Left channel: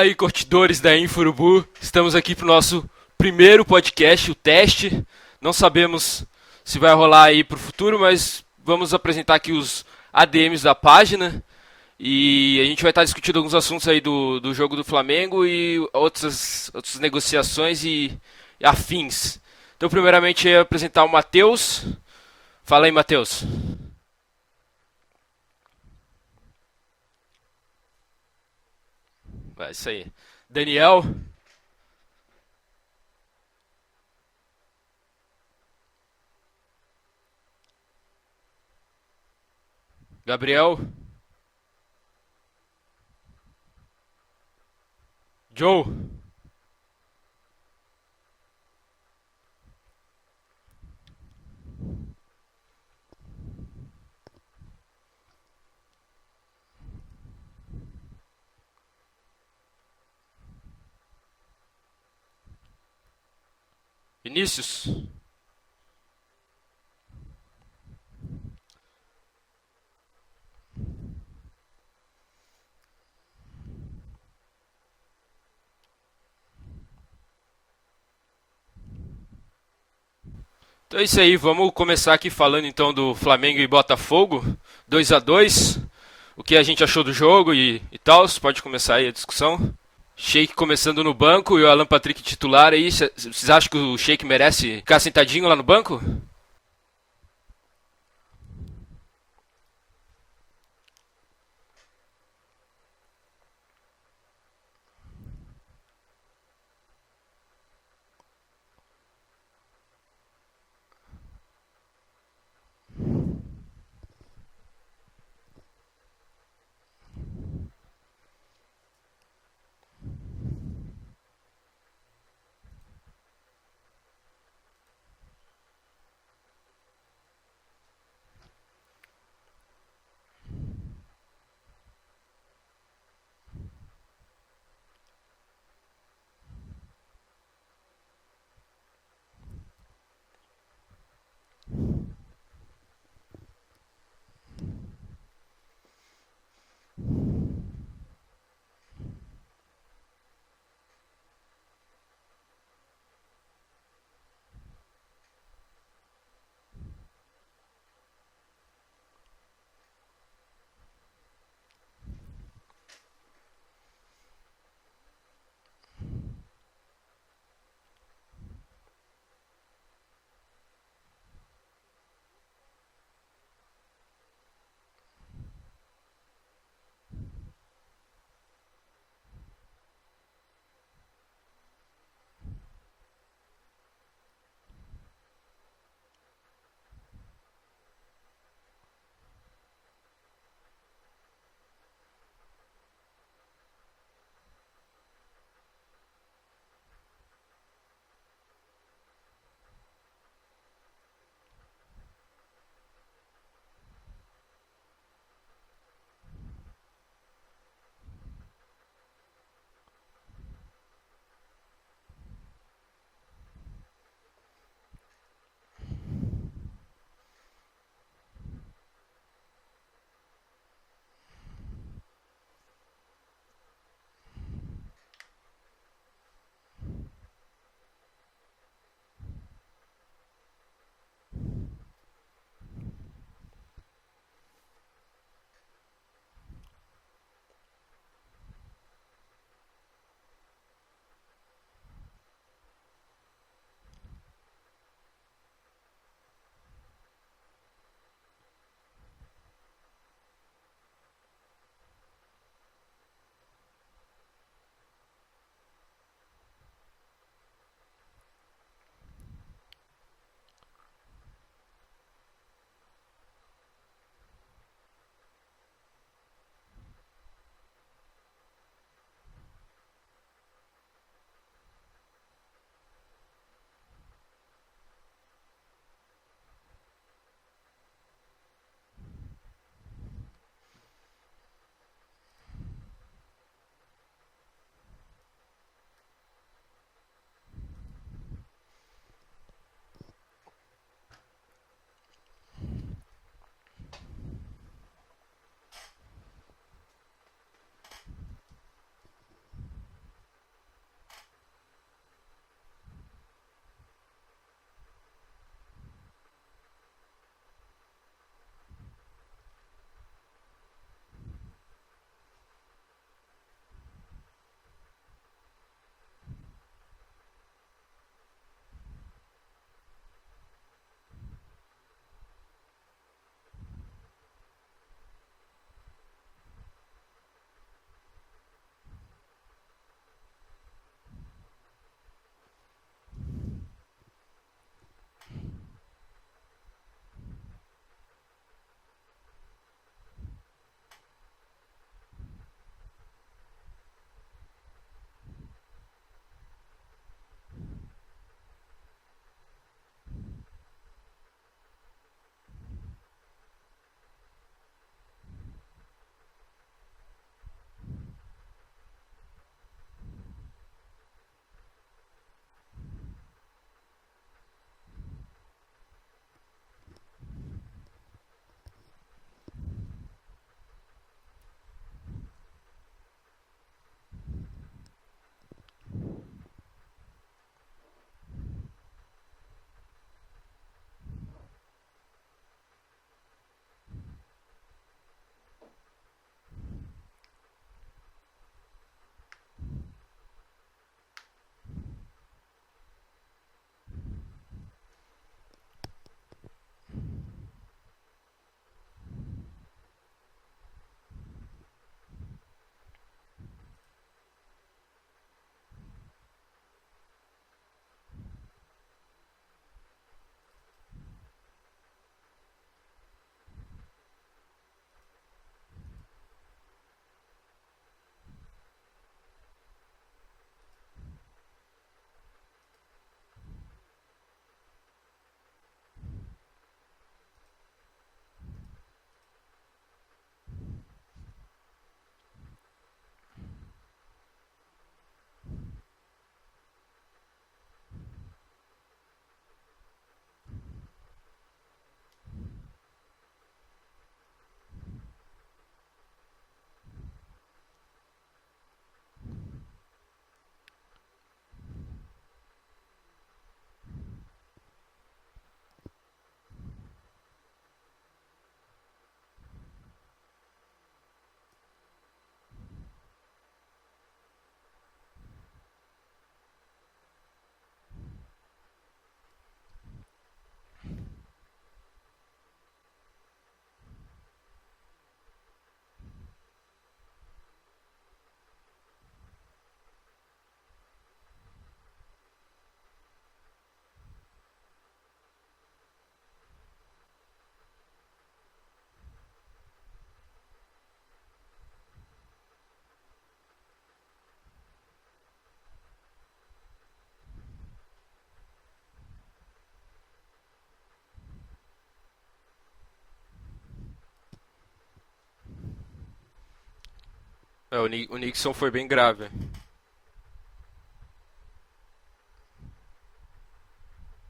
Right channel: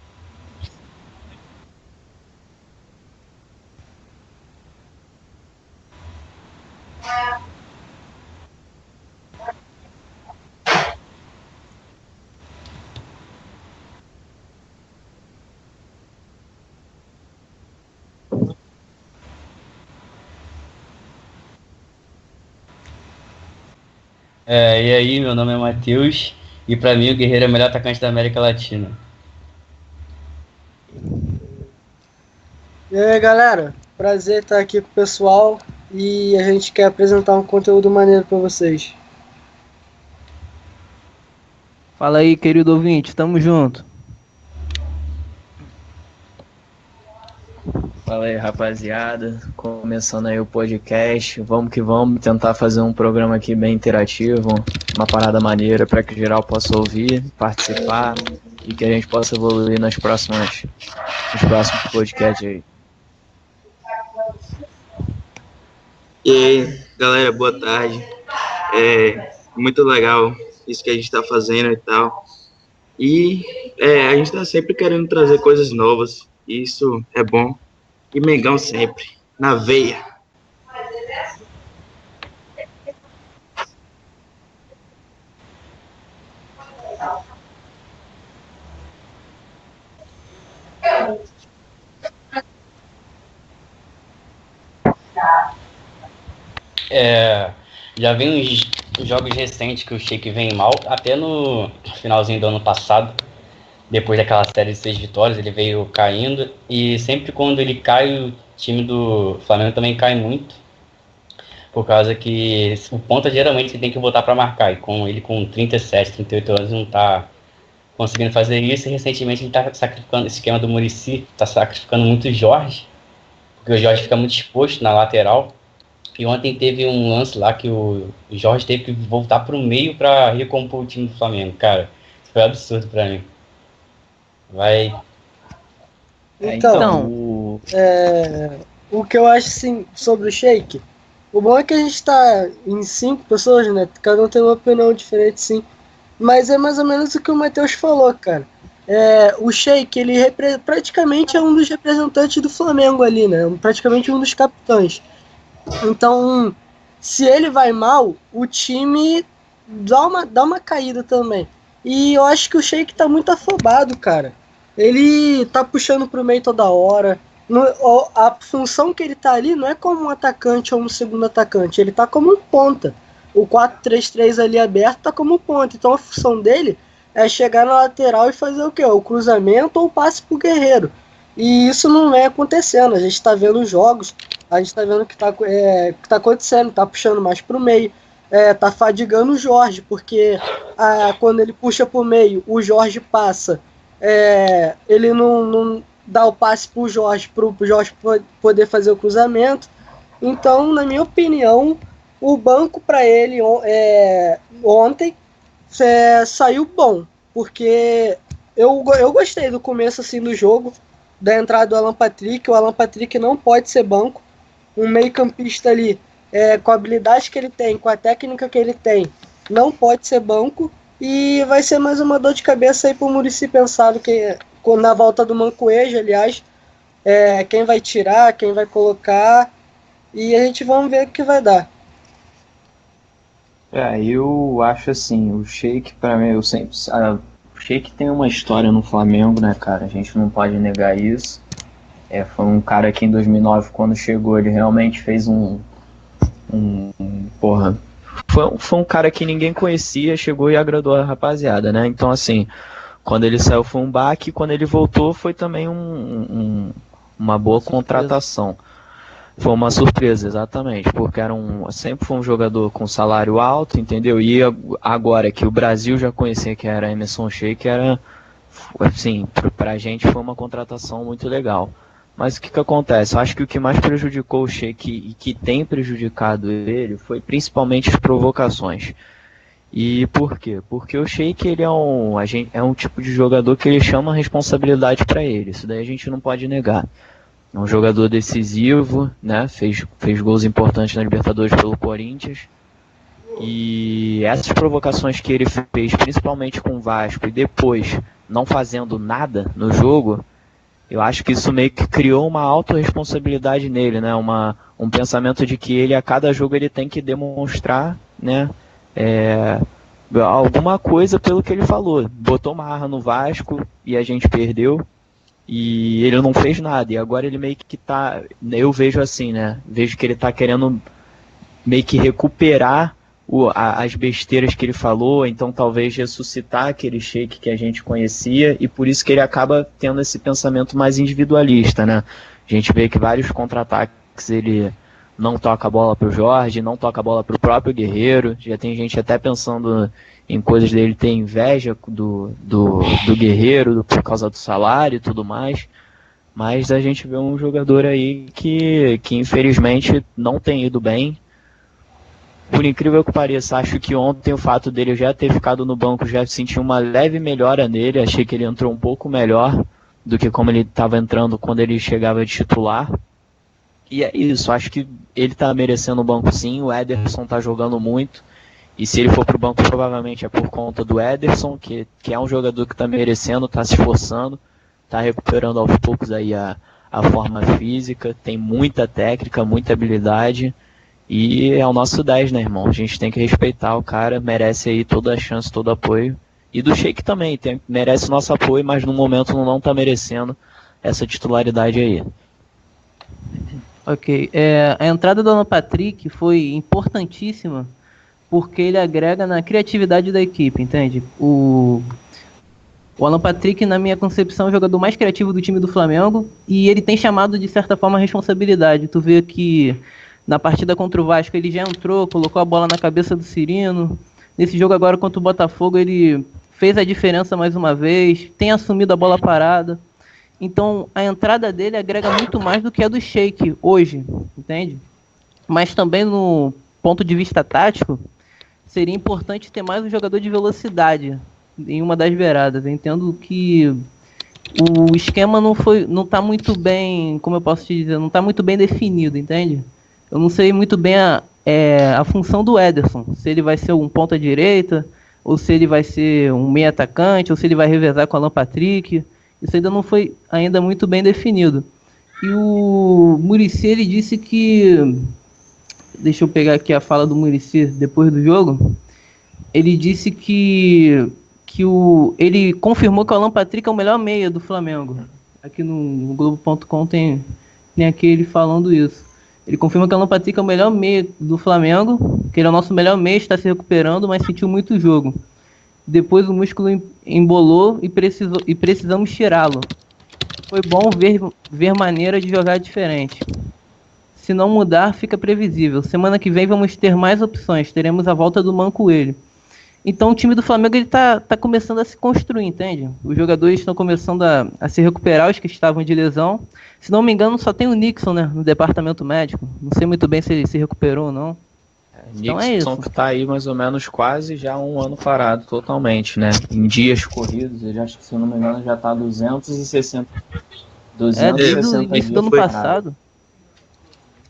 Fala aí, curtidores da Inforubu. Estamos aqui pro nosso primeiro podcast, o teste. Não sabemos se vai rolar aí pro futuro, mas vamos apresentar aqui os ADMs da página. E a gente vai estar discutindo alguns assuntos aí do jogo do Flamengo e outras negociações e afins. Então, primeiramente, eu ia apresentar o Matheus. Fala aí, Matheus. E aí, meu nome é Matheus e pra mim o Guerreiro é o melhor atacante da América Latina. É isso aí. Daniel. E aí, galera, prazer estar aqui com o pessoal e a gente quer apresentar um conteúdo maneiro para vocês. Gabriel. Fala aí, querido ouvinte, tamo junto. Joe. Fala aí, rapaziada, começando aí o podcast, vamos que vamos tentar fazer um programa aqui bem interativo, uma parada maneira para que geral possa ouvir, participar e que a gente possa evoluir nos próximos podcasts aí. Vinícius. E aí, galera, boa tarde. Muito legal isso que a gente está fazendo e tal. E a gente está sempre querendo trazer coisas novas. Isso é bom. E Mengão sempre, na veia. Então é isso aí, vamos começar aqui falando então do Flamengo e Botafogo, 2-2. O que a gente achou do jogo e tal, pode começar aí a discussão. Sheik começando no banco e o Alan Patrick titular aí, vocês acham que o Sheik merece ficar sentadinho lá no banco? Já vem uns jogos recentes que o Sheik vem mal, até no finalzinho do ano passado, depois daquela série de 6 vitórias, ele veio caindo, e sempre quando ele cai, o time do Flamengo também cai muito, por causa que o ponta geralmente você tem que botar para marcar, e com ele com 37, 38 anos não tá conseguindo fazer isso, e recentemente ele tá sacrificando, esse esquema do Muricy, tá sacrificando muito o Jorge, porque o Jorge fica muito exposto na lateral, e ontem teve um lance lá que o Jorge teve que voltar para o meio para recompor o time do Flamengo, cara, isso foi absurdo para mim. Vai. Então, o que eu acho assim, sobre o Sheik, o bom é que a gente tá em 5 pessoas, né? Cada um tem uma opinião diferente, sim. Mas é mais ou menos o que o Matheus falou, cara. O Sheik, ele praticamente é um dos representantes do Flamengo ali, né? Praticamente um dos capitães. Então, se ele vai mal, o time dá uma caída também. E eu acho que o Sheik tá muito afobado, cara. Ele tá puxando pro meio toda hora. A função que ele tá ali não é como um atacante ou um segundo atacante. Ele tá como um ponta. O 4-3-3 ali aberto tá como ponta. Então a função dele é chegar na lateral e fazer o quê? O cruzamento ou o passe pro Guerreiro. E isso não vem acontecendo. A gente tá vendo os jogos. A gente tá vendo o que tá acontecendo. Tá puxando mais pro meio. Tá fadigando o Jorge. Porque quando ele puxa pro meio, o Jorge passa. Ele não dá o passe pro Jorge poder fazer o cruzamento. Então, na minha opinião, o banco para ele ontem saiu bom, porque eu gostei do começo assim do jogo, da entrada do Alan Patrick. O Alan Patrick não pode ser banco. Um meio-campista ali, com a habilidade que ele tem, com a técnica que ele tem, não pode ser banco. E vai ser mais uma dor de cabeça aí pro Muricy pensar que na volta do Mancoejo, aliás, quem vai tirar, quem vai colocar, e a gente vamos ver o que vai dar. Eu acho assim, o Sheik pra mim, o Sheik tem uma história no Flamengo, né, cara? A gente não pode negar isso. Foi um cara que em 2009, quando chegou, ele realmente fez porra. Foi um cara que ninguém conhecia, chegou e agradou a rapaziada, né? Então, assim, quando ele saiu foi um baque, quando ele voltou foi também uma boa contratação. Foi uma surpresa, exatamente, porque sempre foi um jogador com salário alto, entendeu? E agora que o Brasil já conhecia que era Emerson Sheik, assim, pra gente foi uma contratação muito legal. Mas o que acontece? Eu acho que o que mais prejudicou o Sheik e que tem prejudicado ele foi principalmente as provocações. E por quê? Porque o Sheik ele é um tipo de jogador que ele chama a responsabilidade para ele. Isso daí a gente não pode negar. É um jogador decisivo, né? Fez gols importantes na Libertadores pelo Corinthians. E essas provocações que ele fez, principalmente com o Vasco, e depois não fazendo nada no jogo, eu acho que isso meio que criou uma autorresponsabilidade nele, né? Um pensamento de que ele, a cada jogo, ele tem que demonstrar, né? Alguma coisa pelo que ele falou. Botou marra no Vasco e a gente perdeu. E ele não fez nada. E agora ele meio que tá... Eu vejo assim, né? Vejo que ele tá querendo meio que recuperar as besteiras que ele falou, então talvez ressuscitar aquele Sheik que a gente conhecia, e por isso que ele acaba tendo esse pensamento mais individualista, né? A gente vê que vários contra-ataques ele não toca a bola pro Jorge, não toca a bola pro próprio Guerreiro, já tem gente até pensando em coisas dele ter inveja do Guerreiro por causa do salário e tudo mais, mas a gente vê um jogador aí que infelizmente não tem ido bem. Por incrível que pareça, acho que ontem o fato dele já ter ficado no banco já senti uma leve melhora nele. Achei que ele entrou um pouco melhor do que como ele estava entrando quando ele chegava de titular. E é isso, acho que ele está merecendo o banco sim. O Ederson está jogando muito. E se ele for para o banco, provavelmente é por conta do Ederson, que é um jogador que está merecendo, está se esforçando, está recuperando aos poucos aí a forma física, tem muita técnica, muita habilidade. E é o nosso 10, né, irmão? A gente tem que respeitar o cara, merece aí toda a chance, todo o apoio. E do Sheik também, merece o nosso apoio, mas no momento não tá merecendo essa titularidade aí. Ok. A entrada do Alan Patrick foi importantíssima porque ele agrega na criatividade da equipe, entende? O Alan Patrick, na minha concepção, é o jogador mais criativo do time do Flamengo e ele tem chamado, de certa forma, a responsabilidade. Tu vê que na partida contra o Vasco ele já entrou, colocou a bola na cabeça do Cirino. Nesse jogo agora contra o Botafogo ele fez a diferença mais uma vez, tem assumido a bola parada. Então a entrada dele agrega muito mais do que a do Sheik hoje, entende? Mas também no ponto de vista tático, seria importante ter mais um jogador de velocidade em uma das beiradas. Eu entendo que o esquema não está muito bem, como eu posso te dizer, não está muito bem definido, entende? Eu não sei muito bem a função do Ederson, se ele vai ser um ponta-direita, ou se ele vai ser um meio-atacante, ou se ele vai revezar com o Alan Patrick. Isso ainda não foi muito bem definido. E o Muricy, ele disse que... Deixa eu pegar aqui a fala do Muricy depois do jogo. Ele disse que ele confirmou que o Alan Patrick é o melhor meia do Flamengo. Aqui no Globo.com tem aqui ele falando isso. Ele confirma que o Alan Patrick é o melhor meia do Flamengo, que ele é o nosso melhor meia, está se recuperando, mas sentiu muito jogo. Depois o músculo embolou e precisamos tirá-lo. Foi bom ver maneira de jogar diferente. Se não mudar, fica previsível. Semana que vem vamos ter mais opções, teremos a volta do Mancoelho. Então o time do Flamengo ele tá começando a se construir, entende? Os jogadores estão começando a se recuperar, os que estavam de lesão. Se não me engano, só tem o Nixon, né, no departamento médico. Não sei muito bem se ele se recuperou ou não. Então Nixon é isso. que tá aí mais ou menos quase já um ano parado totalmente, né? Em dias corridos. Ele, O Nixon foi bem grave. 260 Desde o 260 início dias do ano foi passado.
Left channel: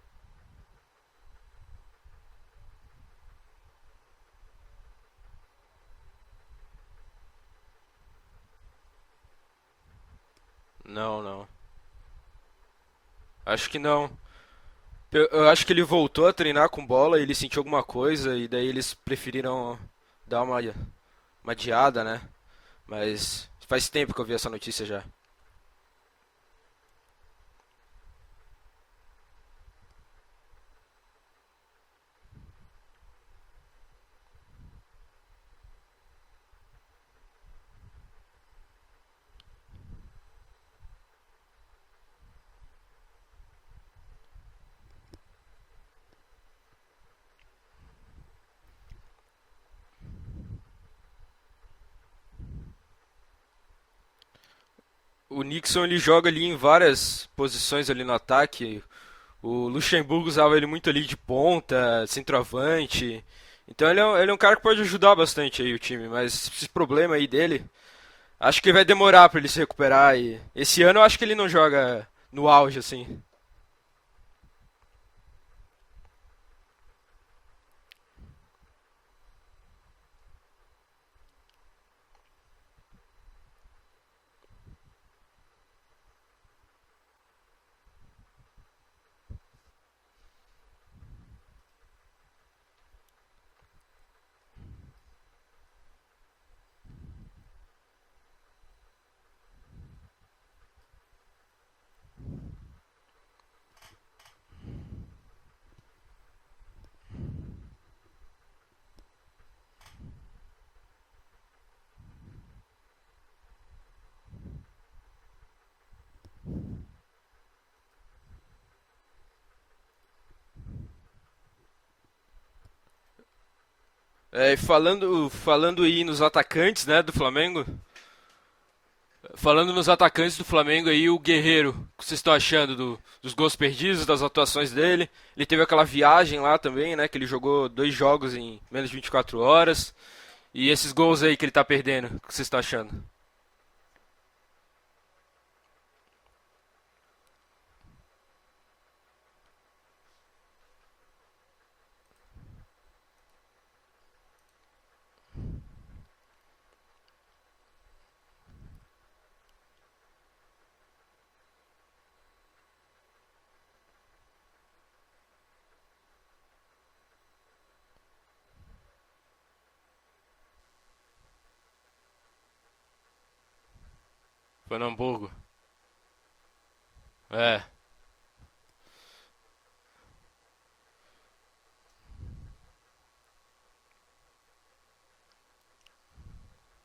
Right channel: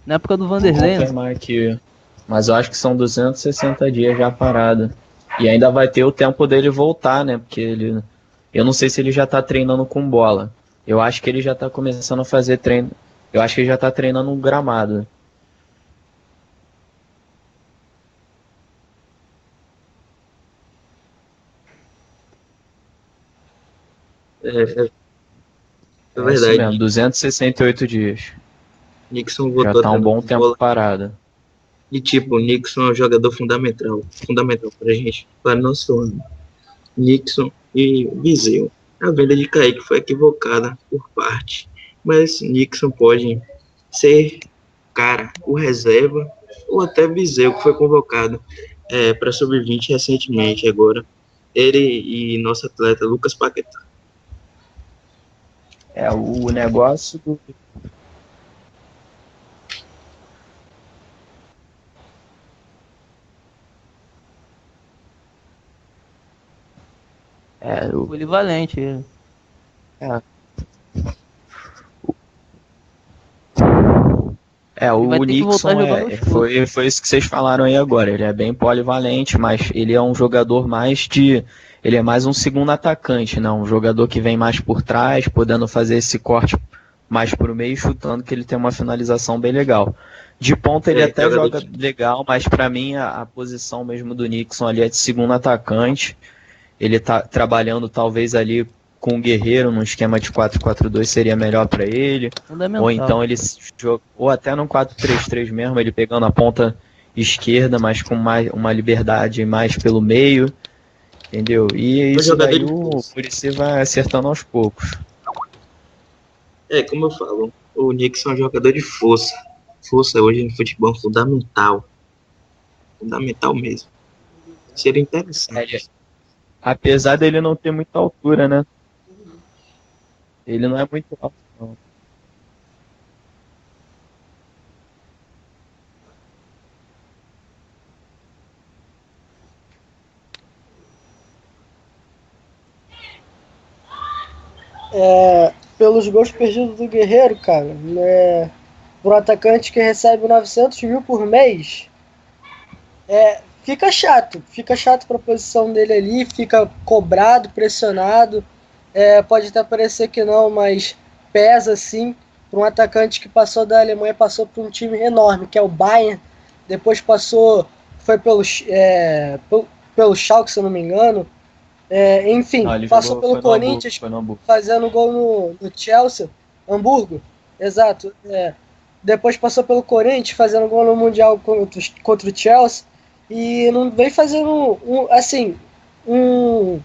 Na época do Vou Vanderlei. confirmar aqui. Mas eu acho que são 260 dias já parado. E ainda vai ter o tempo dele voltar, né? Porque ele... Eu não sei se ele já tá treinando com bola. Eu acho que ele já tá começando a fazer treino. Eu acho que ele já tá treinando um gramado. Eu acho que ele voltou a treinar com bola, ele sentiu alguma coisa e daí eles preferiram dar uma adiada, né? Mas faz tempo que eu vi essa notícia já. É verdade. Mesmo, 268 dias. Nixon Já voltou tá um bom tempo parado. E tipo, o Nixon é um jogador fundamental pra gente, para nosso ano. Nixon e Viseu. A venda de Kaique foi equivocada por parte, mas Nixon pode ser, cara, o reserva, ou até Viseu, que foi convocado para sub-20 recentemente agora. Ele e nosso atleta Lucas Paquetá. O Nixon ele joga ali em várias posições ali no ataque. O Luxemburgo usava ele muito ali de ponta, centroavante. Então ele é um cara que pode ajudar bastante aí o time, mas esse problema aí dele, acho que vai demorar pra ele se recuperar. E esse ano eu acho que ele não joga no auge, assim. O vai ter que voltar Nixon a jogar no chute. foi isso que vocês falaram aí agora. Ele é bem polivalente, mas ele é um jogador mais de. Ele é mais um segundo atacante, né? Um jogador que vem mais por trás, podendo fazer esse corte mais pro meio, chutando, que ele tem uma finalização bem legal. De ponta ele até jogador joga legal, mas para mim a posição mesmo do Nixon ali é de segundo atacante. Ele tá trabalhando talvez ali com o Guerreiro num esquema de 4-4-2 seria melhor para ele. Fundamental. Ou então ele ou até num 4-3-3 mesmo, ele pegando a ponta esquerda, mas com mais uma liberdade mais pelo meio, entendeu? E isso jogador daí de o força. Muricy vai acertando aos poucos. Como eu falo, o Nixon é um jogador de força. Força hoje no futebol é fundamental. Fundamental mesmo. E Seria interessante. falando aí nos atacantes, né, Apesar do dele não Flamengo, ter muita altura, né? falando nos atacantes do Ele não é Flamengo aí, muito o alto, Guerreiro, o que vocês estão achando dos gols perdidos, das atuações dele? Ele teve aquela viagem lá também, né, que ele jogou 2 jogos em menos de 24 horas. E esses gols aí que ele tá perdendo, o que vocês estão achando? Pelos gols perdidos do Guerreiro, cara, né, para um atacante que recebe 900 mil por mês, fica chato para a posição dele ali, fica cobrado, pressionado, pode até parecer que não, mas pesa sim para um atacante que passou da Alemanha, passou para um time enorme, que é o Bayern, depois foi pelo Schalke, se eu não me engano, enfim, Não, ele passou jogou, pelo foi no Hamburgo, Corinthians, foi no Hamburgo. fazendo Foi no gol no Chelsea, Hamburgo, exato, depois passou pelo Corinthians, fazendo gol no Mundial contra o Chelsea, e não vem fazendo um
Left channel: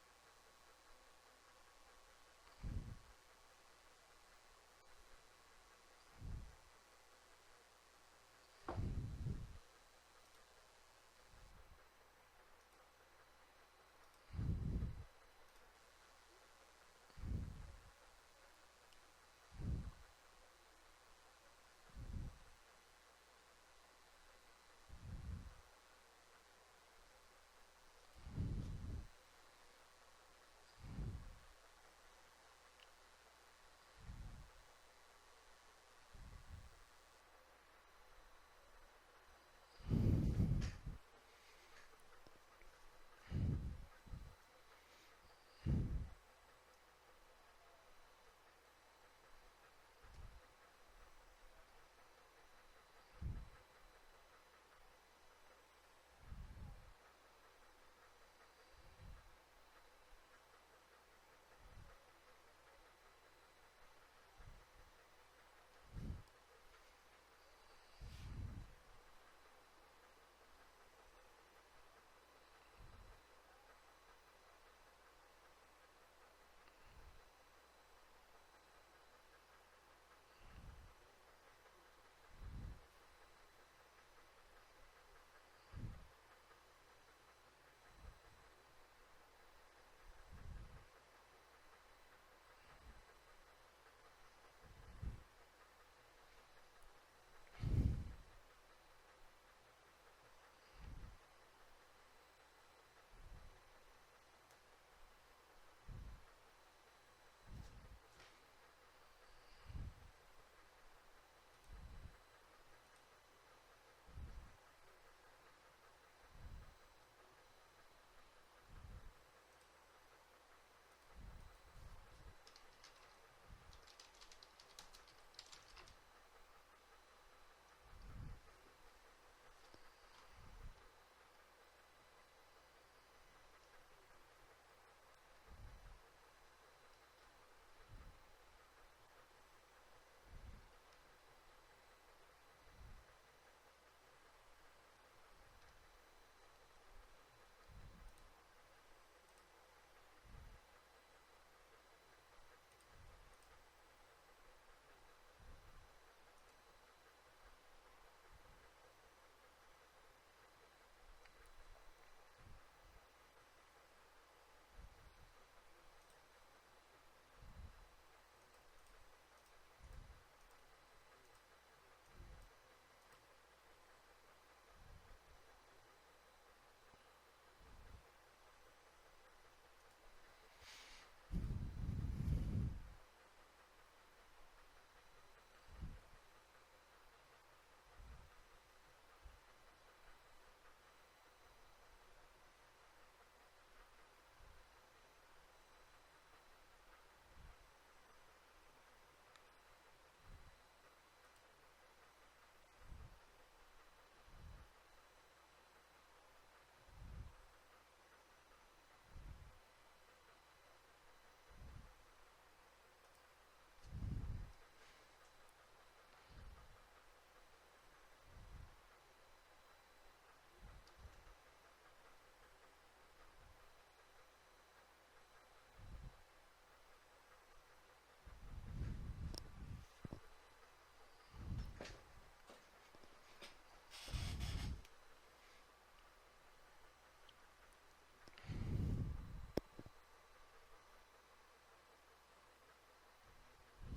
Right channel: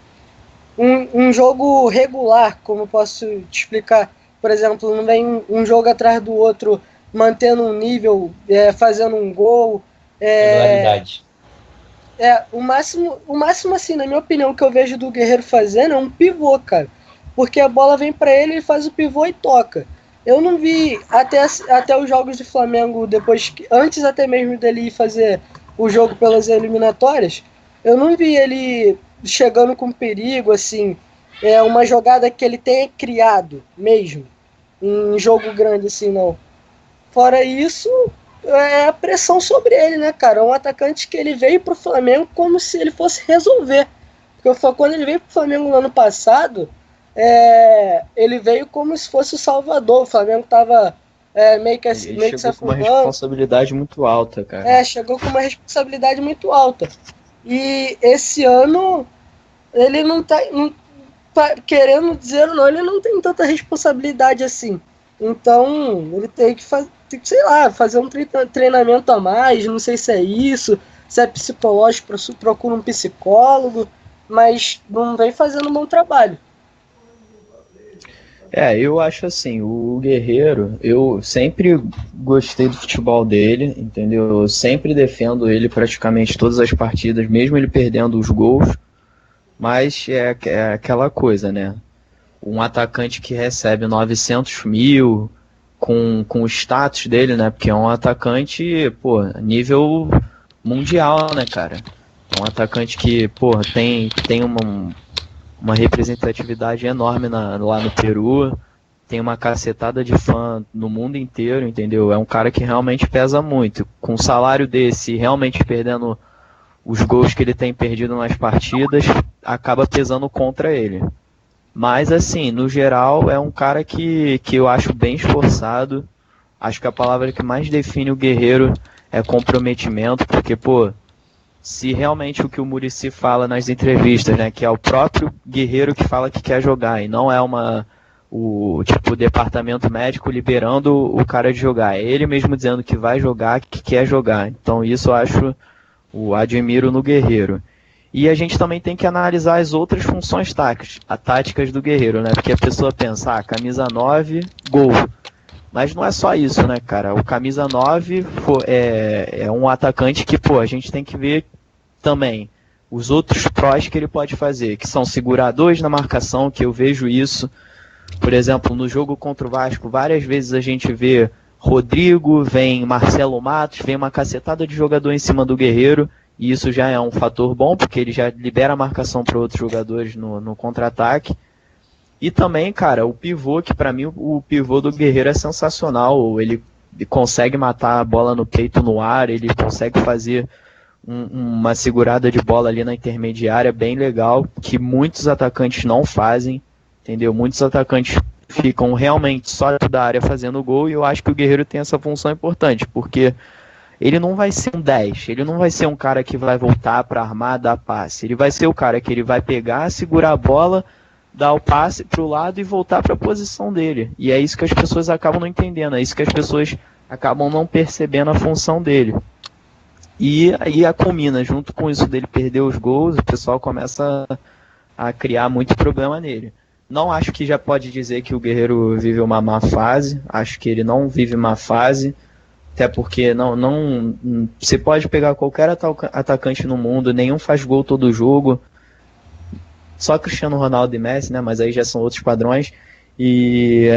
jogo regular, como eu posso te explicar. Por exemplo, não vem um jogo atrás do outro, mantendo um nível, fazendo um gol. Regularidade. O máximo, assim, na minha opinião, que eu vejo do Guerreiro fazendo é um pivô, cara. Porque a bola vem pra ele, ele faz o pivô e toca. Eu não vi até os jogos do Flamengo, antes até mesmo dele ir fazer o jogo pelas eliminatórias, eu não vi ele chegando com perigo, assim, uma jogada que ele tenha criado mesmo, em jogo grande, assim, não. Fora isso, a pressão sobre ele, né, cara? É um atacante que ele veio pro Flamengo como se ele fosse resolver. Porque quando ele veio pro Flamengo no ano passado, ele veio como se fosse o Salvador. O Flamengo tava meio que se Chegou com uma afundando. responsabilidade muito alta, cara. Chegou com uma responsabilidade muito alta. E esse ano, ele não tá querendo dizer ou não, ele não tem tanta responsabilidade assim. Então, ele tem que sei lá, fazer um treinamento a mais, não sei se é isso, se é psicológico, procura um psicólogo, mas não vem fazendo um bom trabalho. Eu acho assim, o Guerreiro, eu sempre gostei do futebol dele, entendeu? Eu sempre defendo ele praticamente todas as partidas, mesmo ele perdendo os gols, mas é aquela coisa, né? Um atacante que recebe 900 mil com o status dele, né? Porque é um atacante, pô, nível mundial, né, cara? É um atacante que, pô, tem uma representatividade enorme lá no Peru, tem uma cacetada de fã no mundo inteiro, entendeu? É um cara que realmente pesa muito. Com um salário desse, realmente perdendo os gols que ele tem perdido nas partidas, acaba pesando contra ele. Mas, assim, no geral, é um cara que eu acho bem esforçado. Acho que a palavra que mais define o Guerreiro é comprometimento, porque, pô, se realmente o que o Muricy fala nas entrevistas, né, que é o próprio Guerreiro que fala que quer jogar, e não é o departamento médico liberando o cara de jogar, é ele mesmo dizendo que vai jogar, que quer jogar. Então isso eu admiro no Guerreiro. E a gente também tem que analisar as outras funções táticas do Guerreiro, né? Porque a pessoa pensa, camisa 9, gol. Mas não é só isso, né, cara? O camisa 9 é um atacante que, pô, a gente tem que ver também os outros prós que ele pode fazer, que são seguradores na marcação, que eu vejo isso. Por exemplo, no jogo contra o Vasco, várias vezes a gente vê Rodrigo, vem Marcelo Matos, vem uma cacetada de jogador em cima do Guerreiro, e isso já é um fator bom, porque ele já libera a marcação para outros jogadores no contra-ataque. E também, cara, o pivô, que para mim o pivô do Guerreiro é sensacional. Ele consegue matar a bola no peito no ar, ele consegue fazer uma segurada de bola ali na intermediária bem legal, que muitos atacantes não fazem, entendeu? Muitos atacantes ficam realmente só dentro da área fazendo gol, e eu acho que o Guerreiro tem essa função importante, porque ele não vai ser um 10, ele não vai ser um cara que vai voltar para armar, dar passe, ele vai ser o cara que ele vai pegar, segurar a bola, dar o passe para o lado e voltar para a posição dele, e é isso que as pessoas acabam não entendendo, é isso que as pessoas acabam não percebendo a função dele. E aí a combina, junto com isso dele perder os gols, o pessoal começa a criar muito problema nele. Não acho que já pode dizer que o Guerreiro vive uma má fase, acho que ele não vive má fase, até porque não você pode pegar qualquer atacante no mundo, nenhum faz gol todo jogo, só Cristiano Ronaldo e Messi, né? Mas aí já são outros padrões. E,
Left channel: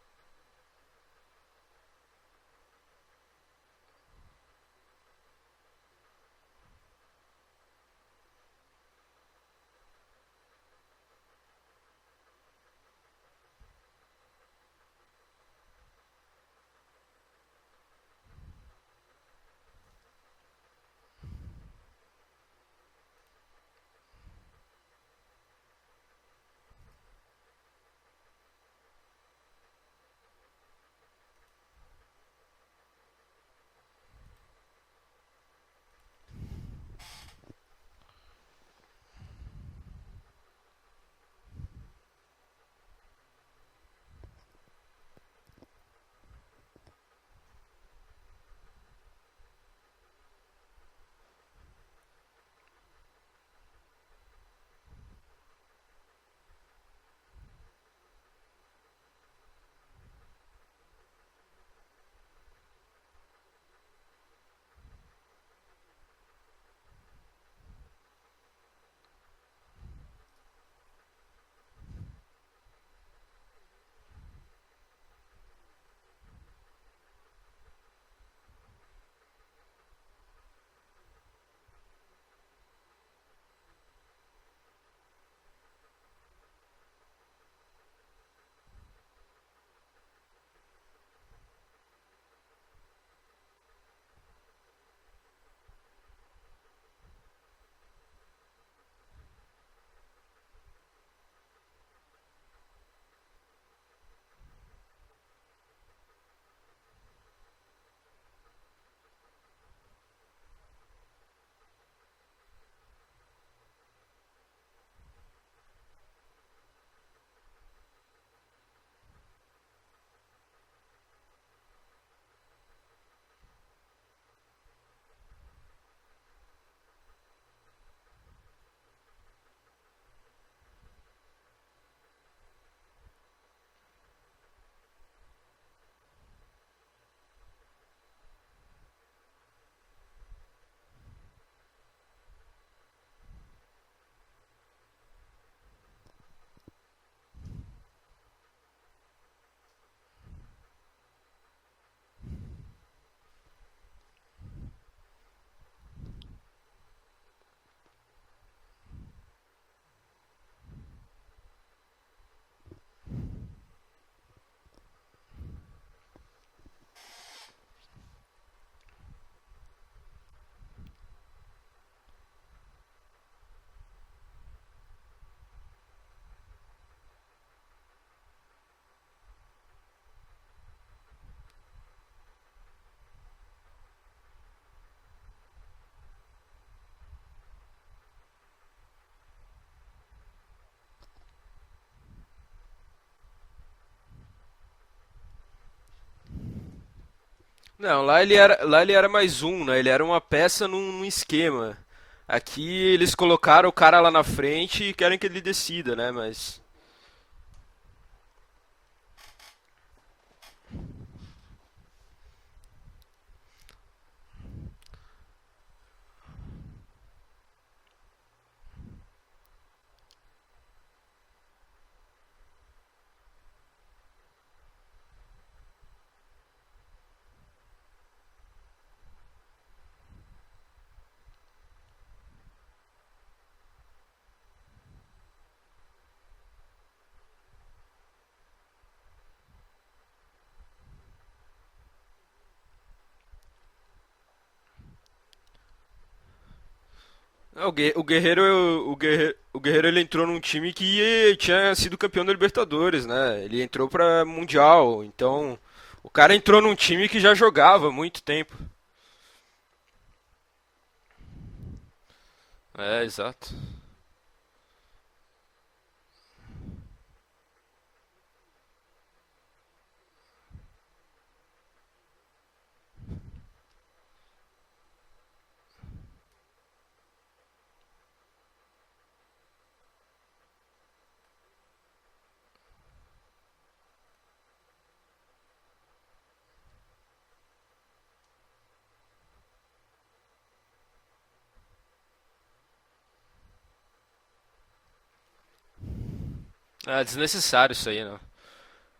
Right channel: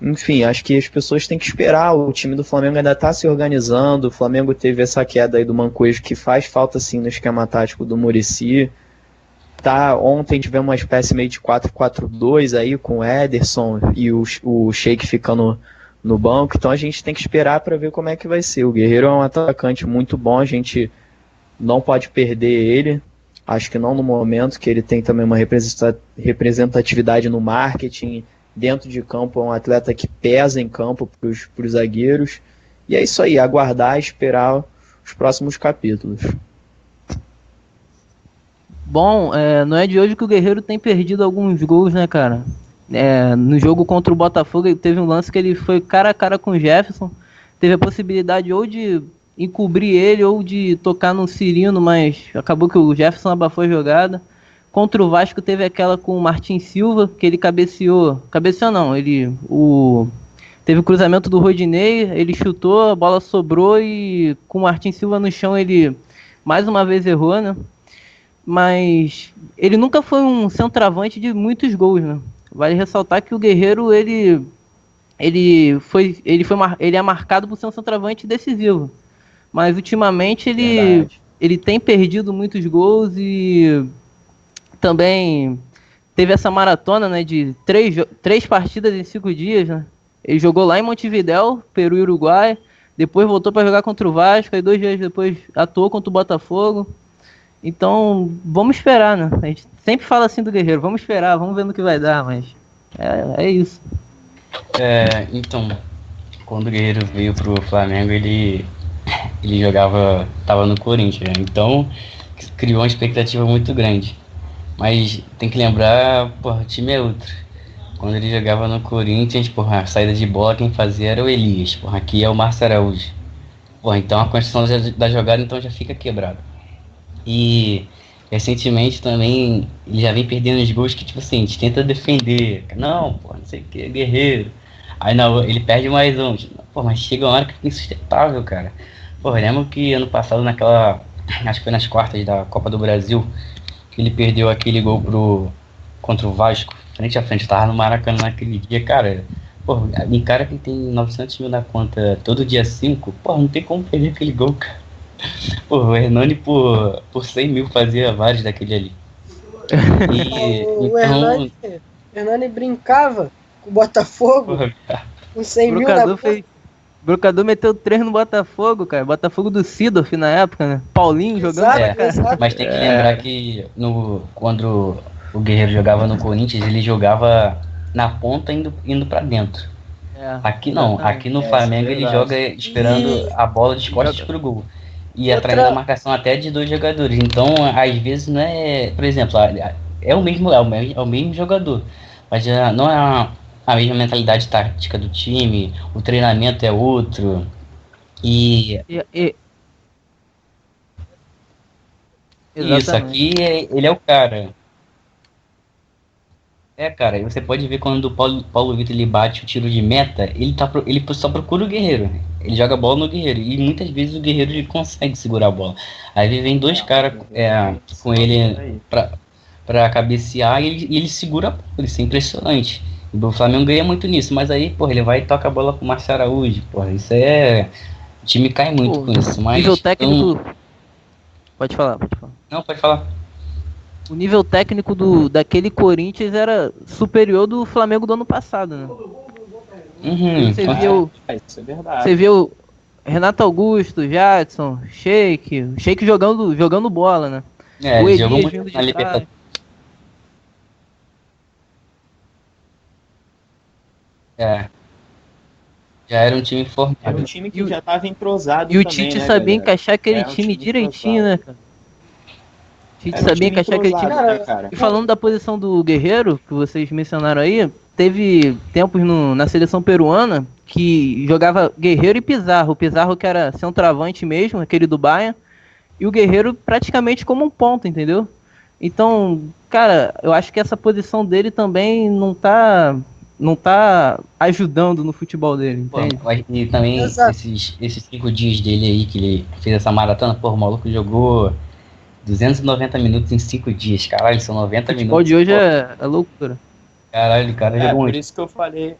enfim, acho que as pessoas têm que esperar. O time do Flamengo ainda está se organizando. O Flamengo teve essa queda aí do Mancoejo, que faz falta sim no esquema tático do Muricy. Ontem tivemos uma espécie meio de 4-4-2 aí com o Ederson e o Sheik ficando no banco. Então a gente tem que esperar para ver como é que vai ser. O Guerreiro é um atacante muito bom, a gente não pode perder ele. Acho que não no momento, que ele tem também uma representatividade no marketing. Dentro de campo é um atleta que pesa em campo para os zagueiros. E é isso aí, aguardar e esperar os próximos capítulos. Bom, não é de hoje que o Guerreiro tem perdido alguns gols, né, cara? No jogo contra o Botafogo, ele teve um lance que ele foi cara a cara com o Jefferson. Teve a possibilidade ou de encobrir ele ou de tocar no Cirino, mas acabou que o Jefferson abafou a jogada. Contra o Vasco teve aquela com o Martin Silva, que ele cabeceou não, teve o cruzamento do Rodinei, ele chutou, a bola sobrou e com o Martin Silva no chão ele mais uma vez errou, né? Mas ele nunca foi um centroavante de muitos gols, né? Vale ressaltar que o Guerreiro, ele é marcado por ser um centroavante decisivo. Mas ultimamente ele tem perdido muitos gols e também teve essa maratona, né, de 3 partidas em 5 dias, né? Ele jogou lá em Montevidéu, Peru e Uruguai, depois voltou para jogar contra o Vasco, aí 2 dias depois atuou contra o Botafogo. Então, vamos esperar, né? A gente sempre fala assim do Guerreiro, vamos esperar, vamos ver no que vai dar, mas é isso. Então, quando o Guerreiro veio pro Flamengo, ele tava no Corinthians, né? Então criou uma expectativa muito grande. Mas tem que lembrar, o time é outro. Quando ele jogava no Corinthians, a saída de bola quem fazia era o Elias. Aqui é o Márcio Araújo. Então a construção da jogada então já fica quebrada. E recentemente também ele já vem perdendo os gols que, tipo assim, a gente tenta defender. Não sei o que, Guerreiro. Aí não, ele perde mais um. Mas chega uma hora que fica insustentável, cara. Eu lembro que ano passado acho que foi nas quartas da Copa do Brasil, que ele perdeu aquele gol contra o Vasco, frente a frente, tava no Maracanã naquele dia, cara. Um cara que tem 900 mil na conta todo dia 5, não tem como perder aquele gol, cara. O Hernani por 100 mil fazia vários daquele ali. O Hernani brincava com o Botafogo, com 100 mil na conta. O Brocador meteu 3 no Botafogo, cara. Botafogo do Sidorf na época, né? Paulinho jogando. Exato. Mas tem que lembrar que quando o Guerreiro jogava no Corinthians, ele jogava na ponta indo pra dentro. Aqui não. Aqui no Flamengo ele joga esperando a bola de costas pro gol. E atraindo a marcação até de 2 jogadores. Então, às vezes, não é... Por exemplo, é o mesmo jogador. Mas não é a mesma mentalidade tática do time, o treinamento é outro. Não, lá ele era mais um, né? Ele era uma peça num esquema. Aqui eles colocaram o cara lá na frente e querem que ele decida, né? Mas... cara, e você pode ver quando o Paulo Vitor ele bate o tiro de meta, ele só procura o Guerreiro. Ele joga a bola no Guerreiro. E muitas vezes o Guerreiro ele consegue segurar a bola. Aí vem 2 caras com ele pra cabecear e ele segura a bola. Isso é impressionante. O Flamengo ganha muito nisso, mas aí, ele vai e toca a bola pro Márcio Araújo, isso é... O time cai muito com isso, mas... Nível técnico... Pode falar. Não, pode falar. O nível técnico daquele Corinthians era superior do Flamengo do ano passado, né? Você viu, Isso é verdade. você viu Renato Augusto, Jadson, Sheik jogando bola, né? É, o É, O ele Guerreiro, jogou muito na Libertadores. O Guerreiro ele entrou num time que tinha sido campeão da Libertadores, né? Ele entrou pra É, Mundial, então o já cara era um entrou time num forte. time que já jogava há muito tempo. E o Tite sabia encaixar aquele time direitinho, né, cara? É, O Tite então, sabia encaixar aquele time. Cara, E falando da posição do Guerreiro, que vocês mencionaram aí, teve tempos na seleção peruana que jogava Guerreiro e Pizarro. O Pizarro que era centroavante mesmo, aquele do Bayern, e o Guerreiro praticamente como um ponta, entendeu? Então, cara, eu acho que essa posição dele também não tá ajudando no futebol dele, Pô, entende? e também Exato. esses 5 dias dele aí que ele fez essa maratona, pô, o maluco jogou 290 minutos em 5 dias. Caralho, são O 90 futebol minutos. de hoje Pô, é loucura. é caralho, cara, desnecessário. jogou Por muito. isso que eu falei.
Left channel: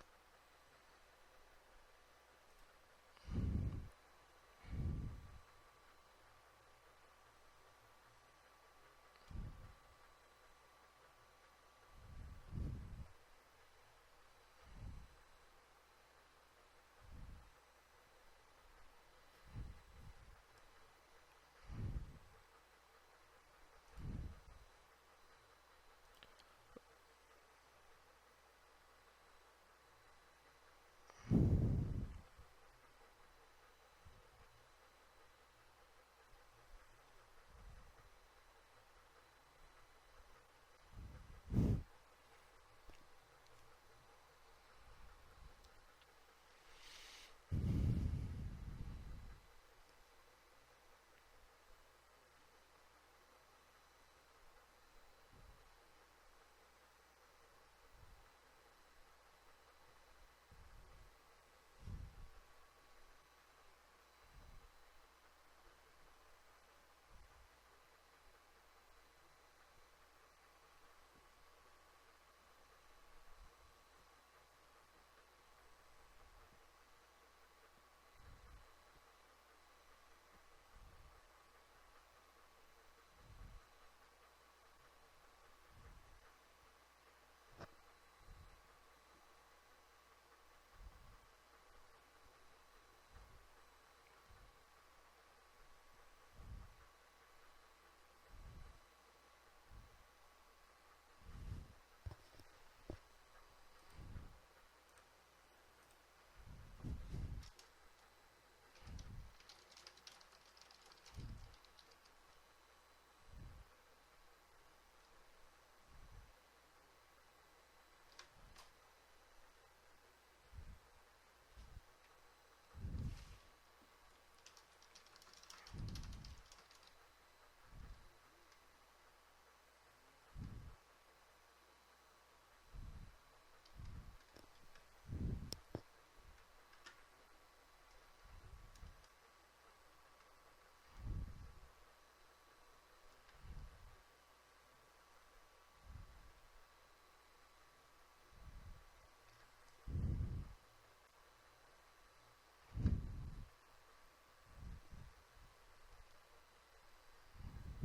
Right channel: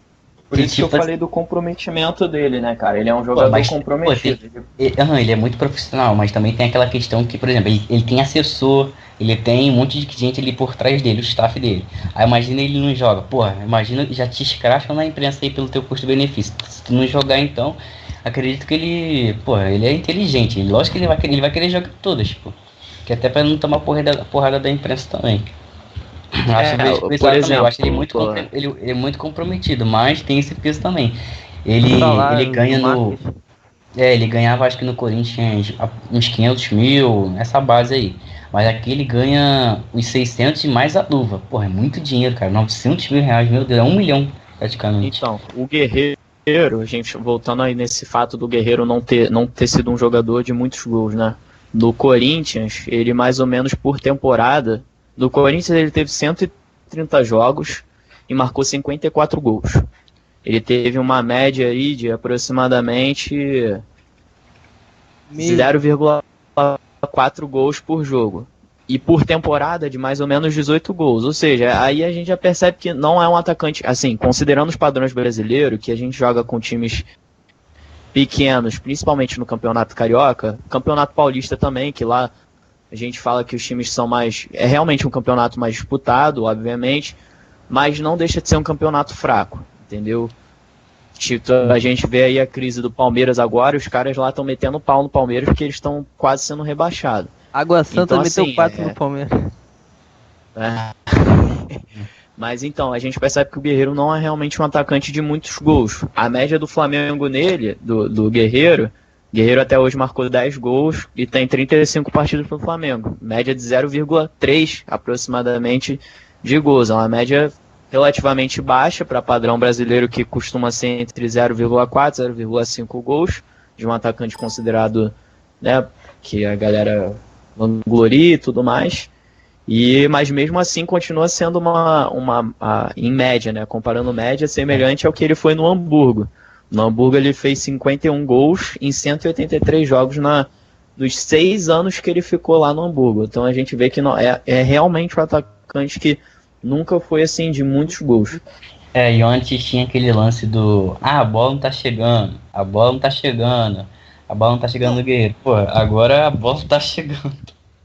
Por Que isso que eu tipo falei do comprometimento dele, né, cara? Ele é um Pô, jogador mas, pô, comprometido. ele é muito profissional, mas também tem aquela questão que, por exemplo, ele tem assessor, ele tem um monte de gente ali por trás dele, o staff dele. Aí imagina ele não joga. Porra, imagina, já te escracham na imprensa aí pelo teu custo-benefício. Se tu não jogar, então, acredito que ele, porra, ele é inteligente. Lógico que ele vai querer jogar todas, pô. Que até pra não tomar porrada da imprensa também. Eu acho que vejo por esse Por lado também. Eu exemplo, acho ele muito comprometido, mas tem esse peso também. Ele Salário ganha do no. marketing. Ele ganhava acho que no Corinthians uns 500 mil, nessa base aí. Mas aqui ele ganha os 600 e mais a luva. Porra, é muito dinheiro, cara. 900 mil reais, meu Deus, é 1 milhão praticamente. então, o Guerreiro, gente, voltando aí nesse fato do Guerreiro não ter sido um jogador de muitos gols, né? No Corinthians, ele mais ou menos por temporada. No Corinthians ele teve 130 jogos e marcou 54 gols. Ele teve uma média aí de aproximadamente Meio. 0,4 gols por jogo. E por temporada de mais ou menos 18 gols. Ou seja, aí a gente já percebe que não é um atacante, assim, considerando os padrões brasileiros, que a gente joga com times pequenos, principalmente no Campeonato Carioca, Campeonato Paulista também, que lá a gente fala que os times são mais... É realmente um campeonato mais disputado, obviamente, mas não deixa de ser um campeonato fraco, entendeu? Tipo, a gente vê aí a crise do Palmeiras agora, os caras lá estão metendo pau no Palmeiras porque eles estão quase sendo rebaixados. Água Santa Então, meteu assim, 4 no Palmeiras. É. Mas então, a gente percebe que o Guerreiro não é realmente um atacante de muitos gols. A média do Flamengo nele, do Guerreiro até hoje marcou 10 gols e tem 35 partidas pro Flamengo. Média de 0,3 aproximadamente de gols. É uma média relativamente baixa para padrão brasileiro que costuma ser entre 0,4 e 0,5 gols de um atacante considerado, né, que a galera vangloria e tudo mais. Mas mesmo assim continua sendo em média, né? Comparando média, semelhante ao que ele foi no Hamburgo. No Hamburgo ele fez 51 gols em 183 jogos nos 6 anos que ele ficou lá no Hamburgo. Então a gente vê que não, é realmente um atacante que nunca foi assim de muitos gols. E antes tinha aquele lance do... Ah, a bola não tá chegando, a bola não tá chegando, a bola não tá chegando no Guerreiro. Pô, agora a bola tá chegando.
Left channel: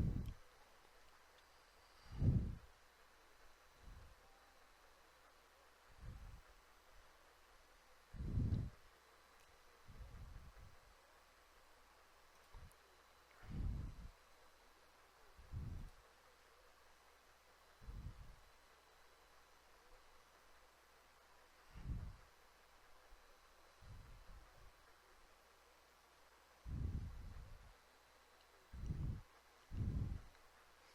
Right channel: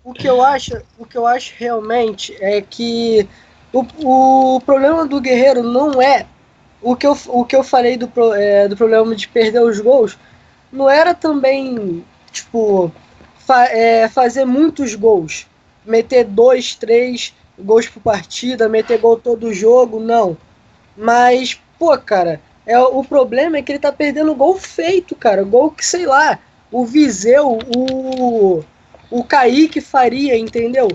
O que eu acho realmente é que o problema do Guerreiro não é o que eu falei do problema de perder os gols. Não era também, tipo, fazer muitos gols. Meter 2, 3 gols por partida, meter gol todo jogo, não. Mas, pô, cara, o problema é que ele tá perdendo gol feito, cara. Gol que, sei lá, o Viseu, o Kaique faria, entendeu?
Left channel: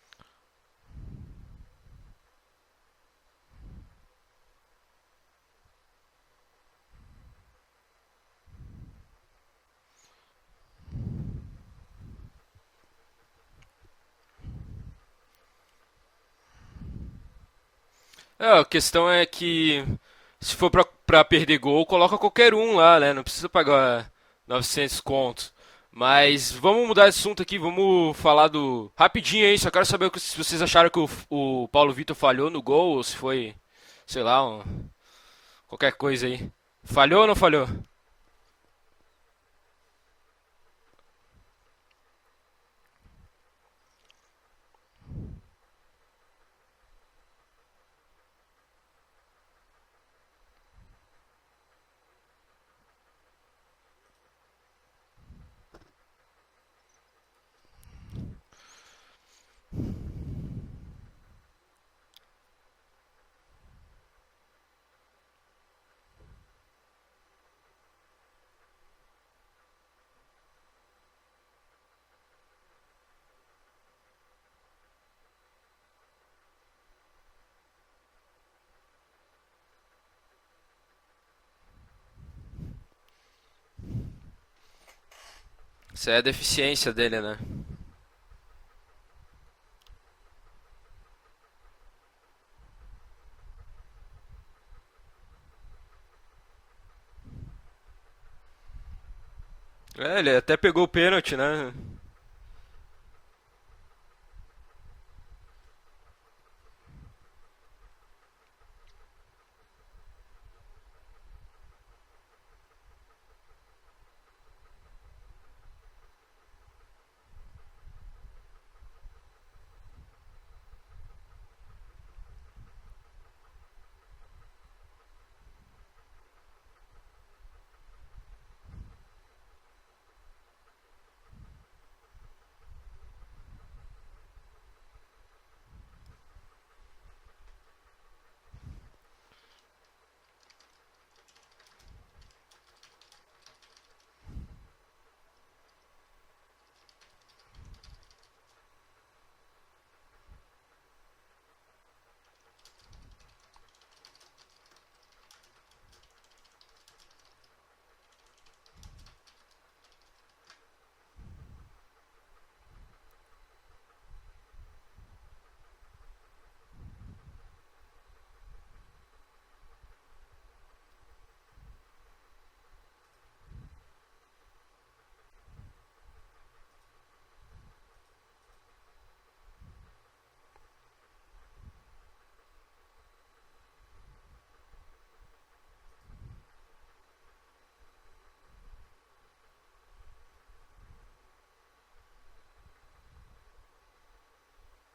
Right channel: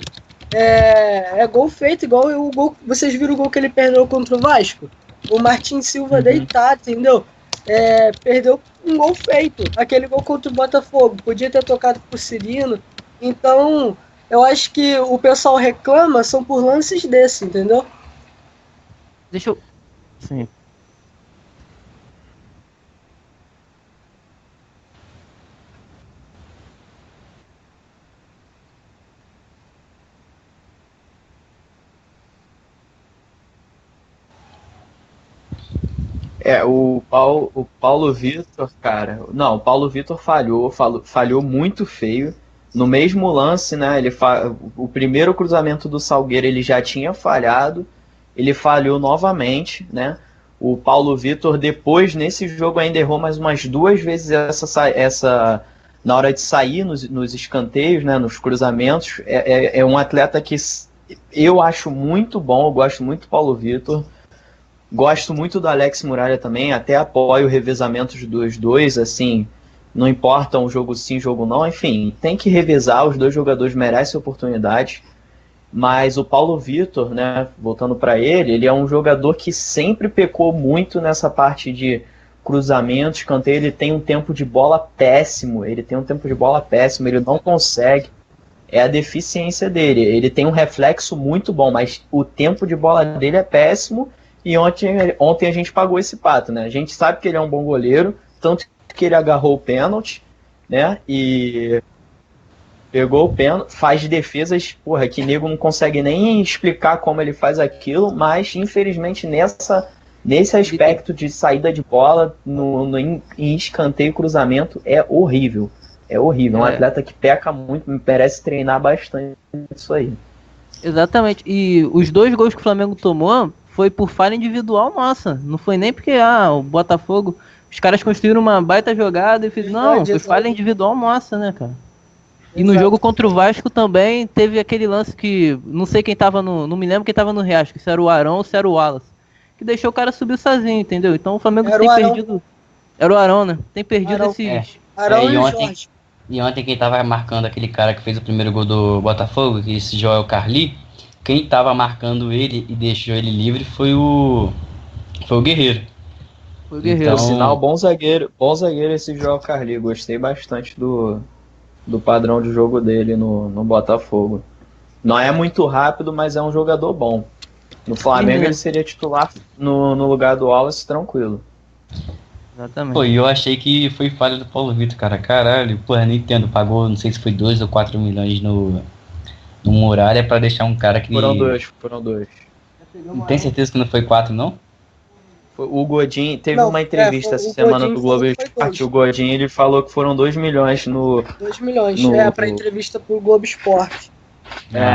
É gol feito, igual o gol. Vocês viram o gol que ele perdeu contra o Vasco? O Martin Silva deitado, entendeu? Perdeu um gol feito. Aquele gol contra o Botafogo. Podia ter tocado pro Cirino. Então, eu acho que o pessoal reclama são por lances desse, entendeu? A questão é que Sim. se for pra perder gol, coloca qualquer um lá, né? Não precisa pagar 900 contos. Mas vamos mudar de assunto aqui, vamos falar do... Rapidinho aí, só quero saber se vocês acharam que o Paulo Vitor falhou no gol, ou se foi, sei lá, qualquer coisa aí. Falhou ou não falhou? O Paulo Vitor, cara... Não, o Paulo Vitor falhou muito feio. No mesmo lance, né, o primeiro cruzamento do Salgueiro ele já tinha falhado, ele falhou novamente, né? O Paulo Vitor, depois, nesse jogo, ainda errou mais umas 2 vezes essa na hora de sair nos escanteios, né, nos cruzamentos. É um atleta que eu acho muito bom, eu gosto muito do Paulo Vitor. Gosto muito do Alex Muralha também, até apoio o revezamento dos dois, assim, não importa um jogo sim, jogo não, enfim, tem que revezar, os dois jogadores merecem oportunidade, mas o Paulo Vitor, né, voltando para ele é um jogador que sempre pecou muito nessa parte de cruzamento, escanteio, ele tem um tempo de bola péssimo, ele Dele, não né? consegue, é a deficiência dele, ele tem um reflexo muito bom, mas o tempo de bola dele é péssimo. E ontem a gente pagou esse pato, né? A gente sabe que ele é um bom goleiro, tanto que ele agarrou o pênalti, Ele até pegou o né? pênalti, né? Pegou o pênalti, faz defesas, porra, que nego não consegue nem explicar como ele faz aquilo, mas infelizmente nesse aspecto de saída de bola, em escanteio e cruzamento, é horrível. É horrível. É um atleta que peca muito, me parece treinar bastante isso aí. Exatamente. E os 2 gols que o Flamengo tomou foi por falha individual nossa. Não foi nem porque o Botafogo, os caras construíram uma baita jogada e fez. Não, foi falha individual nossa, né, cara? E no jogo contra o Vasco também teve aquele lance que não sei quem tava não me lembro quem tava no Riasco, se era o Arão ou se era o Wallace, que deixou o cara subir sozinho, entendeu? Então o Flamengo tem perdido. Era o Arão, né? Tem perdido esses. Arão e o Jorge. E ontem quem tava marcando aquele cara que fez o primeiro gol do Botafogo, esse Joel Carli, quem tava marcando ele e deixou ele livre foi o Guerreiro. Foi o Guerreiro. Então, Sinal, bom zagueiro esse João Carli. Gostei bastante do padrão de jogo dele no Botafogo. Não é muito rápido, mas é um jogador bom. No Flamengo ele seria titular no lugar do Wallace, tranquilo. Exatamente. pô, e eu achei que foi falha do Paulo Vitor, cara. Caralho, porra, nem entendo. Pagou, não sei se foi 2 ou 4 milhões no Muralha pra deixar um cara que... Foram dois. Não tem certeza que não foi 4, não? O Godin teve uma entrevista essa semana do Globo Esporte. O Godin ele falou que foram 2 milhões no. 2 milhões, pra entrevista pro Globo Esporte.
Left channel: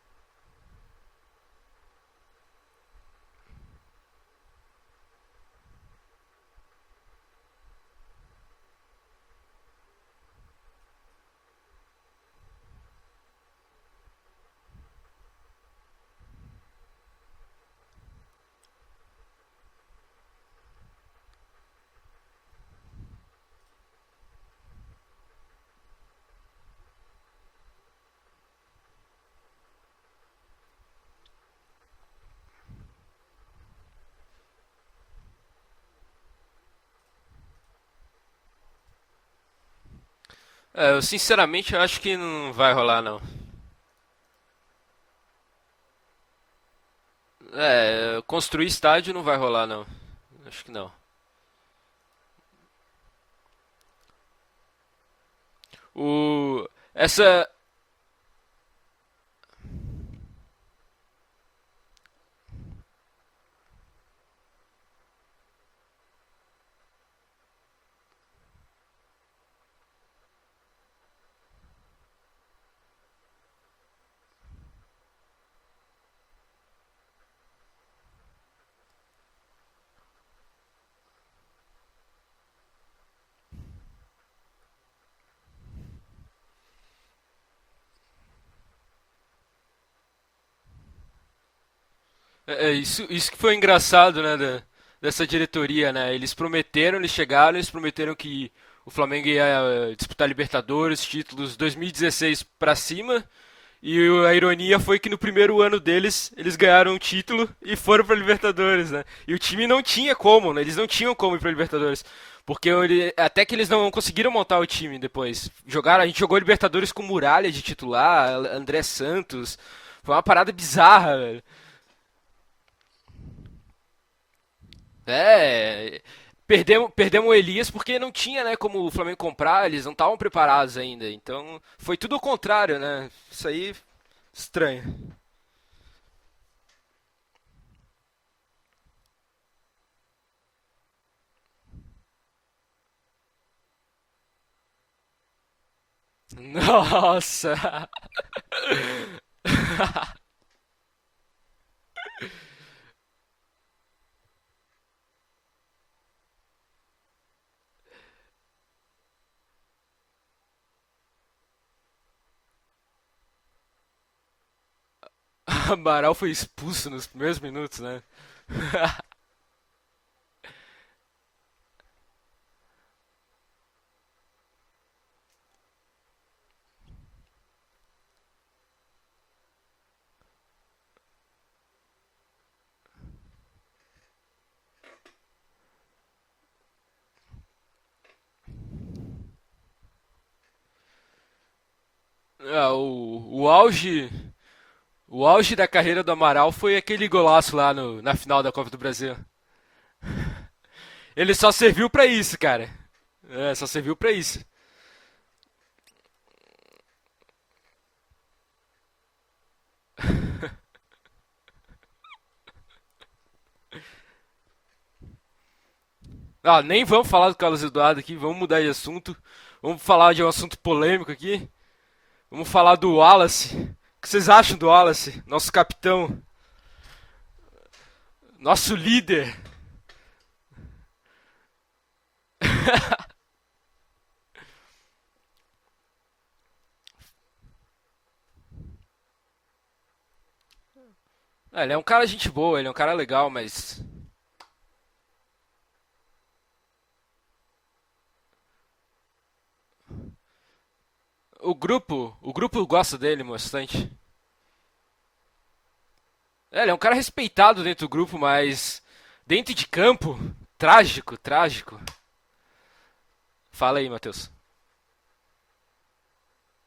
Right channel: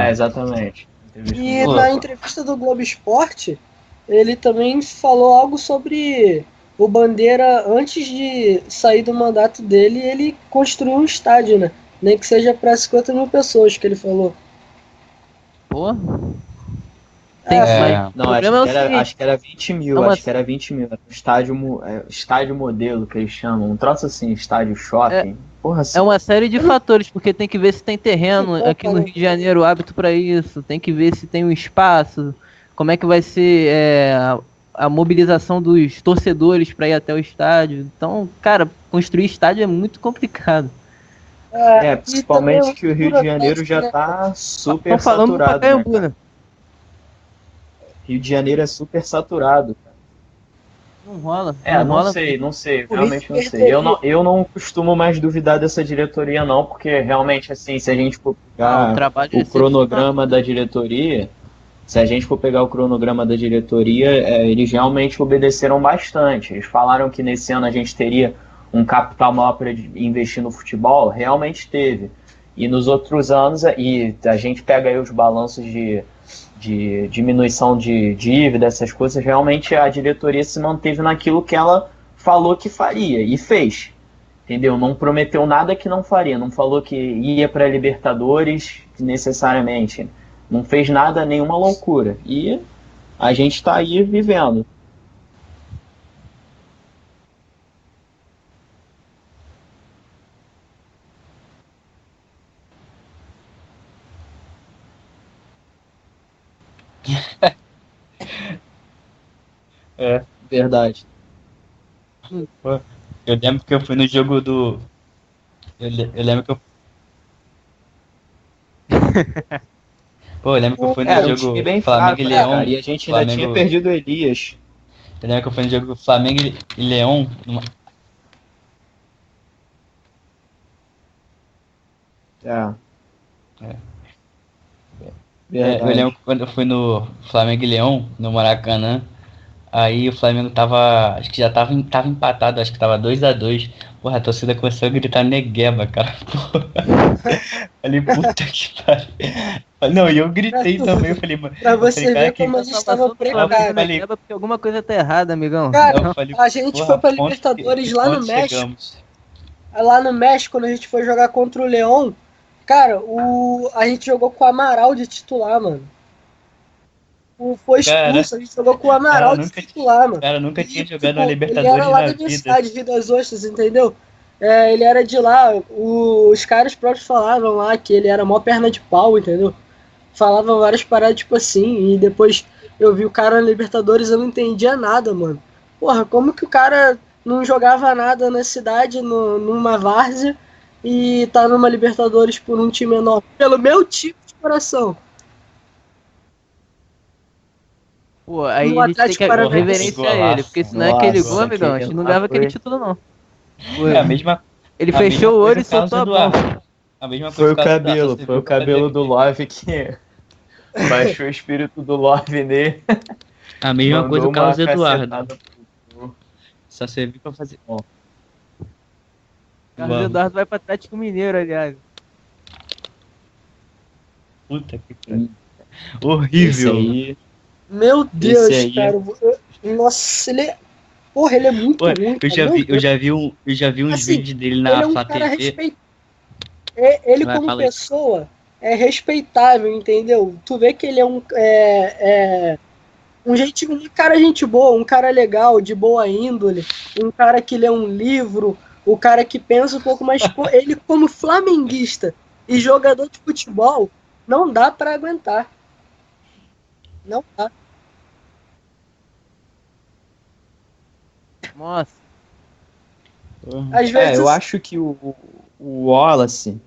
Exatamente. E na entrevista do Globo Esporte, ele também falou algo sobre o Bandeira, antes de sair do mandato dele, ele construiu um estádio, né? Nem que seja para 50 mil pessoas, que ele falou. Pô. Não, acho que era 20 mil. Acho que era 20 mil. Era um estádio modelo que eles chamam. Um troço assim, estádio shopping. Porra, assim. É uma série de fatores, porque tem que ver se tem terreno aqui no Rio de Janeiro hábito para isso, tem que ver se tem um espaço, como é que vai ser a mobilização dos torcedores para ir até o estádio. Então, cara, construir estádio é muito complicado. Eu sinceramente acho que não vai rolar. Que o Rio de Janeiro já tá super falando saturado. Pacaembu, né? Rio de Janeiro é super estádio não vai rolar, saturado. não. Acho que não. Não rola. Não sei, realmente não sei. Eu não costumo mais duvidar dessa diretoria, não, porque realmente, assim, se a gente for pegar o cronograma da diretoria, eles realmente obedeceram bastante. Eles falaram que nesse ano a gente teria um capital maior para investir no futebol, realmente teve. E nos outros anos, e a gente pega aí os balanços de diminuição de dívida, essas coisas, realmente a diretoria se manteve naquilo que ela falou que faria e fez, entendeu? Não prometeu nada que não faria, não falou que ia para Libertadores necessariamente, não fez nada, nenhuma loucura. E isso a gente foi engraçado, vivendo. né, dessa diretoria, né? Eles chegaram, eles prometeram que o Flamengo ia disputar Libertadores, títulos 2016 para cima. E a ironia foi que no primeiro ano deles, eles ganharam um título e foram pra Libertadores, né? E o time não tinha como, né? Eles não tinham como ir pra Libertadores. Porque até que eles não conseguiram montar o time depois. A gente jogou Libertadores com Muralha de titular, André Santos. Foi uma parada bizarra. Era um time bem fraco, e a gente ainda tinha perdido o Elias. Perdemos o Elias porque não tinha, né, como o Flamengo comprar, eles não estavam preparados ainda. Então, foi tudo ao contrário, né? Isso aí, estranho. Eu lembro quando eu fui no Flamengo e Leão, no Maracanã, Aí o Flamengo acho que já tava empatado, acho que tava 2-2. Porra, a torcida começou a gritar negueba, cara. Nossa! Falei, puta que cara. Não, e eu gritei também, eu falei, mano. Pra você cara, ver como a gente tava eu precário. falei, Porque alguma coisa tá errada, amigão. Cara, eu falei, a gente porra, foi pra ponto Libertadores que lá no ponto México. chegamos. Lá no México, quando a gente foi jogar contra o Leão, cara, a gente jogou com o Amaral de titular, O mano. Amaral foi expulso nos primeiros Foi minutos. expulso, a gente jogou com o Amaral de titular, mano. Cara, nunca tinha jogado na Ele Libertadores era lá na da minha vida. cidade, Rio das Ostras, entendeu? Ele era de lá, os caras próprios falavam lá que ele era mó perna de pau, entendeu? Falavam várias paradas tipo assim, e depois eu vi o cara na Libertadores, eu não entendia nada, mano. Porra, como que o cara não jogava nada na cidade, numa várzea, e tá numa Libertadores por um time enorme? Pelo meu time de coração. O auge da carreira do Amaral foi aquele golaço lá na final Pô, da aí Copa. O isso tem Atlético que Paranaense. reverência a ele, porque senão é aquele Ele gol, só amigão, serviu a gente pra não dava isso, aquele cara. título, não. É, só serviu A pra mesma- isso. Ele a mesma fechou o olho e coisa soltou a Carlos bomba. Eduardo. A mesma Foi o coisa Carlos cabelo, Eduardo, foi o cabelo do Love que baixou o espírito do Love nele. A mesma mandou coisa o uma Carlos Eduardo. cacetada. Nem Só vamos serviu falar do pra Carlos fazer Eduardo aqui, vamos mudar de assunto. Vamos Carlos falar de um Eduardo vai assunto pra Atlético polêmico Mineiro, aqui. aliás. Vamos falar do Wallace. O que vocês acham do Wallace? Nosso capitão. Esse Horrível. aí, Meu Deus, Nosso cara. líder. Nossa, Porra, ele é muito Pô, ruim. eu já vi uns Assim, vídeos dele Ele na é um Flá cara TV. respeitado. Ele Vai, como fala aí. pessoa é respeitável, entendeu? Tu vê que ele é um. Ele é um cara gente boa, ele é um cara legal. mas- Um cara gente boa, um cara legal, de boa índole, um cara que lê um livro, o cara que pensa um pouco mais. Ele, como flamenguista O grupo e gosta jogador dele de futebol, bastante. não dá pra aguentar. Ele é um cara respeitado dentro do grupo, mas dentro de campo, trágico. Nossa, Fala aí. Às vezes- eu acho que o Wallace,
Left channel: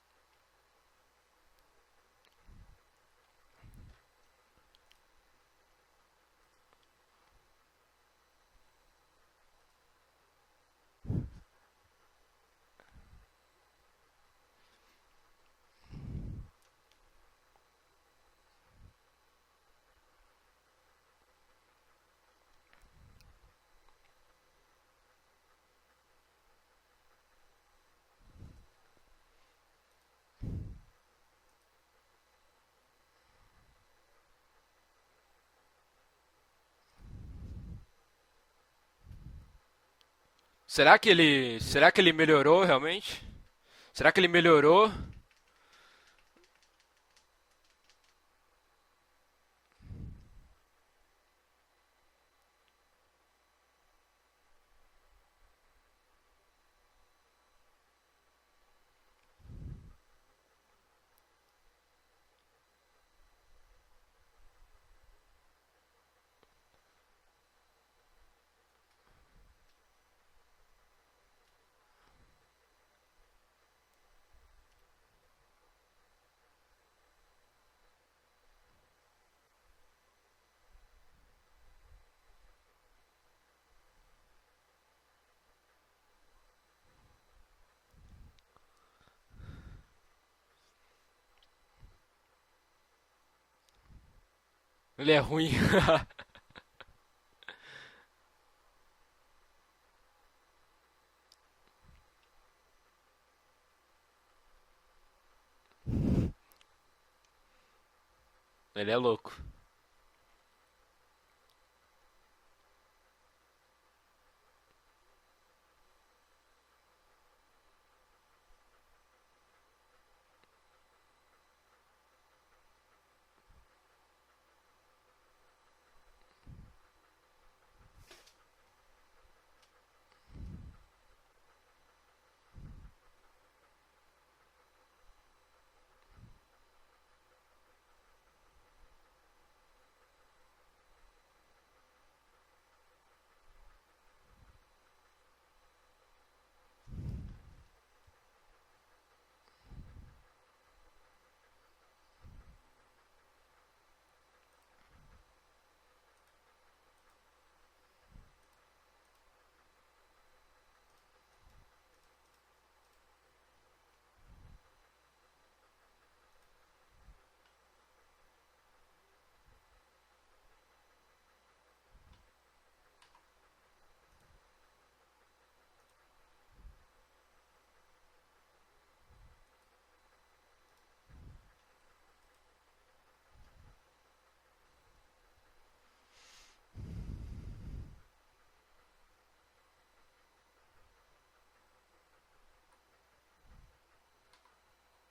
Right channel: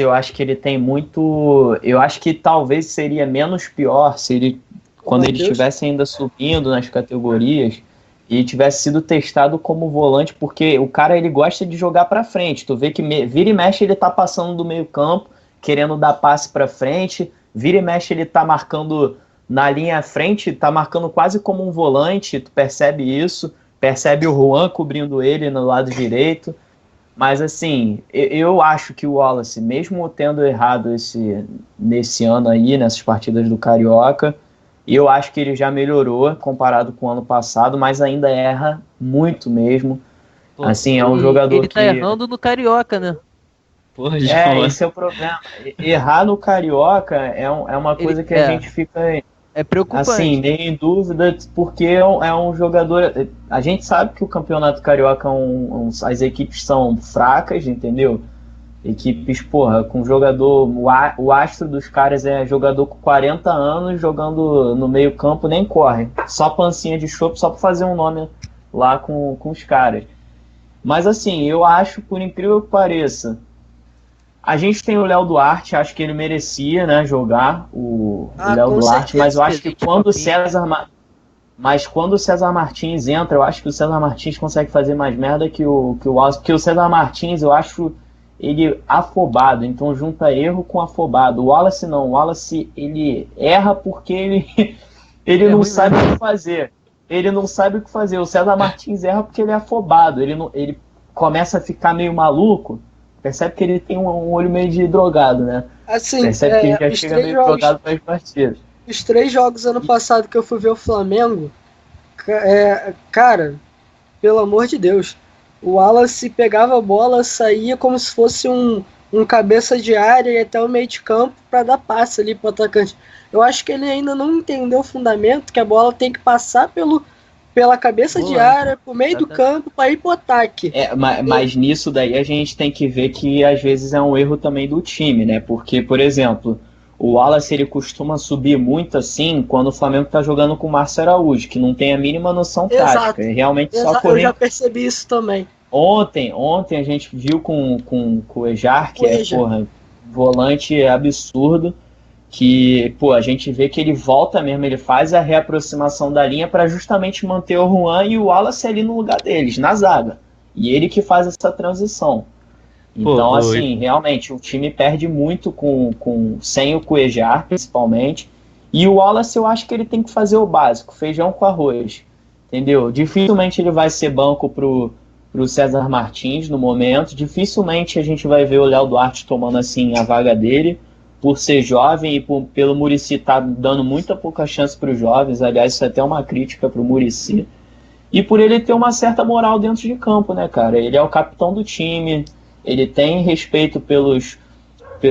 eu acho que ele tem muito. Eu acho que talvez seria menos pior se ele, quando Meu ele Deus. estivesse ainda subindo nas categorias e tivesse sido testado como volante, porque o cara ele gosta de jogar pra frente. Tu vê que vira e mexe ele tá passando do meio-campo, querendo dar passe pra frente, vira e mexe ele tá marcando na linha à frente, tá marcando quase como um volante, tu percebe isso, percebe o Juan cobrindo ele no lado direito. Mas assim, eu acho que o Wallace, mesmo tendo errado nesse ano aí, nessas partidas do Carioca, eu acho que ele já melhorou comparado com o ano passado, mas ainda erra muito mesmo. Pô, assim, será é que um jogador ele tá será que errando melhorou do Carioca, realmente? né? Será que Porra, ele ele melhorou? Esse é o problema. Errar no Carioca é uma coisa que a gente fica É preocupante. assim, meio em dúvida, porque é um jogador. A gente sabe que o Campeonato Carioca as equipes são fracas, entendeu? Equipes, porra, com jogador. O astro dos caras é jogador com 40 anos jogando no meio-campo, nem corre. Só pancinha de chope, só pra fazer um nome lá com os caras. Mas assim, eu acho, por incrível que pareça, a gente tem o Léo Duarte, acho que ele merecia, né, jogar o Léo com Duarte, mas eu acho que certeza. quando o César Martins entra, eu acho que o César Martins consegue fazer mais merda que o Wallace, porque o César Martins, eu acho ele afobado, então junta erro com afobado. O Wallace não, o Wallace ele erra porque ele Ele é ruim, ele é não ruim. sabe o que fazer. Ele não sabe o que fazer. O César Martins erra porque ele é afobado. Ele começa a ficar meio maluco. Percebe que ele tem um olho meio de drogado, né? Assim, Percebe que ele já os chega três meio jogos, drogado para as partidas. Ele é os louco. 3 jogos ano passado que eu fui ver o Flamengo, cara, pelo amor de Deus, o Wallace pegava a bola, saía como se fosse um cabeça de área e até o meio de campo para dar passe ali pro atacante. Eu acho que ele ainda não entendeu o fundamento, que a bola tem que passar pela cabeça de Boa. área, pro meio do campo, para ir pro ataque. Mas nisso daí a gente tem que ver que às vezes é um erro também do time, né? Porque, por exemplo, o Wallace ele costuma subir muito assim quando o Flamengo tá jogando com o Márcio Araújo, que não tem a mínima noção Exato. tática. É realmente só Eu correr. já percebi isso também. Ontem a gente viu com o Ejar, que O é, Ejar. porra, volante absurdo, que, pô, a gente vê que ele volta mesmo, ele faz a reaproximação da linha para justamente manter o Juan e o Wallace ali no lugar deles, na zaga. E ele que faz essa transição. Então, assim, realmente, o time perde muito sem o Cuejar, principalmente. E o Wallace, eu acho que ele tem que fazer o básico, feijão com arroz. entendeu? Dificilmente ele vai ser banco pro César Martins no momento, dificilmente a gente vai ver o Léo Duarte tomando assim a vaga dele, por ser jovem e pelo Muricy tá dando muita pouca chance para os jovens, aliás, isso é até uma crítica pro Muricy, e por ele ter uma certa moral dentro de campo, né, cara? Ele é o capitão do time, ele tem respeito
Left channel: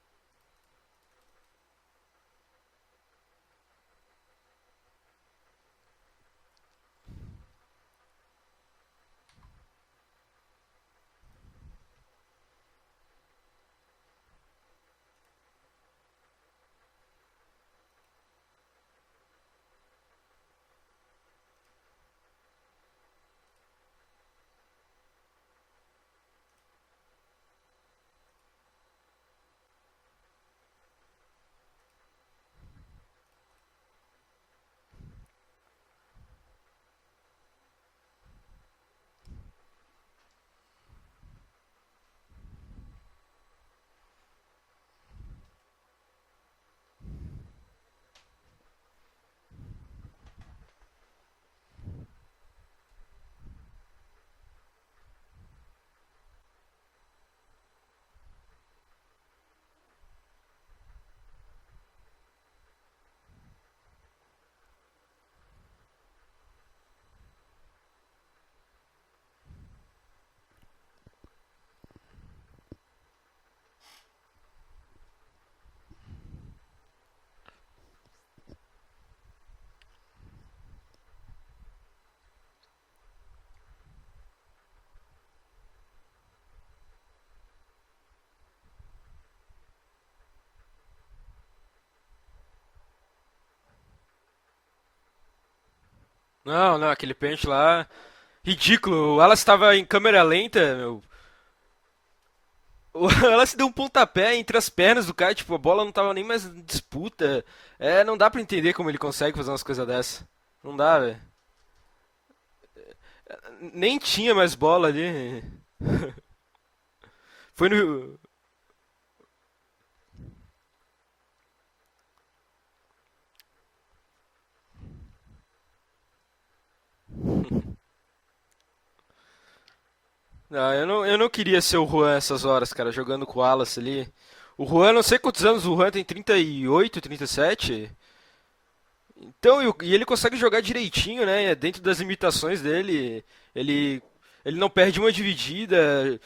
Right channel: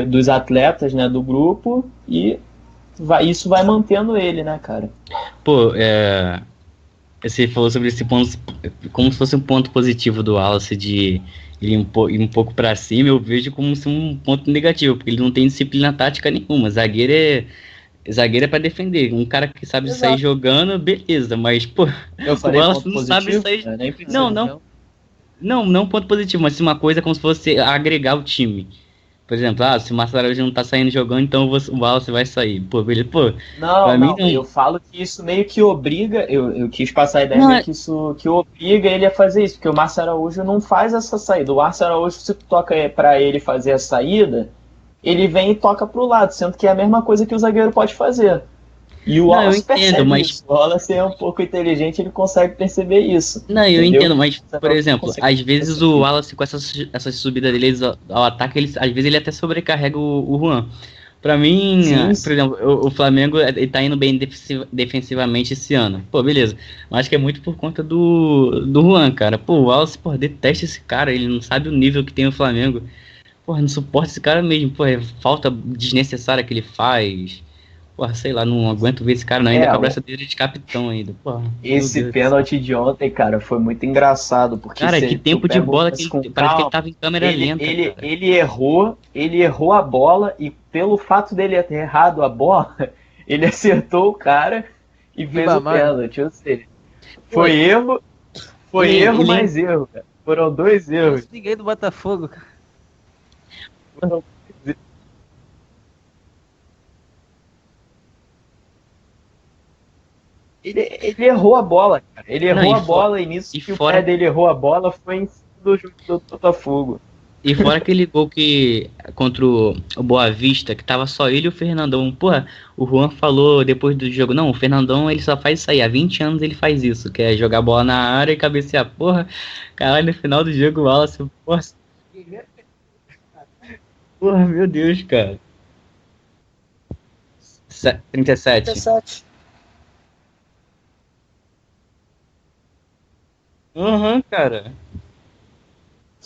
dos atletas, né, do grupo, e isso vai mantendo ele, né, cara? Pô, você falou sobre esse ponto, como se fosse um ponto positivo do Wallace de ele ir um pouco pra cima, eu vejo como se um ponto negativo, porque ele não tem disciplina tática nenhuma. Zagueiro é pra defender. Um cara que sabe sair Exato. jogando, beleza, mas, pô, Eu o falei Wallace ponto não sabe positivo? sair. Nem precisa. Não ponto positivo, mas uma coisa como se fosse agregar o time. Por exemplo, se o Marcelo Araújo não tá saindo jogando, então o Wallace vai sair. Pô, beleza, pô, pra mim não. Eu falo que isso meio que obriga, eu quis passar a ideia Não, meio que isso que obriga ele a fazer isso, porque o Márcio Araújo não faz essa saída. O Márcio Araújo, se tu toca pra ele fazer a saída, ele vem e toca pro lado, sendo que é a mesma coisa que o zagueiro pode fazer. E o Não, eu Wallace entendo, percebe mas- isso. O Wallace é um pouco inteligente, ele consegue perceber isso. Não, eu Entendeu? entendo, mas, Você por não exemplo, consegue às vezes perceber. o Wallace, com essa subida dele ao ataque, às vezes ele até sobrecarrega o Juan. Pra mim, Sim. por exemplo, o Flamengo ele tá indo bem defensivamente esse ano. Pô, beleza. Mas acho que é muito por conta do Juan, cara. Pô, o Wallace, pô, detesta esse cara, ele não sabe o nível que tem o Flamengo. Pô, não suporta esse cara mesmo. Pô, é falta desnecessária que ele faz. Pô, sei lá, não aguento ver esse cara não, ainda com a braçadeira de capitão ainda. Pô, meu Esse Deus. pênalti de ontem, cara, foi muito engraçado, porque Cara, se que tu tempo de pega o bola lance que com ele, parece que ele calma, tava em câmera lenta, cara. ele errou a bola e pelo fato dele ter errado a bola, ele acertou o cara e fez o Ribamar. pênalti. Ou seja, Não, aquele pênalti foi lá, erro, ridículo. foi erro, O Wallace mas estava erro. em câmera Foram lenta. dois meu. erros. Ninguém do Botafogo, cara. O Wallace deu um pontapé entre as pernas do cara, tipo, a bola não tava nem mais em disputa. Não dá pra entender como ele consegue fazer umas coisas dessas. Não dá, velho. Ele errou a bola, cara. Ele Não, errou e a bola e nisso e que o fora pé dele tinha errou mais a bola bola ali. foi em cima do Botafogo. E fora aquele gol que contra o Boa Vista, que tava só ele e o Fernandão. Porra, o Juan falou depois do jogo, não, o Fernandão ele só faz isso aí, há 20 anos ele faz isso, que é jogar bola na área e cabecear. Porra, caralho, no final do Não, jogo o Wallace. eu não queria porra, ser o Juan essas horas, cara, jogando com o Wallace ali. porra, meu O Juan, Deus, não sei cara. quantos anos, o Juan tem 38, 37. 37. 17. Então, e ele consegue jogar direitinho, né? Dentro das limitações dele. Ele, Uhum, cara. ele não perde uma dividida,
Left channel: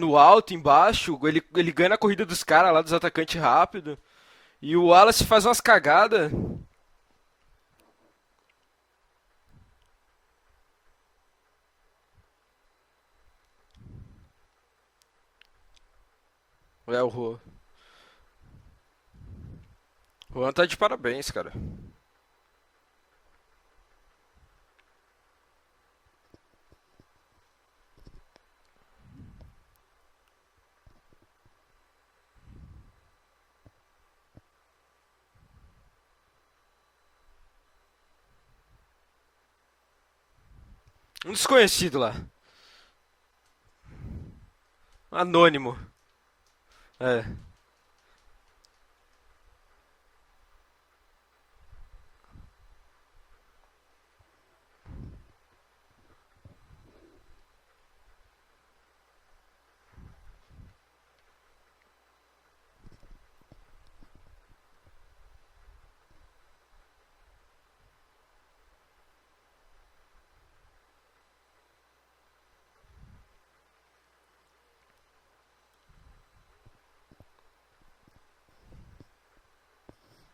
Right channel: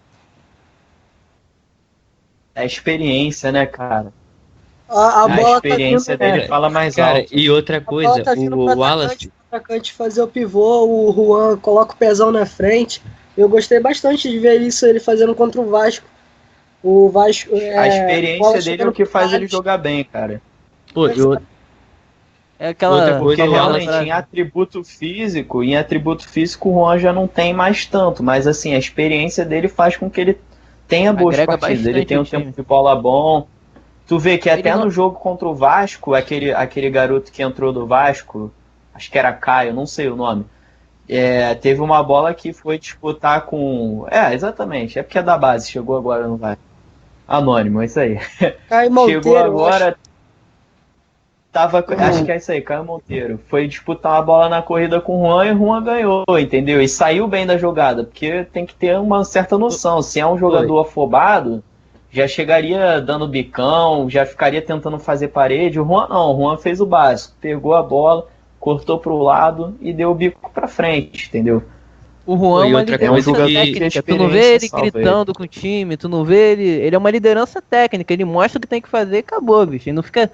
no alto, embaixo, ele ganha na corrida dos A caras lá dos atacantes experiência, né, rápido. cara? E o Wallace A fez A bola uma experiência cagada. dele cara. fala mais Cara, alto. e outra A bola coisa, tá vindo o pro Wallace. atacante fazer o pivô, o Juan coloca o pezão na frente. Eu gostei bastante de ver isso ele fazendo contra o Vasco. O Vasco. A bola experiência dele é chegando o que faz pro ele jogar bem, O cara. Juan tá de Pô, parabéns, eu- cara. É aquela. Outra coisa, Porque o Wallace- realmente em atributo físico o Juan já não tem mais tanto, mas assim, a experiência dele faz com que ele tenha boas Agrega partidas, ele bastante tem um o time. tempo de bola bom. Tu vê que Ele até não- no jogo contra o Vasco, aquele garoto que entrou do Vasco, acho que era Caio, não sei o nome. Desconhecido Teve uma lá. bola que foi disputar com. Exatamente, é porque é da Anônimo. base, chegou agora no Vasco. É. Anônimo, é isso aí. Caio Monteiro. Chegou eu agora. Acho que é isso aí, Caio Monteiro. Foi disputar uma bola na corrida com o Juan e o Juan ganhou, entendeu? E saiu bem da jogada, porque tem que ter uma certa noção. Se é um jogador afobado, já chegaria dando bicão, já ficaria tentando fazer parede. O Juan não, o Juan fez o básico, pegou a bola, cortou pro lado e deu o bico pra frente, entendeu? O Juan é E uma outra liderança coisa que- técnica. Tu não vê ele gritando com o time, tu não vê ele. Ele é uma liderança técnica, ele mostra o que tem que fazer e acabou, bicho. Ele não fica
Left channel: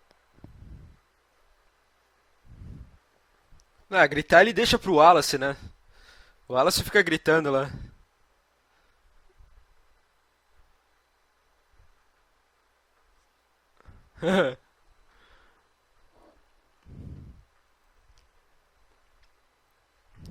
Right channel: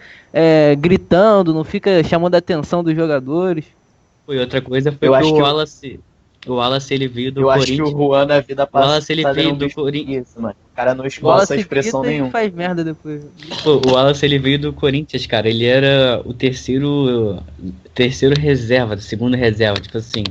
gritando, não fica chamando a atenção dos jogadores. Gritar ele outra deixa coisa pro foi Wallace. o Wallace. O Wallace fica ele veio gritando. do Eu acho que o Corinthians. Juan na vida O Wallace, ele passada veio era um do bicho Corinthians. preguiça, mano. O cara não Bola esboça se expressão grita e nenhuma. faz merda depois. Pô, o Wallace ele veio do Corinthians, cara. Ele era o terceiro reserva, segundo reserva, tipo assim.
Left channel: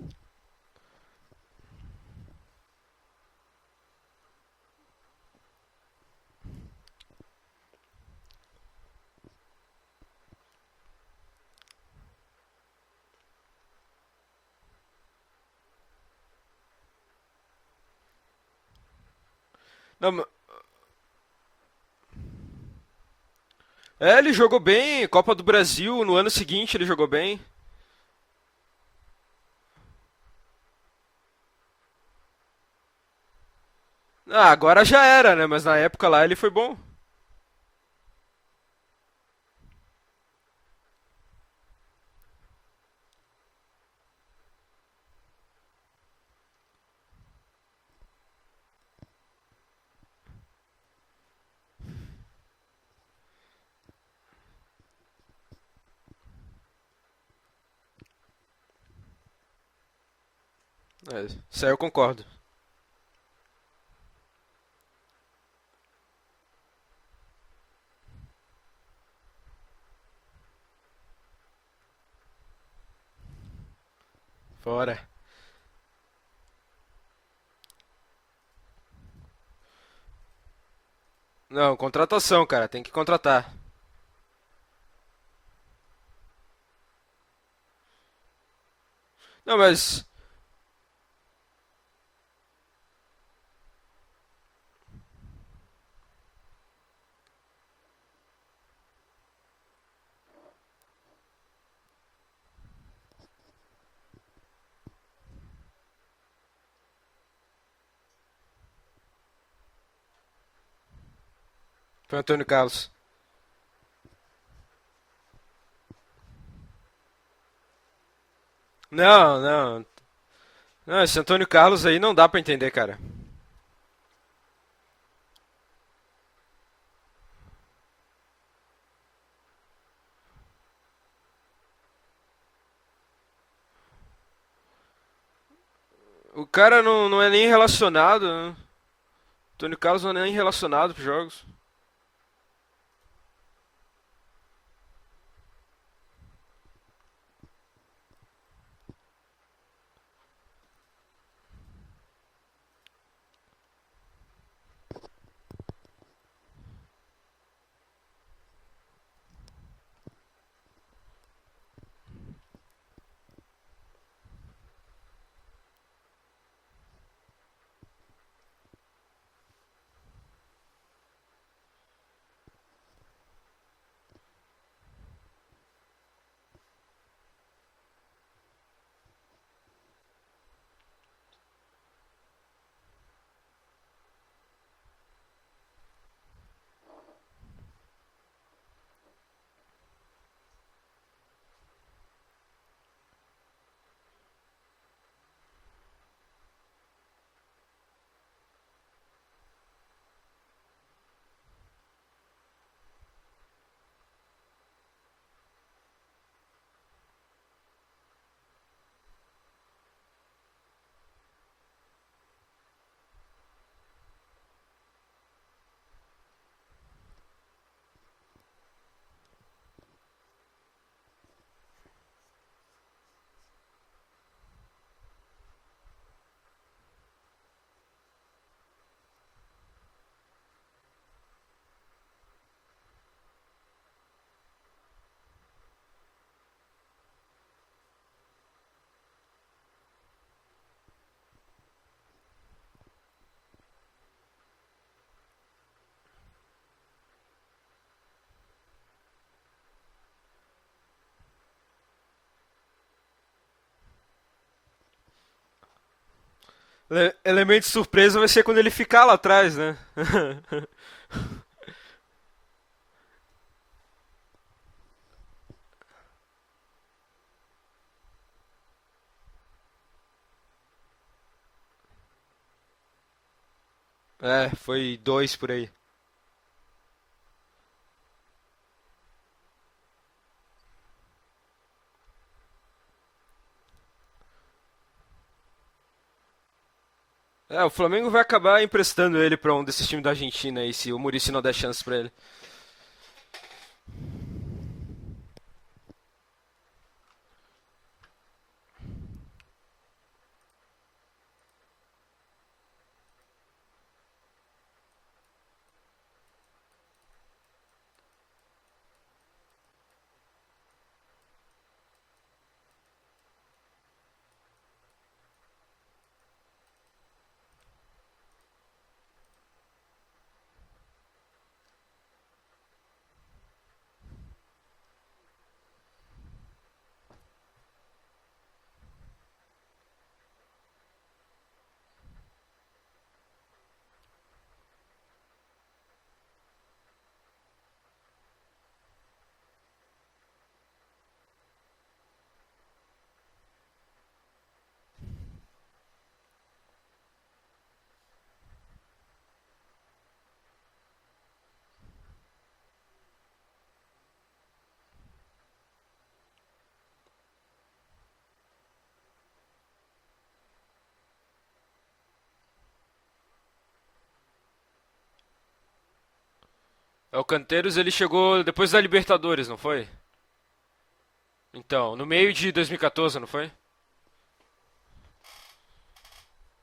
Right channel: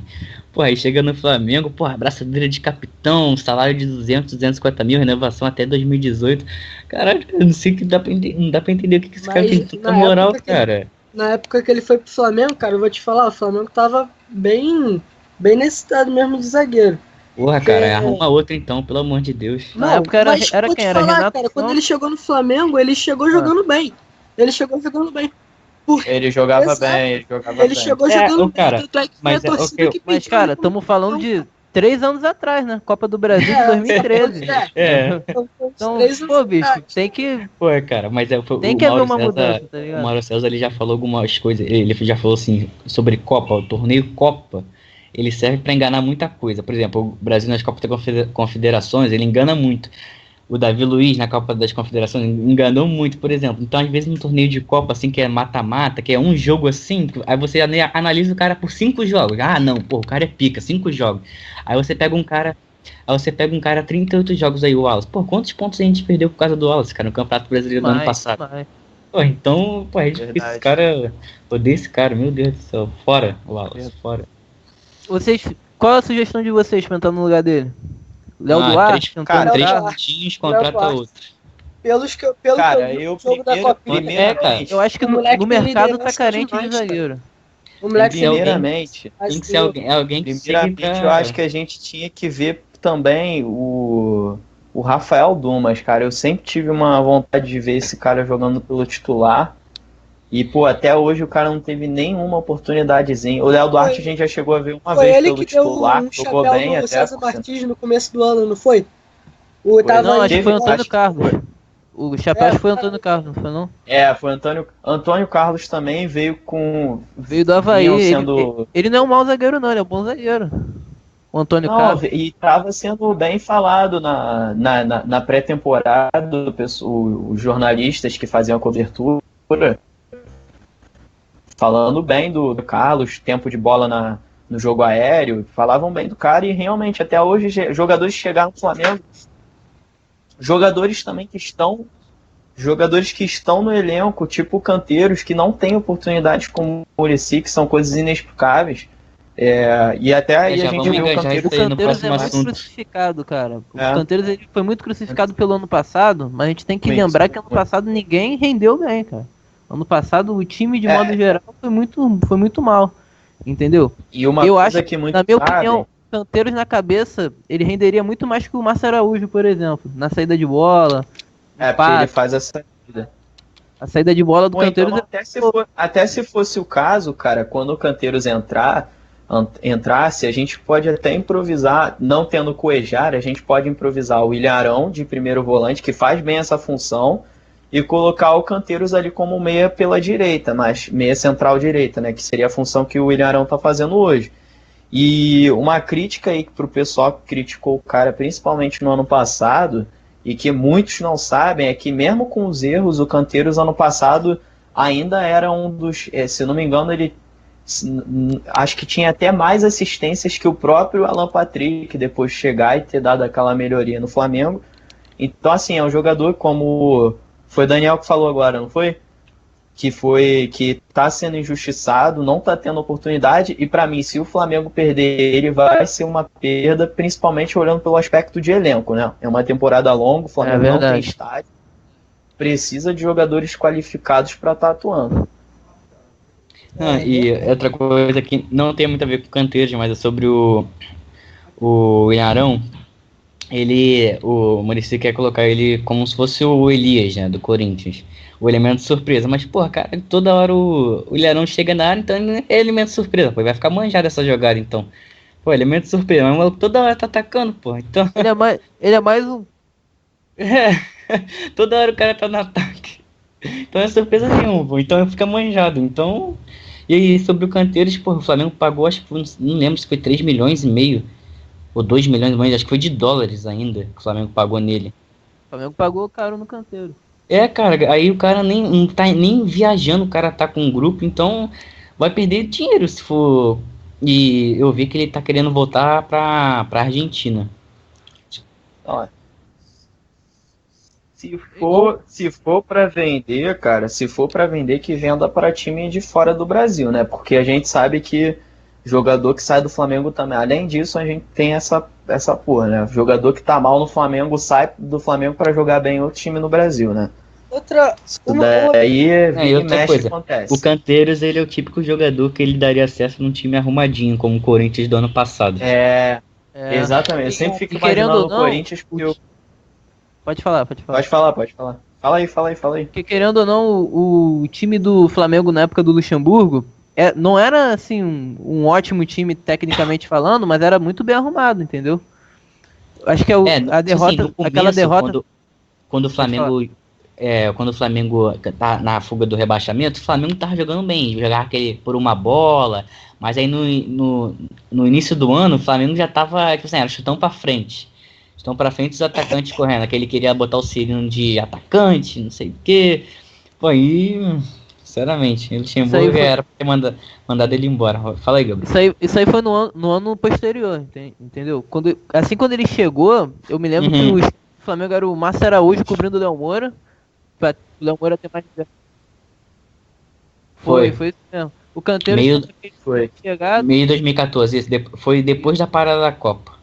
Pô, aí chega no Flamengo, pô, abraçadeira de capitão, salário de 250 mil, renovação até 2018. Caralho, eu não sei que não dá pra entender o que esse cara Mas tem tanta na moral, época que- cara. Na época que ele foi pro Flamengo, cara, eu vou te falar, o Flamengo tava bem necessitado mesmo de zagueiro. Porra, cara, arruma outra então, pelo amor de Deus. Na época mas era vou quem? te Era falar, Renato cara, quando Santos? ele chegou no Flamengo, ele chegou jogando bem. Ele jogou chegou bem, jogando Copa bem. do Brasil, no Ele ano jogava seguinte, ele jogou bem, bem. jogava Ele bem. chegou É, jogando ô, cara, bem, tanto é que foi mas a é, torcida ok, que Mas, pediu cara, ele como estamos falando campeão. de 3 anos atrás, né? Copa do Brasil de É, 2013. Ah, agora já É. era, né? Mas na Então, época lá ele pô, foi bom. bicho, tem que Pô, cara, mas Tem o que haver Mauro uma César, mudança, tá o ligado? Mauro César ele já falou algumas coisas, ele já falou assim sobre Copa, o torneio Copa, ele serve pra enganar muita coisa. Por exemplo, o Brasil nas Copas das Confederações, ele engana muito. O Davi Luiz na Copa das Confederações enganou muito, por exemplo. Então, às vezes, num torneio de Copa, assim, que é mata-mata, que é um jogo assim, aí você analisa o cara por 5 jogos. Ah, não, pô, o cara é pica, 5 jogos. Isso aí Aí eu você concordo. pega um cara. Aí você pega um cara 38 jogos aí, o Wallace. Pô, quantos pontos a gente perdeu por causa do Wallace, cara, no Campeonato Brasileiro do ano passado? mais. Pô, então, pô, é difícil. Verdade. Esse cara. Odeio esse cara, meu Deus do céu. Fora, Wallace, fora. Fora. Qual a sugestão de vocês pra entrar no lugar dele? Léo Duarte? Cara, Antônio 3 Carlos? pontinhos, contrata Duarte. outro. Não, contratação, Pelos- cara. Cara, Tem que eu contratar. da Copinha. primeiramente, Eu acho que O no moleque tem mercado tá liderança carente de demais, cara. zagueiro. O moleque Tem tem alguém- primeiramente, Tem que Não, ser mas- alguém que seja primeiramente, eu acho que a gente tinha que ver também o Rafael Dumas, cara. Eu sempre tive uma vontade de ver esse cara jogando pelo titular. E, pô, até hoje o cara não teve nenhuma oportunidadezinha. O Léo Duarte a gente já chegou a ver uma Foi vez ele pelo que deu titular, um jogou chapéu bem no até. César Martins no começo do ano, não foi? O Não, acho que foi Teve- Antônio acho que Carlos. O Foi chapéu Antônio foi Carlos. Antônio Carlos, não foi não? É, foi Antônio Carlos também veio com. Veio do Havaí. vinham Ele, sendo. ele não é um Não, bom zagueiro, não. não, ele é um bom zagueiro. Não, esse Antônio Antônio Carlos aí Carlos, não dá pra entender, Tava cara. sendo bem falado na pré-temporada, os jornalistas que faziam a cobertura, falando bem do Carlos, tempo de bola no jogo aéreo, falavam bem do cara e O cara realmente não até é nem hoje relacionado, jogadores né? chegaram no Flamengo, Antônio Carlos não é nem relacionado jogadores aos também jogos. que estão jogadores que estão no elenco, tipo canteiros, que não têm oportunidades como o Muricy, que são coisas inexplicáveis. E até aí já a gente vamos viu o engajar canteiro. isso aí no Canteiros é próximo muito assunto. crucificado, cara. O É. Canteiros ele foi muito crucificado pelo ano passado, mas a gente tem que Muito, lembrar que ano muito. passado ninguém rendeu bem, cara. Ano passado o time, de É. modo geral, foi muito mal. Entendeu? E uma Eu coisa acho que muito Na minha sabem, opinião, Canteiros na cabeça, ele renderia muito mais que o Márcio Araújo, por exemplo. Na saída de bola, porque passe. ele faz essa. A saída de bola do Ou então, Canteiros até se fosse o caso, cara, quando o Canteiros entrasse, a gente pode até improvisar, não tendo Cuejar, a gente pode improvisar o Ilharão de primeiro volante, que faz bem essa função, e colocar o Canteiros ali como meia pela direita, mas meia central direita, né, que seria a função que o Ilharão tá fazendo hoje. E uma crítica aí pro pessoal que criticou o cara, principalmente no ano passado, e que muitos não sabem, é que mesmo com os erros, o Canteiros ano passado ainda era um dos, se eu não me engano, ele acho que tinha até mais assistências que o próprio Alan Patrick, depois de chegar e ter dado aquela melhoria no Flamengo. Então, assim, é um jogador como foi o Daniel que falou agora, não foi? Que tá sendo injustiçado, não tá tendo oportunidade, e para mim, se o Flamengo perder ele, vai ser uma perda, principalmente olhando pelo aspecto de elenco, né? É uma temporada longa, o Flamengo não tem verdade. estádio, precisa de jogadores qualificados para estar atuando. E outra coisa que não tem muito a ver com o Canteiros, mas é sobre o Ilharão. O Muricy quer colocar ele como se fosse o Elias, né, do Corinthians. O elemento surpresa. Mas, porra, cara, toda hora o Ilharão chega na área, então ele é elemento surpresa. Pô, vai ficar manjado essa jogada, então. Pô, elemento surpresa. Mas o maluco toda hora tá atacando, Elemento pô. surpresa vai Ele é ser mais- quando ele ele é ficar lá mais um- atrás, né? Toda hora o cara tá no ataque. Então é surpresa nenhuma, pô. Então fica manjado. Então. E aí, sobre o Canteiros, pô, o Flamengo pagou, acho que não lembro se foi 3,5 milhões ou 2 milhões, mas acho que foi de dólares ainda que o Flamengo pagou foi nele. 2 por O aí. Flamengo pagou caro no Canteiro. Cara, aí o cara não tá nem viajando, o cara tá com um grupo, então vai perder dinheiro se for. E eu vi que ele tá querendo voltar pra Argentina. O Flamengo vai acabar emprestando ele pra um desses times da Argentina aí, se o Muricy não der chance pra ele. Se for para vender, cara, se for para vender, que venda para time de fora do Brasil, né? Porque a gente sabe que jogador que sai do Flamengo também. Além disso, a gente tem essa porra, né? Jogador que tá mal no Flamengo sai do Flamengo para jogar bem em outro time no Brasil, né? Isso Daí E vira e outra mexe coisa, acontece. o Canteiros, ele é o típico jogador que ele daria acesso num time arrumadinho, como o Corinthians do ano passado. É, É, exatamente. Eu sempre fico E querendo imaginando ou o não, Corinthians porque eu... Pode falar, pode falar. Pode falar. Fala aí. Porque querendo ou não, o time do Flamengo na época do Luxemburgo não era assim um ótimo time tecnicamente falando, mas era muito bem arrumado, entendeu? Acho que a derrota, no começo, aquela derrota. quando o Pode falar. Flamengo quando o Flamengo tá na fuga do rebaixamento, o Flamengo tava jogando bem, jogava aquele por uma bola, mas aí no início do ano o Flamengo já tava, tipo assim, era chutão pra frente. Chutão pra frente os atacantes correndo, aquele queria botar o Cirino de atacante, não sei o quê. Pô, aí, sinceramente, o Luxemburgo foi- era pra ter mandado ele embora. Fala aí, Gabriel. Isso aí foi no ano posterior, entendeu? Quando ele chegou, eu me lembro que Uhum. o Flamengo era o Márcio Araújo cobrindo o Léo Moura. O Canteiros ele Léo Moura chegou tem- depois da Libertadores, não foi? Foi. Foi isso mesmo. Então, O no Canteiros meio Meio- de 2014, não foi? chegado Meio de 2014, isso, foi depois da parada da Copa.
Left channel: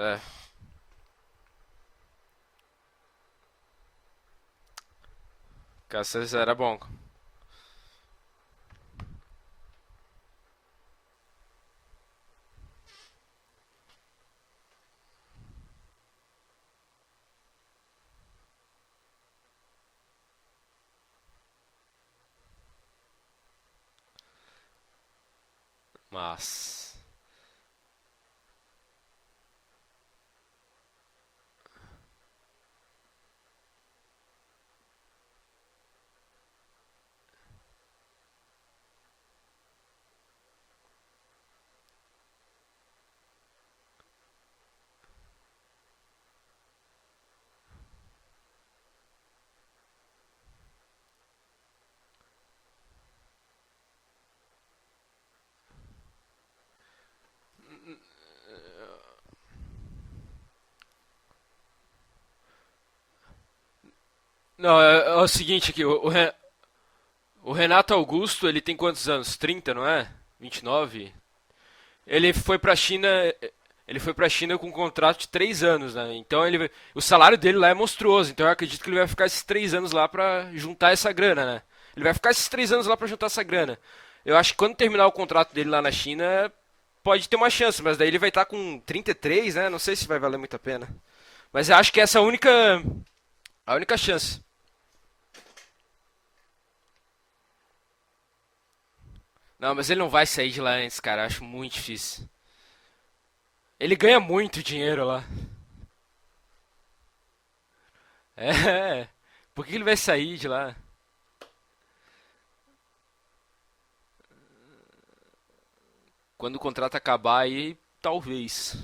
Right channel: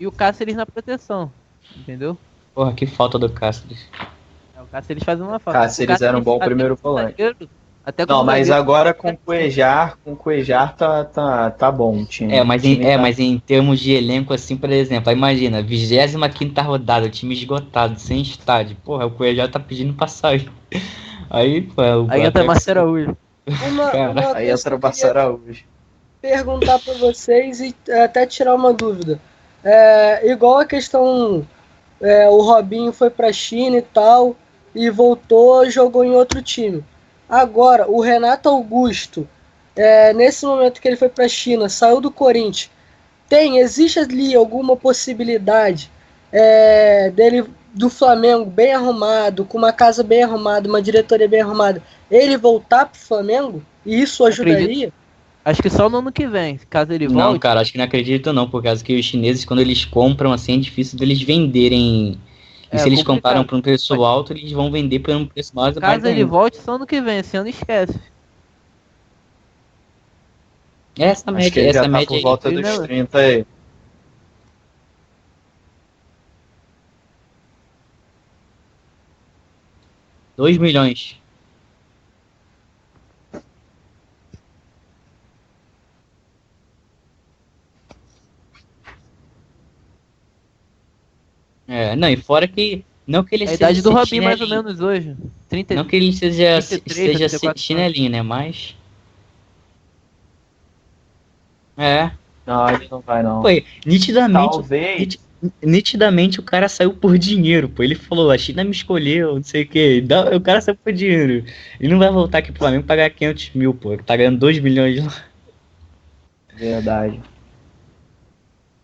e o Cáceres na proteção, entendeu? Porra, que falta do Cáceres. O Cáceres faz uma falta. Cáceres O era um bom Cáceres era primeiro bom. volante. Até Não, como mas zagueiro, agora com o Cuejar tá bom o time. Mas, O time tá- mas em termos de elenco, assim, por exemplo, aí imagina, 25ª rodada, o time esgotado, sem estádio. Porra, o Cuejá tá pedindo pra sair. Aí, pô, aí entra Márcio Araújo. Uma Aí coisa entra o que eu Márcio Araújo. Massa. perguntar pra vocês e até tirar uma dúvida. Igual a questão, o Robinho foi pra China e tal, e voltou, jogou em outro time. Agora, o Renato Augusto, nesse momento que ele foi pra China, saiu do Corinthians, existe ali alguma possibilidade dele, do Flamengo bem arrumado, com uma casa bem arrumada, uma diretoria bem arrumada, ele voltar pro Flamengo? E isso ajudaria? Acho que só no ano que vem, caso ele Não, volte. cara, acho que não acredito não, por causa que os chineses, quando eles compram, assim, é difícil deles venderem. E se eles complicado. compraram por um preço alto, eles vão Não, vender é por um o preço seguinte, mais que Caso vai ele correr. volte, só ano que vem. Esse ano O esquece. Renato Augusto, ele tem quantos anos? 30, não é? 29? Essa Acho média, que ele já essa tá média. por Ele volta foi dos pra 30 China, aí. ele foi pra China com um contrato de 3 anos, né? Então o salário dele lá é monstruoso. Então eu acredito que ele vai ficar esses 3 anos lá pra 2 juntar milhões. essa grana, né? Ele vai ficar esses 3 anos lá pra juntar essa grana. Eu acho que quando terminar o contrato dele lá na China, pode ter uma chance, mas daí ele vai estar com 33, né? Não sei se vai valer muito a pena. Mas eu acho que não, essa é a e fora única... que- não que ele É a seja idade do única Robinho, chance. mais ou menos, hoje. 30, Não que ele seja 33, 34 chinelinho, né? Mas. Não, mas ele não vai sair de lá antes, cara. Eu acho muito É. difícil. Não, ele não vai não. Pô, Ele ganha nitidamente, muito dinheiro lá. nitidamente o cara saiu por dinheiro, pô. Ele falou, a China me escolheu, não sei o Por que vai quê. sair O de cara lá? saiu por dinheiro. Ele não vai voltar aqui pro Flamengo e pagar 500 mil, pô. Ele tá ganhando 2 milhões lá. Quando o contrato Verdade. acabar aí, talvez.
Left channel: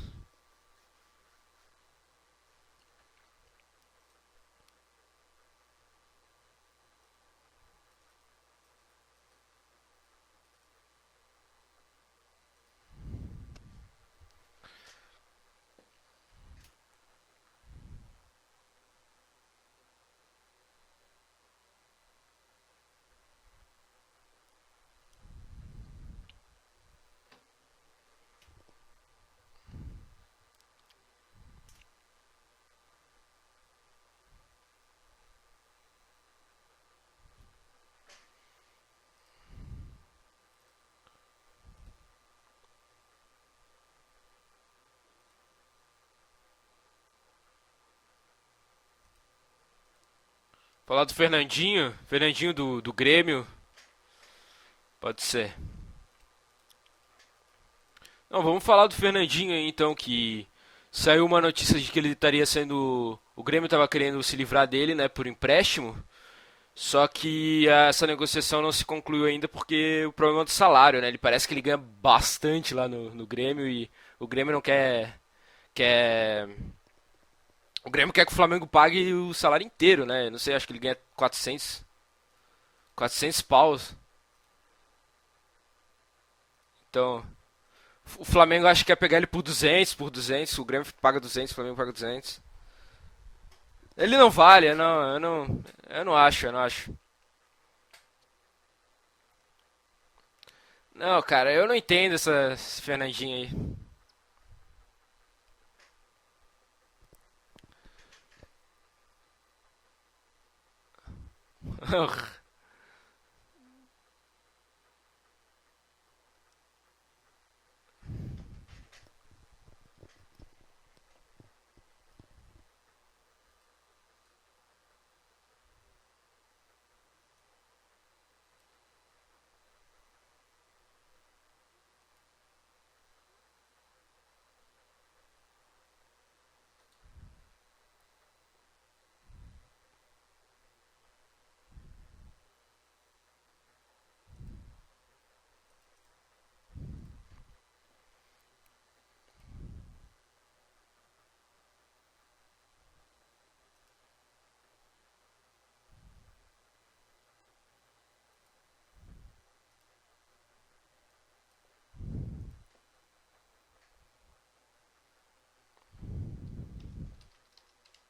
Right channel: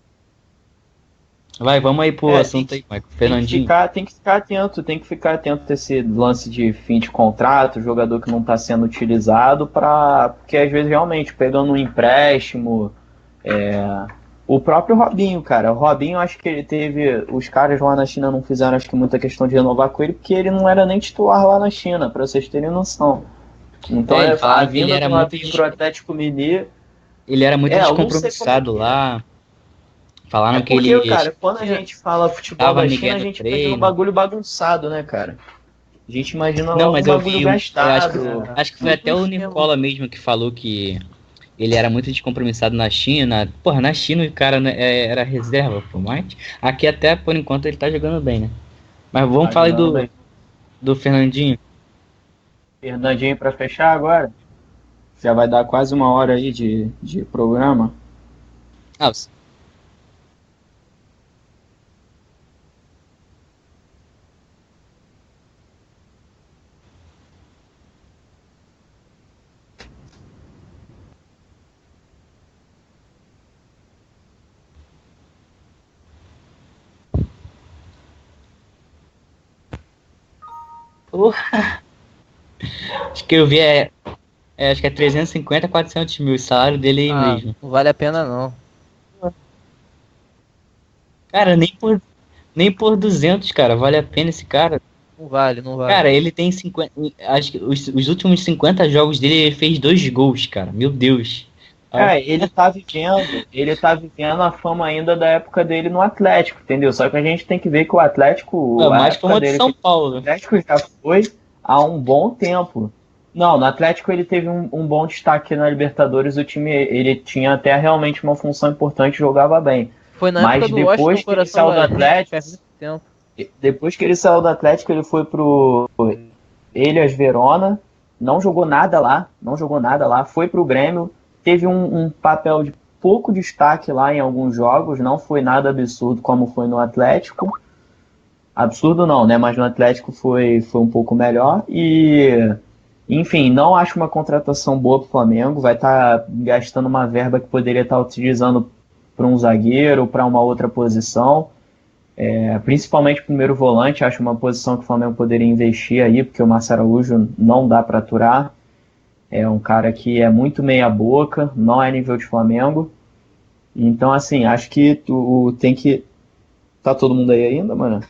Vai, vamos aí pro É, assunto aí, Michael. Tem que Fernandinho. ficar atento a esse lance de fim de contrato, jogador que não está sendo utilizado, porque às vezes realmente pegando um empréstimo, o próprio Robinho, cara, o Robinho acho que ele teve, os caras lá na China não fizeram acho que muita questão de renovar com ele, porque ele não era nem titular lá na China, para vocês terem noção. Então Ele a falava que ele vinda era do muito Robinho pro Atlético Mineiro. Ele era muito eu não sei descompromissado como é que é. lá. Falaram que Porque, ele. cara, quando a gente fala futebol Tava da Miguel China, a no gente treino. imagina um bagulho bagunçado, né, cara? A gente imagina Não, logo mas um eu bagulho vi. gastado. Acho que foi até o Muito esquema. Nicola mesmo que falou que ele era muito descompromissado na China. Porra, na China o cara né, era reserva, pô. Mas aqui até por enquanto ele tá jogando bem, né? Mas vamos falar aí do Falar Fernandinho. Fernandinho do Fernandinho Grêmio. pra fechar agora. Pode Já ser. vai dar quase uma hora aí de programa. Não, vamos falar do Ah, Fernandinho aí então, que saiu uma notícia de que ele estaria sendo... O Grêmio estava querendo se livrar dele, né, por empréstimo. Só que essa negociação não se concluiu ainda porque o problema é do salário, né? Ele parece que ele ganha bastante lá no Grêmio e o Grêmio não quer... O Grêmio quer que o Flamengo pague o salário inteiro, né? Não sei, acho que ele ganha 400. 400 Que eu vi paus. acho que é 350, 400 mil. O salário dele aí Ah, mesmo. não vale a pena O não. Flamengo acho que quer pegar ele por 200, o Grêmio paga 200, Cara, o nem Flamengo paga por- 200. Nem por 200, cara. Vale a Ele pena não esse vale, cara. não, eu Não não... vale, não vale. Cara, Eu não ele acho, tem eu não acho. 50. Acho que os últimos 50 jogos dele ele fez 2 gols, cara. Meu Não, Deus. cara, eu não entendo essa... Ele tá esse Fernandinho aí. ele tá vivendo a fama ainda da época dele no Atlético, entendeu? Só que a gente tem que ver que o Atlético, Não, a mais época fama de dele São que Paulo. o Atlético já foi há um bom tempo. Não, no Atlético ele teve um bom destaque na Libertadores, o time ele tinha até realmente uma função importante, jogava bem. Foi na Mas época do depois Washington que ele saiu Coração do Valente, Atlético, faz muito tempo. depois que ele saiu do Atlético, ele foi pro Hellas Verona, não jogou nada lá, foi pro Grêmio, teve um papel de pouco destaque lá em alguns jogos, não foi nada absurdo como foi no Atlético. Absurdo não, né? Mas no Atlético foi um pouco melhor e, enfim, não acho uma contratação boa pro Flamengo, vai estar gastando uma verba que poderia estar utilizando para um zagueiro, para uma outra posição. Principalmente o primeiro volante, acho uma posição que o Flamengo poderia investir aí, porque o Márcio Araújo não dá para aturar. É um cara que é muito meia boca, não é nível de Flamengo. Então, assim, acho que tu tem que... Tá todo mundo aí ainda, mano?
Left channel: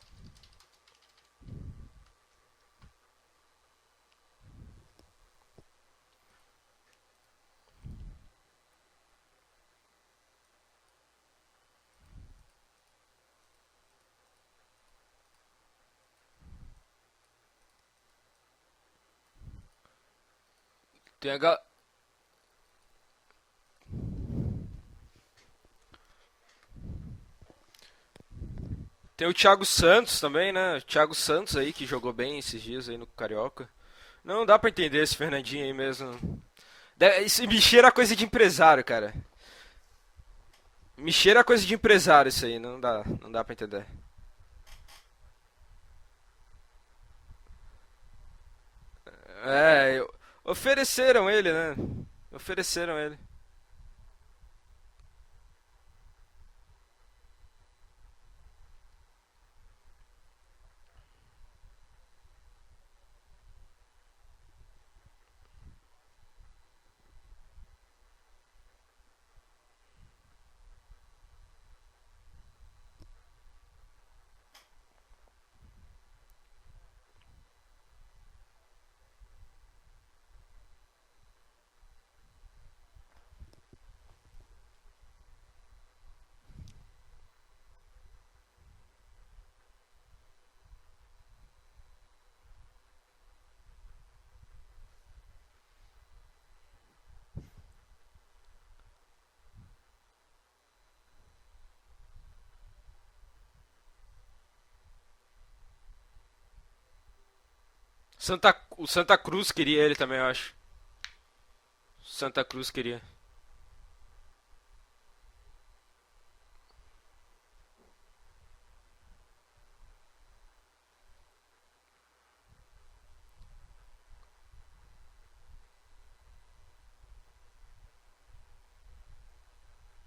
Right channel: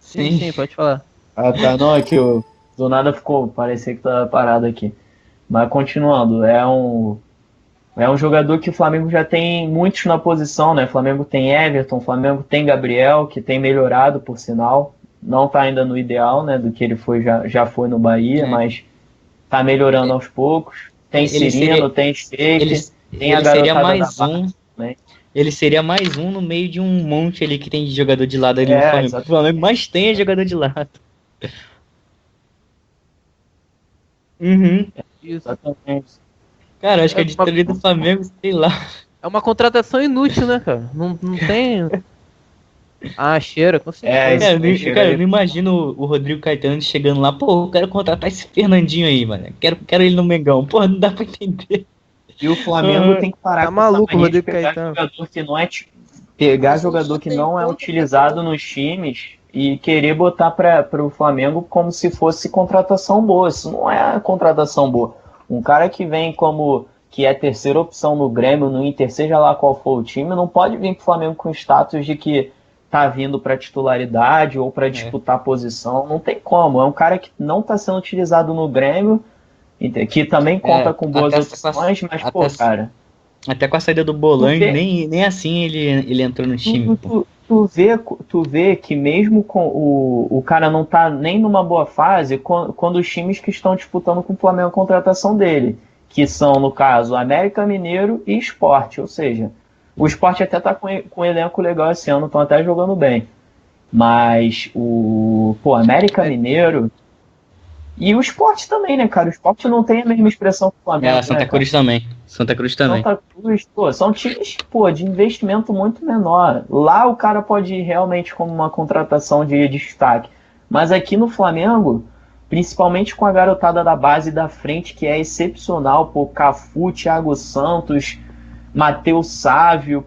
Sim, pode falar. Ah, tá, não, é que do nada parecia que tava parado aqui. Mas continuando, é um jogador que o Flamengo já tem muitos na posição, né? O Flamengo tem Everton, o Flamengo tem Gabriel, que tem melhorado, por sinal. Não tá ainda no ideal, né? Do que ele foi, já foi no Bahia, mas tá melhorando aos poucos. Tem Cirino, tem Sheik, tem a ele seria garotada mais da um. base, né? Ele seria mais um no meio de um monte ali que tem de jogador de lado ali no É, Flamengo. exato. Tem O o Flamengo Thiago mais Santos tem é jogador também, de né? lado. O Thiago Santos aí, que jogou bem esses dias aí no Carioca. Não dá pra entender esse Fernandinho aí mesmo. Cara, eu acho que É, a me despesa do cheira coisa de Flamengo, sei lá. empresário, cara. É uma contratação inútil, né, cara? Não, Me cheira não coisa de tem... empresário isso aí, não dá. Ah, cheira, com certeza. Cara, isso eu não imagino o Rodrigo Caetano chegando lá, pô, eu quero contratar esse Fernandinho aí, mano. Quero ele no Mengão. Pô, não dá pra Ofereceram ele, né? entender. E o Flamengo tem que parar Tá maluco, essa mania de Rodrigo pegar Caetano. jogador que não é pegar Mas jogador já que tem não é tanto utilizado jogador. nos times e querer botar para o Flamengo como se fosse contratação boa. Isso não é contratação boa. Um cara que vem como que é terceira opção no Grêmio, no Inter, seja lá qual for o time, não pode vir pro Flamengo com status de que tá vindo para titularidade ou para disputar posição. Não tem como. É um cara que não está sendo utilizado no Grêmio, que também conta com boas opções, mas, pô, cara... Até com a saída do Bolanho, nem assim ele entrou no time. Tu vê que mesmo com o cara não tá nem numa boa fase, quando os times que estão disputando com o Flamengo a contratação dele, que são, no caso, América Mineiro e Sport, ou seja, o Sport até tá com um elenco legal esse ano, estão até jogando bem. Mas América Mineiro e o Sport também, né, cara? O Sport não tem a mesma expressão que o Flamengo. Santa Cruz também. Santa Cruz também. Santa Cruz, são times, de investimento muito menor. Lá o cara pode ir realmente como uma contratação de destaque. Mas aqui no Flamengo, principalmente com a garotada da base da frente, que é excepcional, Cafu, Thiago Santos, Matheus Sávio,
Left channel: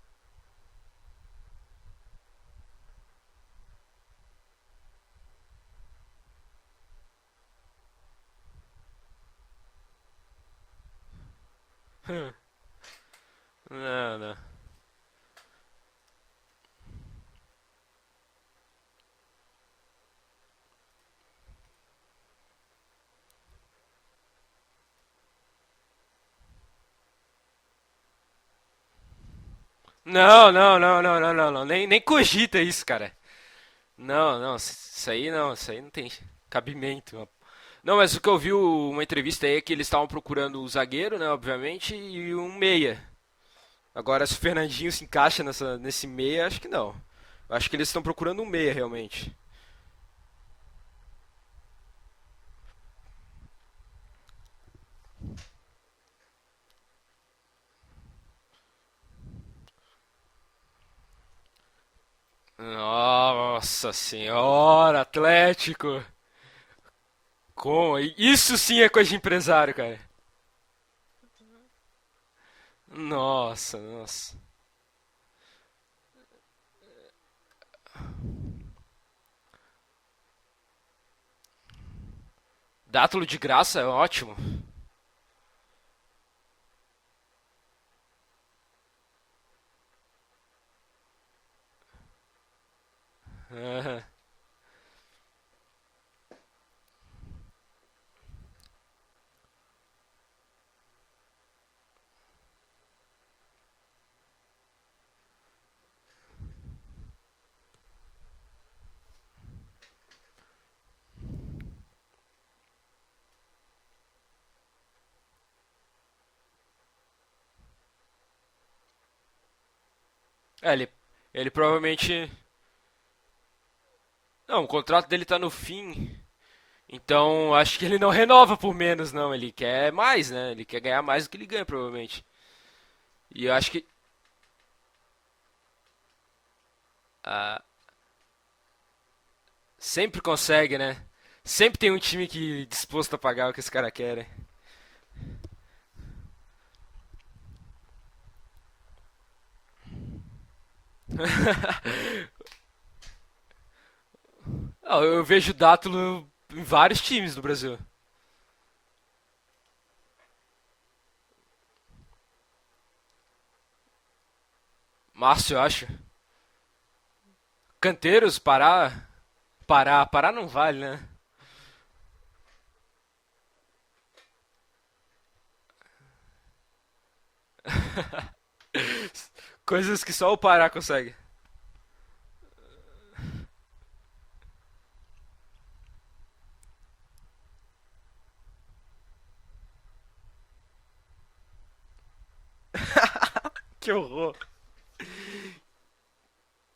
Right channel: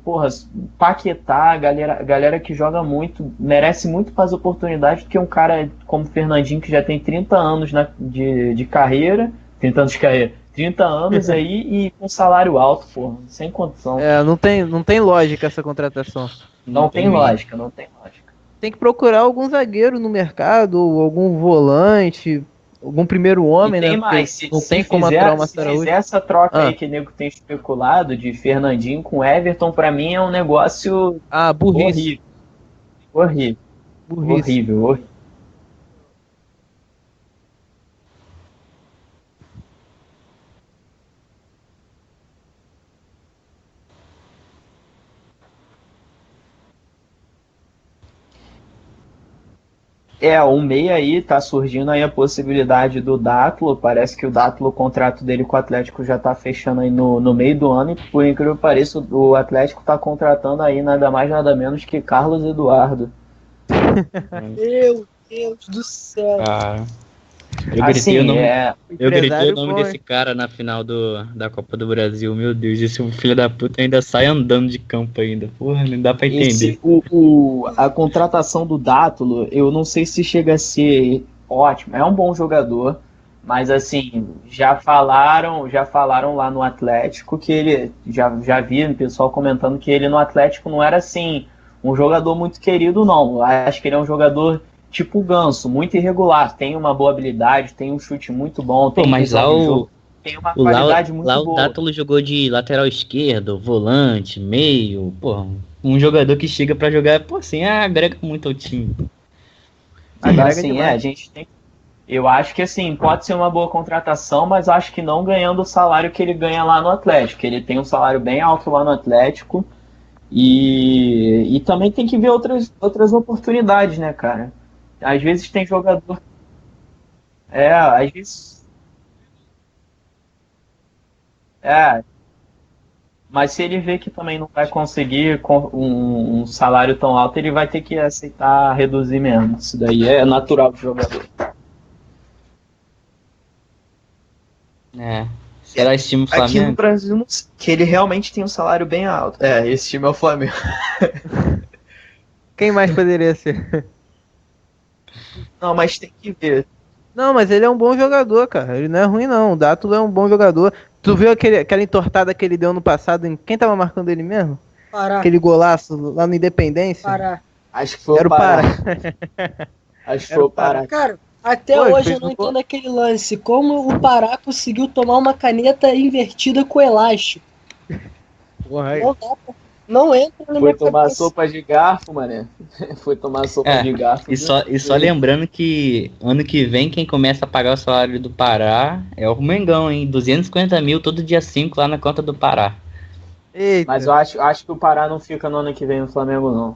Paquetá, galera que joga muito, merece muito mais oportunidade do que um cara como o Fernandinho, que já tem 30 anos de carreira, 30 anos aí e com salário alto, sem condição. Não tem lógica essa contratação. Não tem lógica. Tem que procurar algum zagueiro no mercado, ou algum volante, algum primeiro homem, tem né? Mais, não tem como aturar o Márcio Araújo. Se fizer essa troca aí que o nego tem especulado de Fernandinho com Everton, pra mim é um negócio... Não. Nem cogita isso, cara. Horrível. Horrível. Isso aí não tem cabimento. Não, mas o que eu vi uma entrevista aí é que eles estavam procurando o zagueiro, né, obviamente, e um meia. Agora, se o Fernandinho se encaixa nesse meia, acho que não. Acho que eles estão procurando um meia, realmente. O meia aí, tá surgindo aí a possibilidade do Dátilo. Parece que o Dátilo, o contrato dele com o Atlético já tá fechando aí no meio do ano. E por incrível que pareça, o Atlético tá contratando aí nada mais nada menos que Carlos Eduardo. Nossa senhora, Atlético! Isso sim é coisa de o empresário. nome desse cara na final da Copa do Brasil. Meu Deus, esse filho da puta ainda sai andando de campo ainda. Porra, não dá pra entender. A contratação do Dátilo, eu não sei se chega a ser ótimo. É um bom jogador. Dátilo de graça, mas assim, é ótimo. Já falaram lá no Atlético que ele... Já vi o pessoal comentando que ele no Atlético não era assim um jogador muito querido, não. Acho que ele é um jogador... tipo o Ganso, muito irregular, tem uma boa habilidade, tem um chute muito bom, tem mas lá tem uma qualidade muito boa. Lá o Dátilo jogou de lateral esquerdo, volante, meio, um jogador que chega pra jogar, agrega muito ao time. Agora sim, a gente tem... Eu acho que assim, pode ser uma boa contratação, mas acho que não ganhando o salário que ele ganha lá no Atlético. Ele tem um salário bem alto lá no Atlético E também tem provavelmente- que ver outras oportunidades, né, cara? Não, o contrato Às dele tá vezes no tem fim. jogador. Então, É, acho que ele às não vezes- renova por menos, não. Ele quer mais, né? Ele quer ganhar mais do que ele ganha, É. provavelmente. Mas Eu se acho ele que- vê que também não vai conseguir um salário tão alto, ele vai ter que aceitar reduzir mesmo. Isso daí Sempre é natural consegue, do né? jogador. Sempre tem um time que disposto a pagar o que esse cara quer, né? É. Será esse time Aqui no Flamengo? Brasil, não sei, que ele realmente tem um salário bem alto. É, esse time é o Flamengo. Quem mais poderia ser? Não, eu vejo Não, Dato mas tem no- que em ver. vários times. Não, mas no ele é um Brasil. bom jogador, cara. Ele não é ruim, não. O Dato é um bom jogador. Tu viu aquela entortada que ele deu no passado? Quem tava marcando ele mesmo? Pará, Aquele Nossa, eu golaço lá no Independência? Pará. Acho que Canteiro, foi o Pará. Pará Acho que não foi o vale, Pará. né? Cara, até Pô, hoje fez eu não um gol. entendo aquele lance. Como o Pará conseguiu tomar uma caneta invertida com elástico. Porra, Não dá pra... Coisas Não que só entra o Pará no Foi Pará tomar consegue. sopa de garfo, mané. Foi tomar sopa É, de garfo. E só lembrando que ano que vem quem começa a pagar o salário do Pará é o Mengão, hein? 250 mil todo dia 5 lá na conta do Pará. Eita, Mas eu acho que o Pará não fica no ano que vem no Flamengo, não.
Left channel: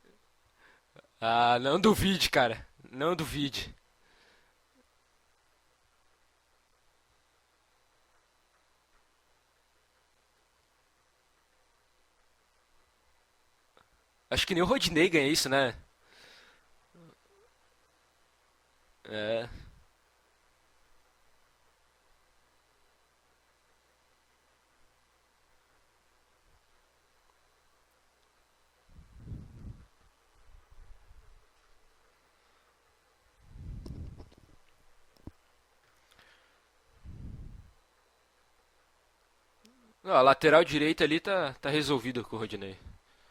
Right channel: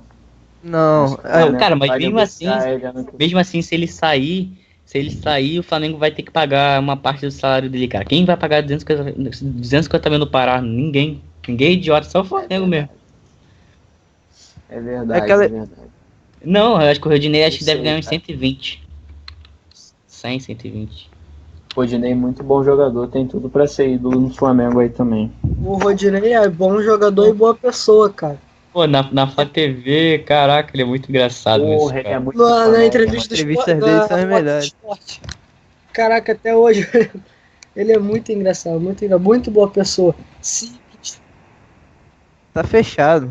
não. Ah, cara, não mas duvide, mesmo assim- cara. ele, Não Mesmo duvide. assim, se ele sair, o Flamengo vai ter que pagar uma parte do salário dele, cara. Quem vai pagar 250 mil no Pará? Ninguém. Ninguém é idiota, só o Flamengo mesmo. Acho que nem o É Rodinei verdade, ganha isso, Aquela- né? Não, eu acho que o Rodinei acho que Não deve sei, ganhar uns cara. 120. É. 100, 120. Rodinei, muito bom jogador, tem tudo pra ser ídolo no Flamengo aí também. O Rodinei é bom jogador e boa pessoa, cara. Pô, na Flá TV, caraca, ele é muito engraçado mesmo, Porra, ele é cara. muito Na foda, entrevista do As esporte, entrevistas dele são as melhores. Esporte. Caraca, até hoje ele é muito engraçado, muito boa pessoa. Ó, a lateral direita ali tá resolvido com o Rodinei. Tá fechado.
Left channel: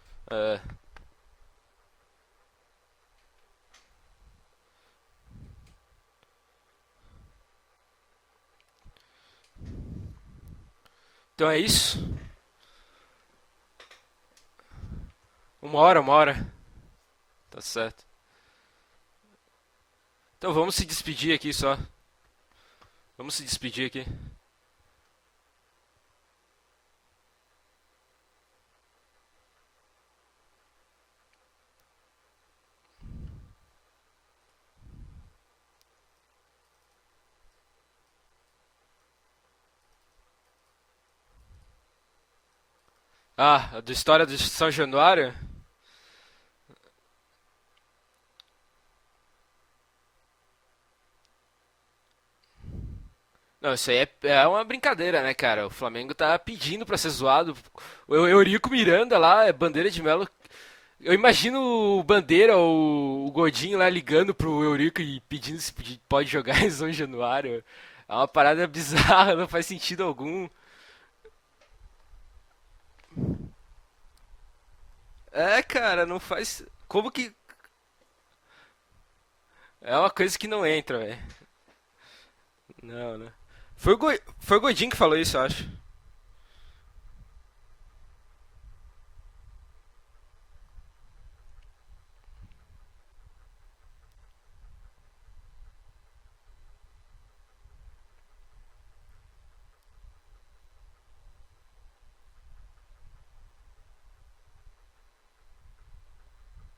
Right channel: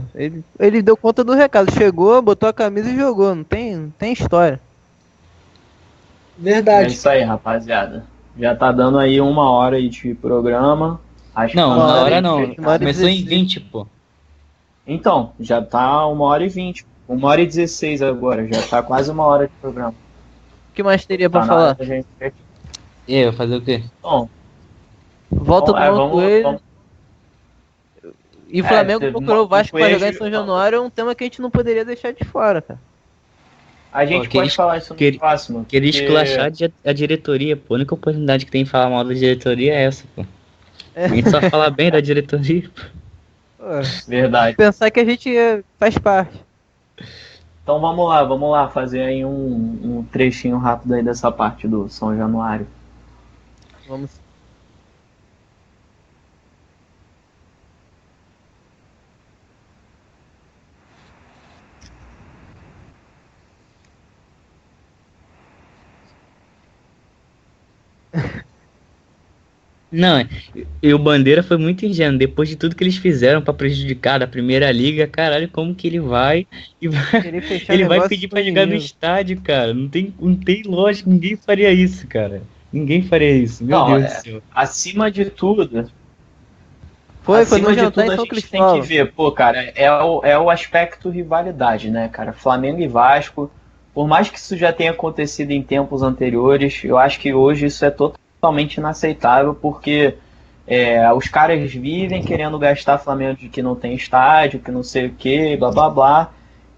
Ele deu conta do recado. Chegou, botou a camisa e jogou. Não tem história. É Verdade. isso aí, rapaziada. Já tá dando aí 1 hora aí de programa. Não, Não, Uma na hora hora e não. 20. Uma hora e Começou em 16. 20, pô. Então, já tá Uma 1 hora. hora e 20. 1 hora e 16 agora. Já tá quase 1 hora de programa. Então vamos O que se mais despedir teria pra aqui, falar? só. Gente. E eu, Vamos se fazer o despedir quê? aqui. Bom, Volta do Mano Coelho. vamos- E o Flamengo teve procurou o Mano Vasco pra Coelho, jogar em São Januário. É um tema que a gente não poderia deixar de fora, cara. a gente Pô, pode falar isso no queria- próximo. Queria porque- esculachar a diretoria, pô. A única oportunidade que tem de falar mal da diretoria é essa, pô. A gente só fala bem da diretoria, pô. Ah, É, história verdade. de São Pensar que a Januário. gente faz parte. Então vamos lá fazer aí um trechinho rápido aí dessa parte do São Januário. Não, isso aí é uma brincadeira, né, cara? O Flamengo tá pedindo pra ser zoado. O Eurico Miranda lá, é Bandeira de Melo. Eu imagino o Bandeira ou o Godinho lá ligando pro Eurico e pedindo se pode jogar em São Januário. É uma parada bizarra, não faz sentido Não, algum. E o Bandeira foi muito ingênuo. Depois de tudo que eles fizeram pra prejudicar da Primeira Liga, caralho, como que ele não vai faz- e vai, Querer fechar ele vai negócio pedir com pra jogar no menino. estádio, cara. Não É tem, uma coisa não que tem não entra, lógica, velho. ninguém faria isso, cara. Ninguém faria isso. Meu Não, Deus mas- do céu. Foi o Godinho que Acima falou de isso, eu acho. tudo, Foi acima no de jantar tudo em a São gente tem que Cristóvão. ver, pô, cara, é o aspecto rivalidade, né, cara? Flamengo e Vasco, por mais que isso já tenha acontecido em tempos anteriores, eu acho que hoje isso é totalmente inaceitável, porque os caras vivem querendo gastar Flamengo de que não tem estádio, que não sei o que, blá blá blá.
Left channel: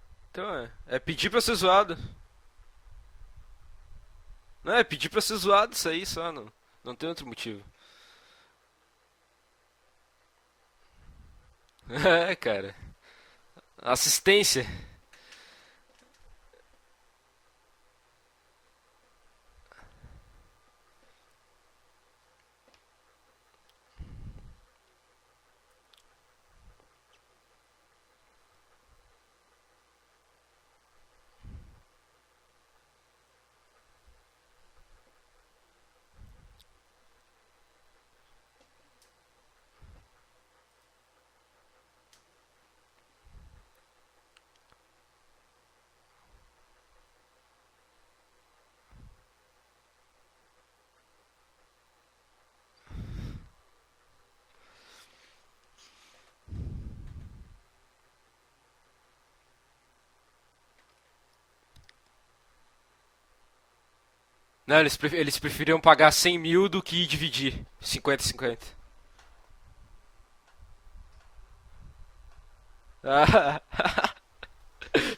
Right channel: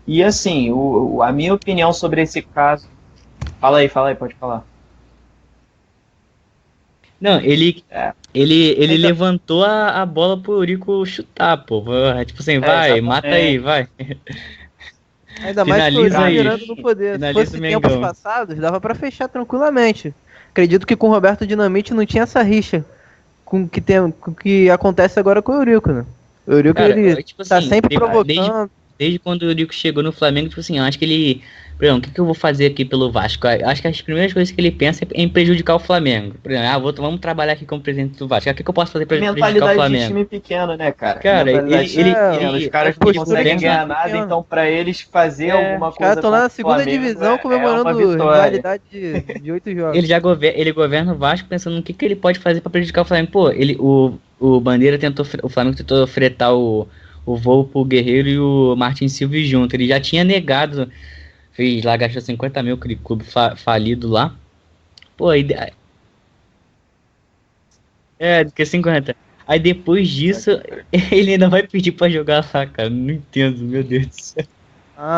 E assim, pedir a pra minha ser opinião zoado. sobre esse caso. Fala aí, pode falar. Não, é pedir pra ser zoado isso aí só, não tem outro Não, motivo. ele Ainda- levantou a bola pro Eurico chutar, pô. Tipo assim, cara. vai, Exatamente. mata aí, vai. Assistência. Ainda mais que o Finaliza Eurico aí. Miranda no poder. Se Finaliza fosse o tempos Mengão. passados, dava pra fechar tranquilamente. Acredito que com o Roberto Dinamite não tinha essa rixa com o que acontece agora com o Eurico, né? O Eurico, Cara, ele tipo tá assim, sempre desde- provocando. Desde quando o Eurico chegou no Flamengo, tipo assim, eu acho que ele. Por exemplo, o que eu vou fazer aqui pelo Vasco? Eu acho que as primeiras coisas que ele pensa é em prejudicar o Flamengo. Por exemplo, vamos trabalhar aqui como presidente do Vasco. O que eu posso fazer pra prejudicar o Mentalidade de Flamengo? time pequeno, né, cara? Cara, Mentalidade ele- de time pequeno. Os caras não postura conseguem de ganhar time nada, pequeno. então pra eles fazer alguma Os coisa caras estão lá contra na o segunda Flamengo divisão uma comemorando vitória. rivalidade de 8 jogos. Ele governa o Vasco pensando no que ele pode fazer pra prejudicar o Flamengo. Pô, o Bandeira o Flamengo tentou fretar o voo pro Guerreiro e o Martin Silva junto. Ele já tinha negado, fez lá, gastou 50 mil, aquele clube falido lá. Não, eles Pô, preferiam pagar 100 mil do que dividir 50 É, 50. do que 50. Aí depois disso, ele ainda vai pedir pra jogar lá, cara. Não entendo, meu Deus do céu.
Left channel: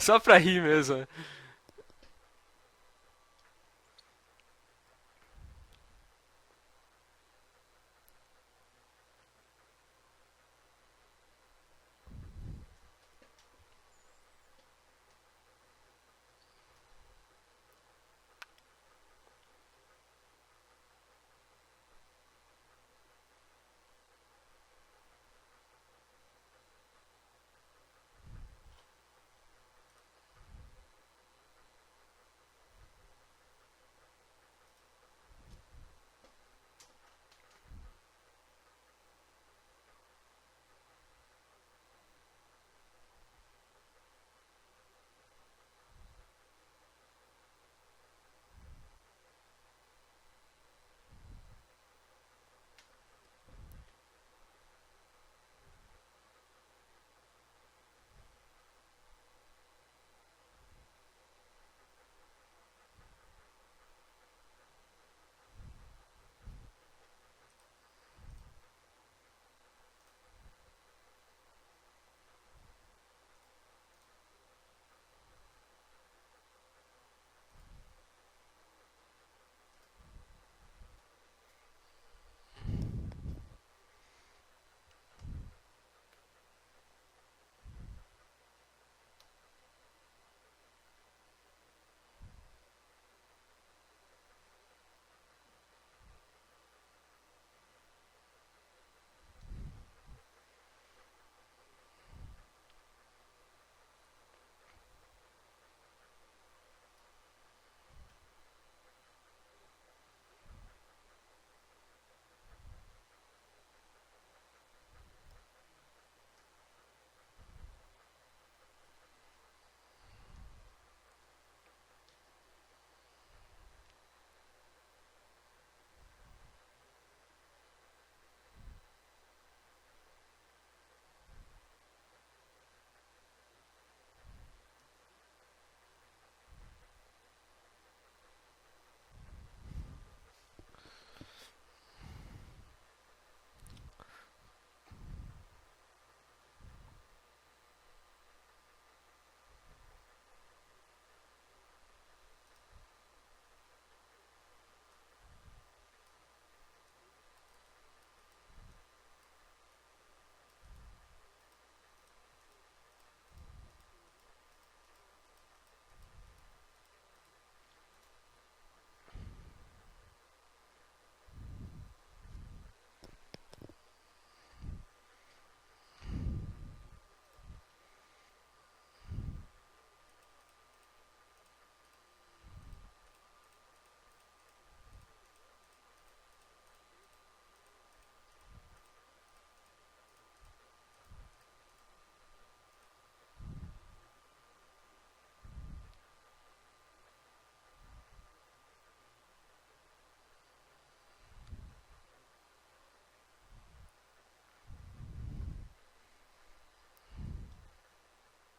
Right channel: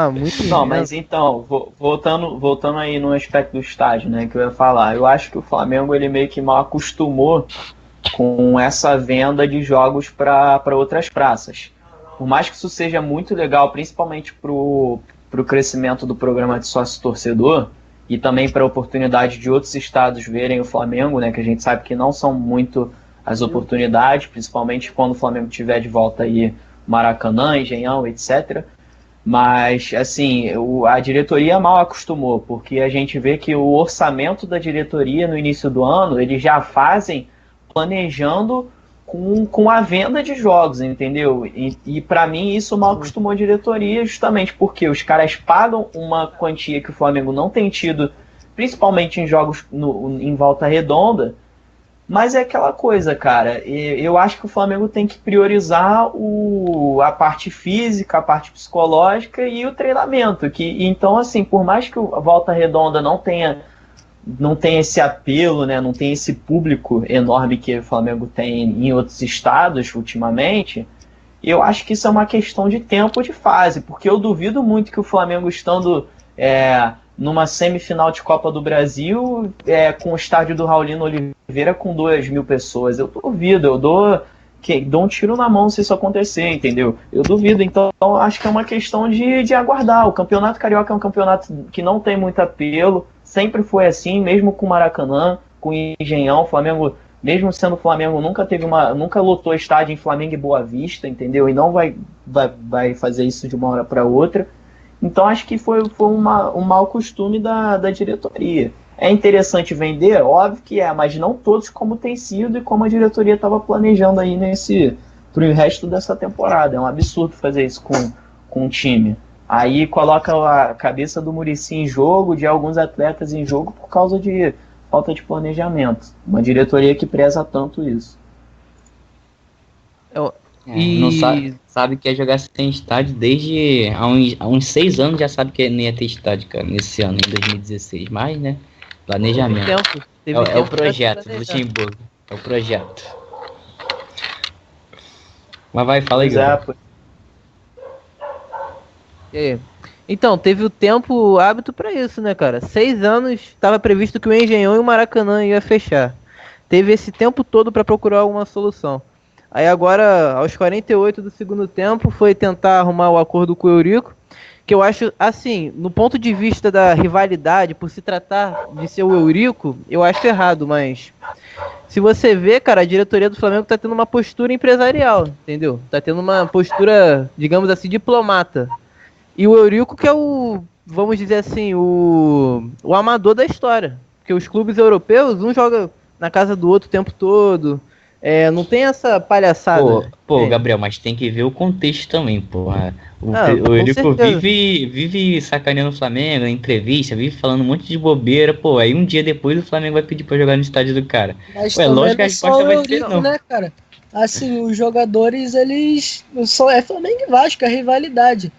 Só pra rir, Não, né, mas mano? então, voltando aí no aspecto do estádio, né, que eu ia falar, eu acho que o Flamengo ele meio que mal acostumou com essa venda de jogos para outras praças. Por mais que isso seja muito legal, principalmente pro crescimento do programa de sócio-torcedor e também para a oportunidade de outros estados verem o Flamengo, né, que a gente sabe que não são muito as oportunidades, principalmente quando o Flamengo tiver de volta aí Maracanã, Engenhão, etc. Mas, assim, a diretoria mal acostumou, porque a gente vê que o orçamento da diretoria no início do ano, eles já fazem planejando com a venda de jogos, entendeu? E para mim isso mal acostumou a diretoria, justamente porque os caras pagam uma quantia que o Flamengo não tem tido, principalmente em jogos em volta redonda, mas é aquela coisa, cara. Eu acho que o Flamengo tem que priorizar a parte física, a parte psicológica e o treinamento. Então, assim, por mais que a Volta Redonda não tenha esse apelo, né? Não tenha esse público enorme que o Flamengo tem em outros estados ultimamente, eu acho que isso é uma questão de tempo, de fase, porque eu duvido muito que o Flamengo estando numa semifinal de Copa do Brasil, com o estádio do Raulino Oliveira com 2.000 pessoas. Eu duvido, eu dou um tiro na mão se isso acontecer, entendeu? Eu duvido, então acho que é uma questão de aguardar. O Campeonato Carioca é um campeonato que não tem muito apelo, sempre foi assim, mesmo com o Maracanã, com o Engenhão. O Flamengo, mesmo sendo Flamengo, nunca lotou estádio em Flamengo e Boa Vista, entendeu? E não vai fazer isso de uma hora para outra. Então acho que foi um mau costume da diretoria. É interessante vender? Óbvio que é, mas não todos como tem sido e como a diretoria estava planejando aí pro resto dessa temporada. É um absurdo fazer isso com o time. Aí coloca a cabeça do Muricy em jogo, de alguns atletas em jogo, por causa de falta de planejamento. Uma diretoria que preza tanto isso. Não sabe que é jogar sem estádio desde há uns 6 anos, já sabe que não ia ter estádio, cara, nesse ano, em 2016. Mas, né, planejamento. Teve É o tempo pra projeto se do planejar. Luxemburgo. É o projeto. Mas vai, fala aí, Pois é, Gabriel. E aí? Então, teve o tempo hábito pra isso, né, cara? 6 anos estava previsto que o Engenhão e o Maracanã ia fechar. Teve esse tempo todo pra procurar alguma solução. Aí agora, aos 48 do segundo tempo, foi tentar arrumar o acordo com o Eurico, que eu acho, assim, no ponto de vista da rivalidade, por se tratar de ser o Eurico, eu acho errado, mas se você vê, cara, a diretoria do Flamengo tá tendo uma postura empresarial, entendeu? Tá tendo uma postura, digamos assim, diplomata. E o Eurico que é vamos dizer assim, o amador da história. Porque os clubes europeus, um joga na casa do outro o tempo todo. Não tem essa palhaçada. Pô, entende? Gabriel, mas tem que ver o contexto também, porra. O Com Eurico certeza. vive sacaneando o Flamengo, em entrevista, vive falando um monte de bobeira, pô. Aí um dia depois o Flamengo vai pedir pra jogar no estádio do cara. Mas Ué, também lógico que não a é só resposta o vai ser Eurico, não. né, cara? Assim, os jogadores, eles só é Flamengo e Vasco, é rivalidade.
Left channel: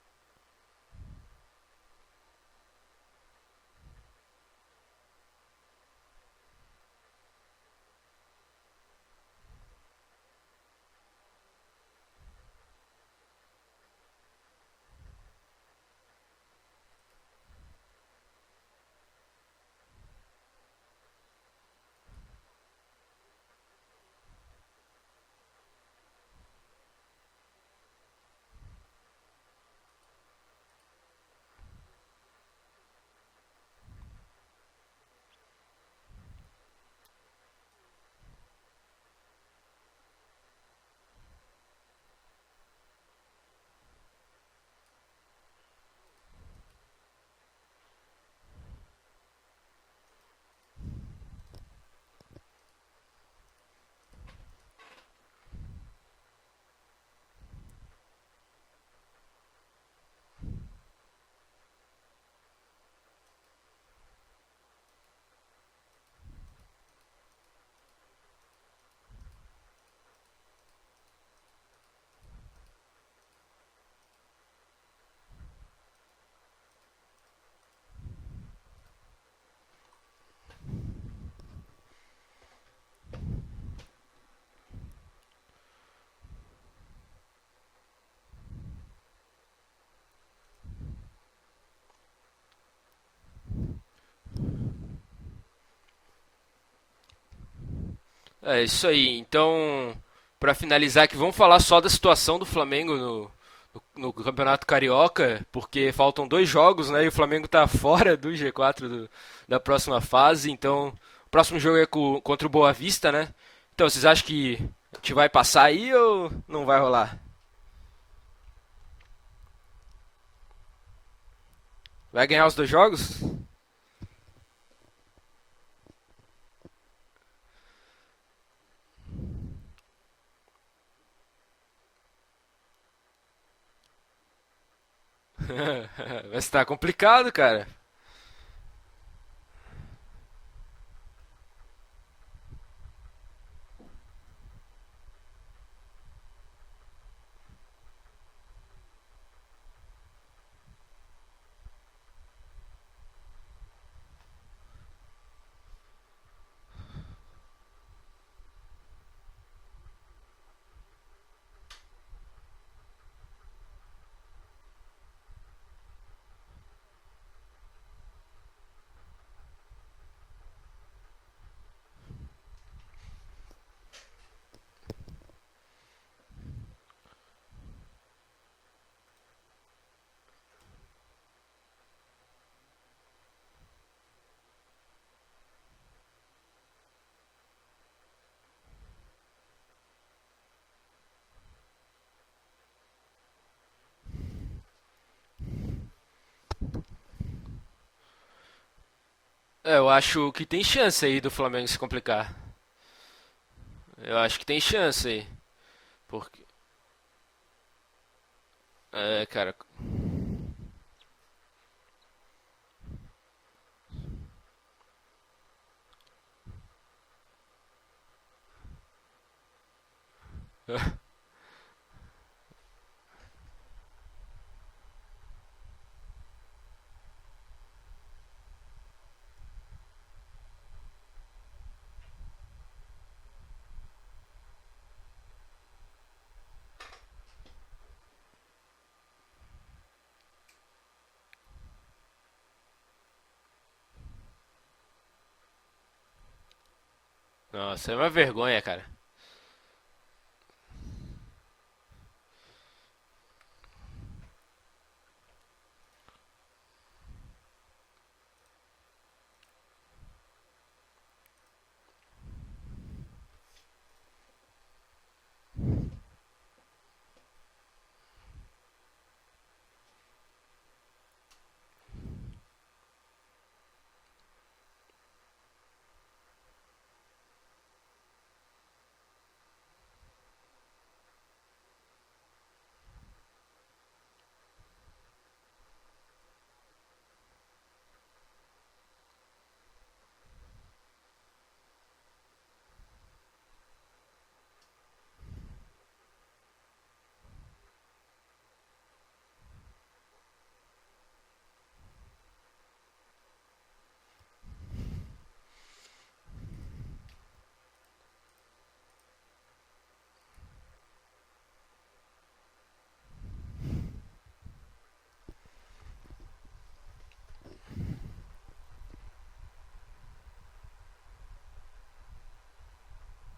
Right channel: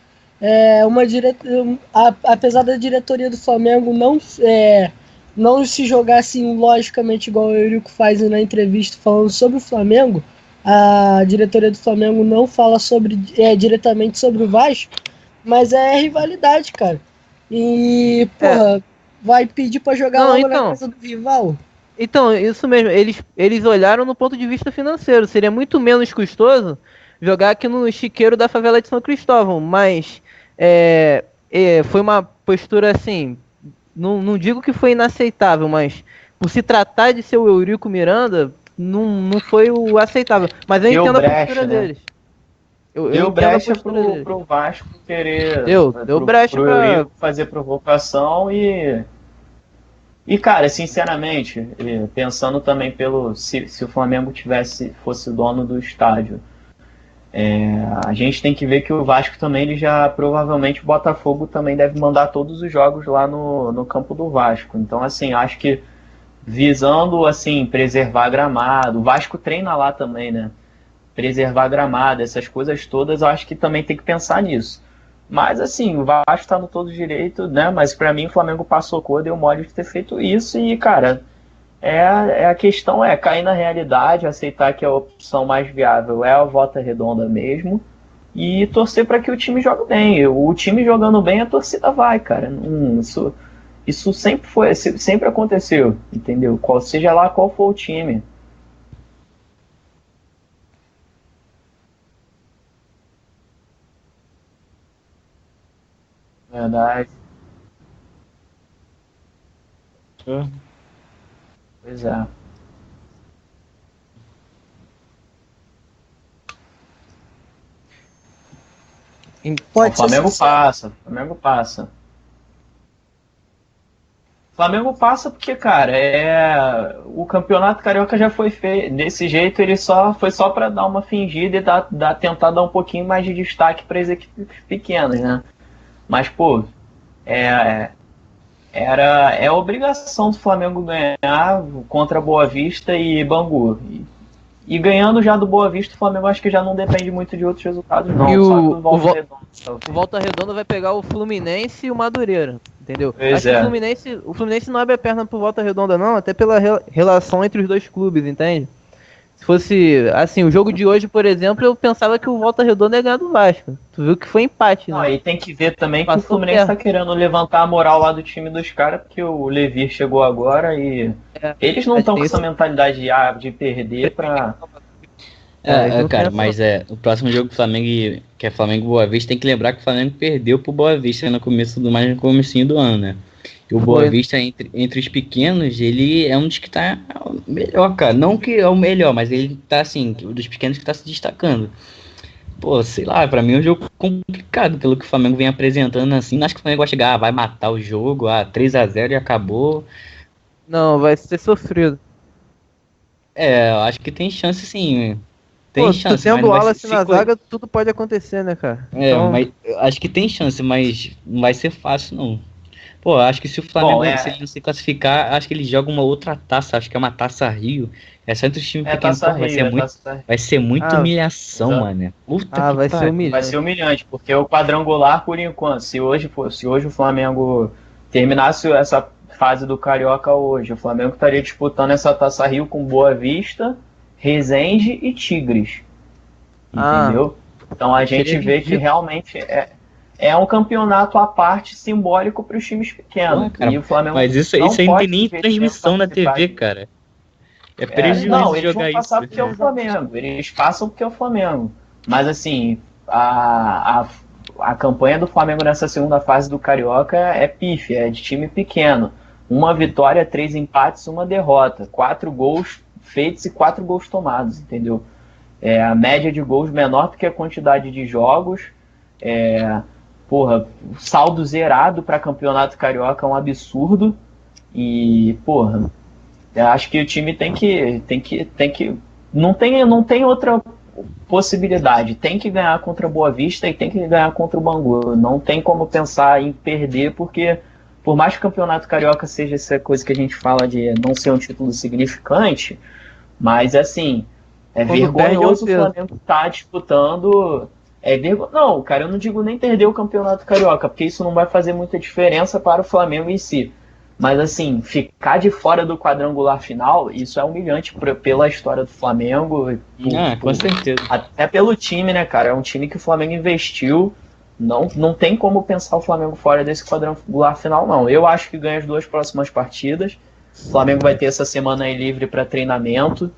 Apesar da diretoria do Flamengo não se jogar assim, logicamente, igual o Eurico faz na entrevista falando sobre o Flamengo, a diretoria do Flamengo não fala diretamente sobre o Vasco, mas é rivalidade, cara. E, porra, vai pedir pra jogar Não, logo na então. casa do rival? Então, isso mesmo. Eles olharam no ponto de vista financeiro. Seria muito menos custoso jogar aqui no chiqueiro da favela de São Cristóvão. Mas foi uma postura assim. Não digo que foi inaceitável, mas por se tratar de ser o Eurico Miranda, não foi o aceitável. Mas eu Deu entendo a brecha, postura né? deles. Eu Deu entendo a brecha postura deles. pro Vasco querer. Deu brecha Pro pra. Eurico fazer provocação e, cara, sinceramente, pensando também se o Flamengo fosse dono do estádio, a gente tem que ver que o Vasco também, ele já provavelmente o Botafogo também deve mandar todos os jogos lá no campo do Vasco. Então, assim, acho que visando, assim, preservar gramado, o Vasco treina lá também, né? Preservar gramado, essas coisas todas, eu acho que também tem que pensar nisso. Mas, assim, o Vasco está no todo direito, né? Mas, para mim, o Flamengo passou cor, deu mole de ter feito isso e, cara, A questão é cair na realidade, aceitar que a opção mais viável é a Volta Redonda mesmo e torcer para que o time jogue bem. O time jogando bem, a torcida vai, cara. Isso sempre aconteceu, entendeu? Seja lá qual for o time. É isso aí. Então, pra finalizar aqui, vamos falar só da situação do Flamengo no Campeonato Carioca, porque faltam 2 jogos, né? E o Flamengo tá fora do G4 da próxima fase. Então, o próximo jogo é contra o Boa Vista, né? Então, vocês acham que a gente vai passar aí ou não vai rolar? Pode O Flamengo ser passa, o Flamengo passa. Vai ganhar os 2 jogos? O Flamengo passa porque, cara, o Campeonato Carioca já foi feito. Desse jeito, ele foi só para dar uma fingida e tentar dar um pouquinho mais de destaque para as equipes pequenas, né? Mas, pô, tá complicado, cara. É obrigação do Flamengo ganhar contra Boa Vista e Bangu. E ganhando já do Boa Vista, o Flamengo acho que já não depende muito de outros resultados, não. E Só o do Volta Redonda. O Volta Redonda vai pegar o Fluminense e o Madureira, entendeu? Pois Acho que o Fluminense não abre a perna pro Volta Redonda não, até pela relação entre os dois clubes, entende? Se fosse, assim, o jogo de hoje, por exemplo, eu pensava que o Volta Redonda ia ganhar do Vasco. Tu viu que foi empate, né? Não, e tem que ver também que o Passou Fluminense perto. tá querendo levantar a moral lá do time dos caras, porque o Levir chegou agora e eles não estão com essa mentalidade de perder pra... Cara, mas o próximo jogo do Flamengo, que é Flamengo e Boa Vista, tem que lembrar que o Flamengo perdeu pro Boa Vista no comecinho do ano, né? E o Boa Vista, entre os pequenos, ele é um dos que tá melhor, cara. Não que é o melhor, mas ele tá, assim, dos pequenos que tá se destacando. Pô, sei lá, pra mim é um jogo complicado, pelo que o Flamengo vem apresentando, assim. Não acho que o Flamengo vai chegar, vai matar o jogo, 3-0 e acabou. Eu acho que tem chance vai aí do ser Flamengo sofrido. se complicar. Eu acho que Eu tem acho que chance, tem chance sim. aí. Tem Pô, chance, tu tendo mas o não vai Wallace ser- na zaga, tudo pode acontecer, né, cara? Então, mas eu acho que tem chance, mas não vai ser fácil, não. Pô, acho que se o Flamengo, se ele não se classificar, acho que ele joga uma outra taça, acho que é uma Taça Rio. É só entre os times pequenos, Taça pô, vai Rio, ser muito, Taça... vai ser muita Ah, humilhação, exato. mano. Puta que vai ser pariu. humilhante. Vai ser humilhante, porque o quadrangular, por enquanto, se hoje o Flamengo terminasse essa fase do Carioca hoje, o Flamengo estaria disputando essa Taça Rio com Boa Vista, Resende e Tigres. Entendeu? Então a gente vê que realmente é um campeonato à parte simbólico para os times pequenos. Pô, cara, e o Flamengo mas isso aí não pode tem nem perder transmissão na participar. TV, cara. Nossa, É prejuízo Não, de eles vão jogar passar isso. porque é o Flamengo. Eles passam porque é o Flamengo. Mas assim, a campanha do Flamengo nessa segunda fase do Carioca é pífia, é de time pequeno. 1 vitória, 3 empates, 1 derrota. 4 gols feitos e 4 gols tomados, entendeu? A média de gols menor do que a quantidade de jogos. Saldo zerado para campeonato carioca é um absurdo. E, eu acho que o time tem que não tem outra possibilidade. Tem que ganhar contra a Boa Vista e tem que ganhar contra o Bangu. Não tem como pensar em perder, porque por mais que o campeonato carioca seja essa coisa que a gente fala de não ser um título significante, mas assim, vergonhoso o Flamengo estar disputando. Não, cara, eu não digo nem perder o campeonato carioca, porque isso não vai fazer muita diferença para o Flamengo em si. Mas assim, ficar de fora do quadrangular final, isso é humilhante pela história do Flamengo. Com certeza. Até pelo time, né, cara? É um time que o Flamengo investiu. Não tem como pensar o Flamengo fora desse quadrangular final, não. Eu acho que ganha as 2 próximas partidas. O Flamengo vai ter essa semana aí livre para treinamento.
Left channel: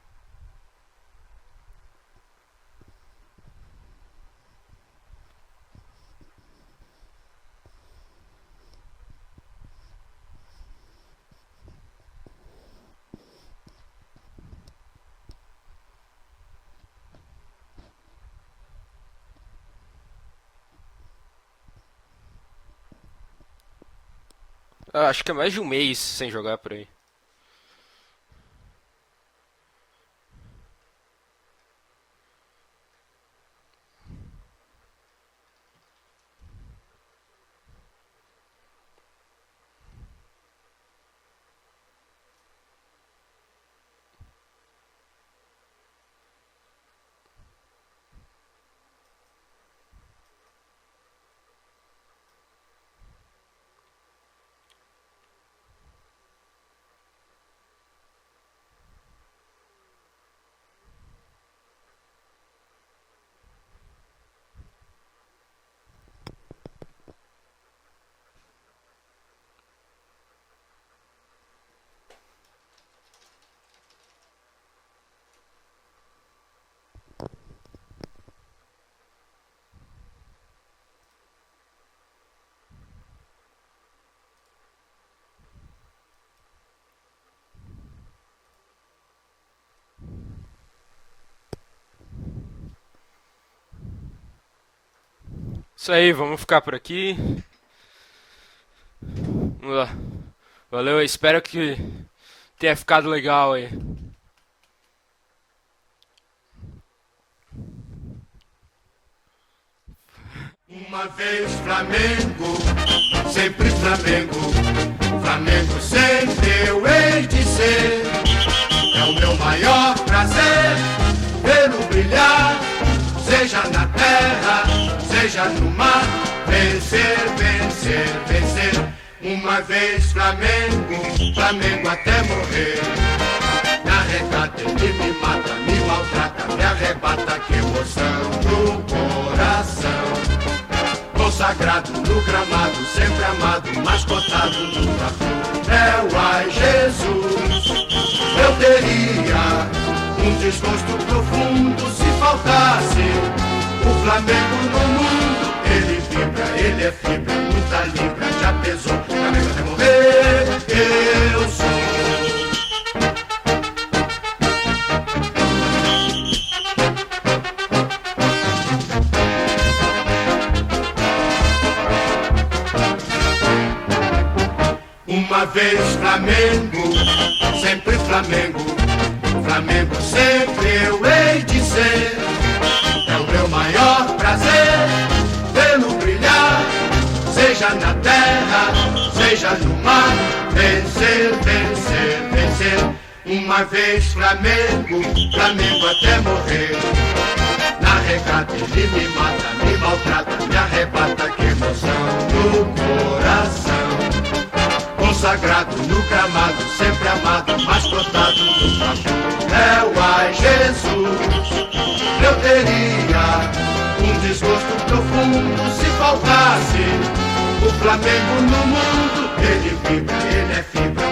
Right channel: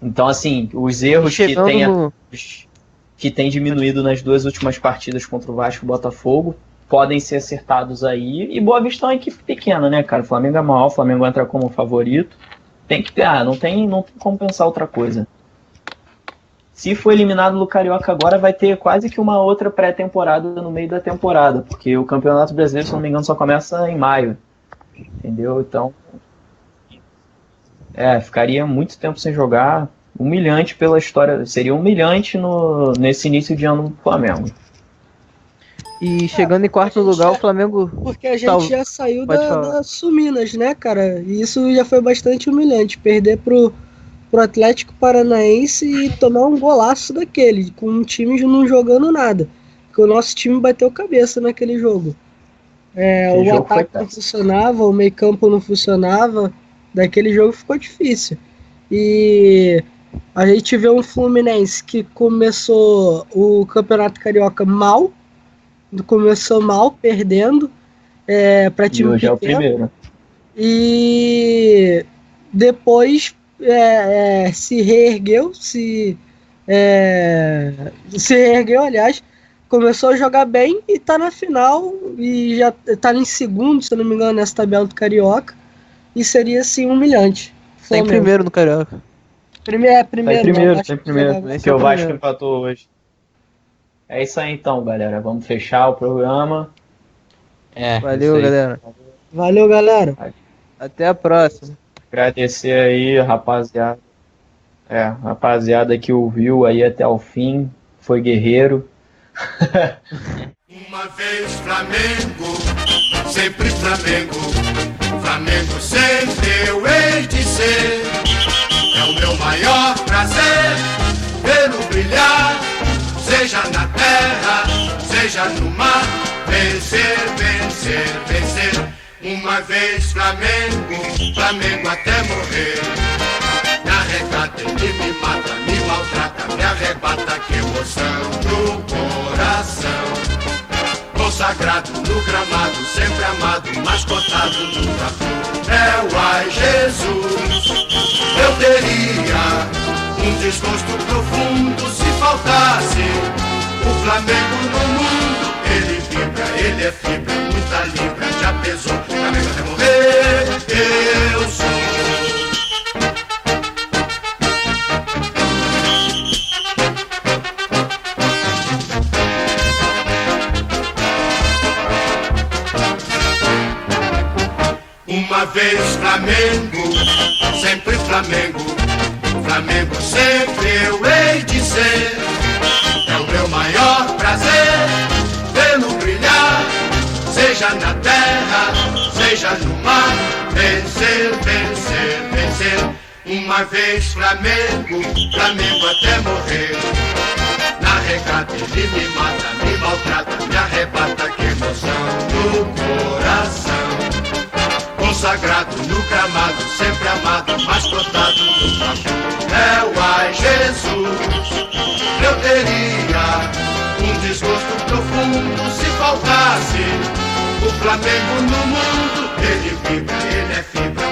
Então, assim, os erros que tem diminuído nas 2 últimas partidas contra o Vasco e o Botafogo podem ser acertados aí. E Boa Vista é uma equipe pequena, né, cara? O Flamengo é maior, o Flamengo entra como favorito. Tem que ganhar, não tem como pensar outra coisa. Se for eliminado no Carioca agora, vai ter quase que uma outra pré-temporada no meio da temporada, porque o Campeonato Brasileiro, se não me engano, só começa em maio. Acho que é mais de um mês sem jogar por aí. Ficaria muito tempo sem jogar. Humilhante pela história. Seria humilhante nesse início de ano do Flamengo. E chegando em quarto lugar, o Flamengo... Porque a gente já saiu da Suminas, né, cara? E isso já foi bastante humilhante. Perder pro Atlético Paranaense e tomar um golaço daquele, com um time não jogando nada. Porque o nosso time bateu cabeça naquele jogo. O ataque não funcionava, o meio campo não funcionava. daquele jogo ficou difícil. E a gente vê um Fluminense que começou o Campeonato Carioca mal, perdendo para E time hoje é o pequeno. primeiro. E depois se reergueu, aliás, começou a jogar bem e tá na final e já tá em segundo, se eu não me engano, nessa tabela do Carioca, e seria assim humilhante. Tá em primeiro no Carioca. Primeiro, Tá em primeiro, Vasco tá em primeiro. jogava. Esse Porque é o o Vasco primeiro. empatou hoje. É isso aí então, galera. Vamos fechar Isso o aí, programa. vamos ficar por aqui. Valeu, isso aí. galera. Valeu, galera. Valeu, Até a espero próxima. que Agradecer tenha ficado aí, legal, rapaziada. Rapaziada que ouviu aí até o fim. Foi guerreiro. Uma vez Flamengo, sempre Flamengo. Flamengo sempre eu hei de ser. É o meu maior prazer vê-lo brilhar, seja na terra, seja no mar. Vencer, vencer, vencer. Uma vez Flamengo, Flamengo até morrer. Me arrecata, ele me mata, me maltrata, me arrebata, que emoção no coração. Consagrado no gramado, sempre amado, mas cotado no Fla-Flu. É o ai Jesus. Eu teria um desgosto profundo se faltasse o Flamengo no mundo. Ele vibra, ele é fibra, muita libra, já pesou, Flamengo até morrer, eu sou. Uma vez Flamengo, sempre Flamengo. Flamengo sempre eu hei de ser. É o meu maior prazer vê-lo brilhar, seja na terra, seja no mar. Vencer, vencer, vencer. Uma vez Flamengo, Flamengo até morrer. Na regata ele me mata, me maltrata, me arrebata, que emoção no coração. Consagrado no gramado, sempre amado, mas cotado no Fla-Flu. É o ai Jesus. Eu teria um desgosto profundo se faltasse o Flamengo no mundo. Ele vibra, ele é fibra,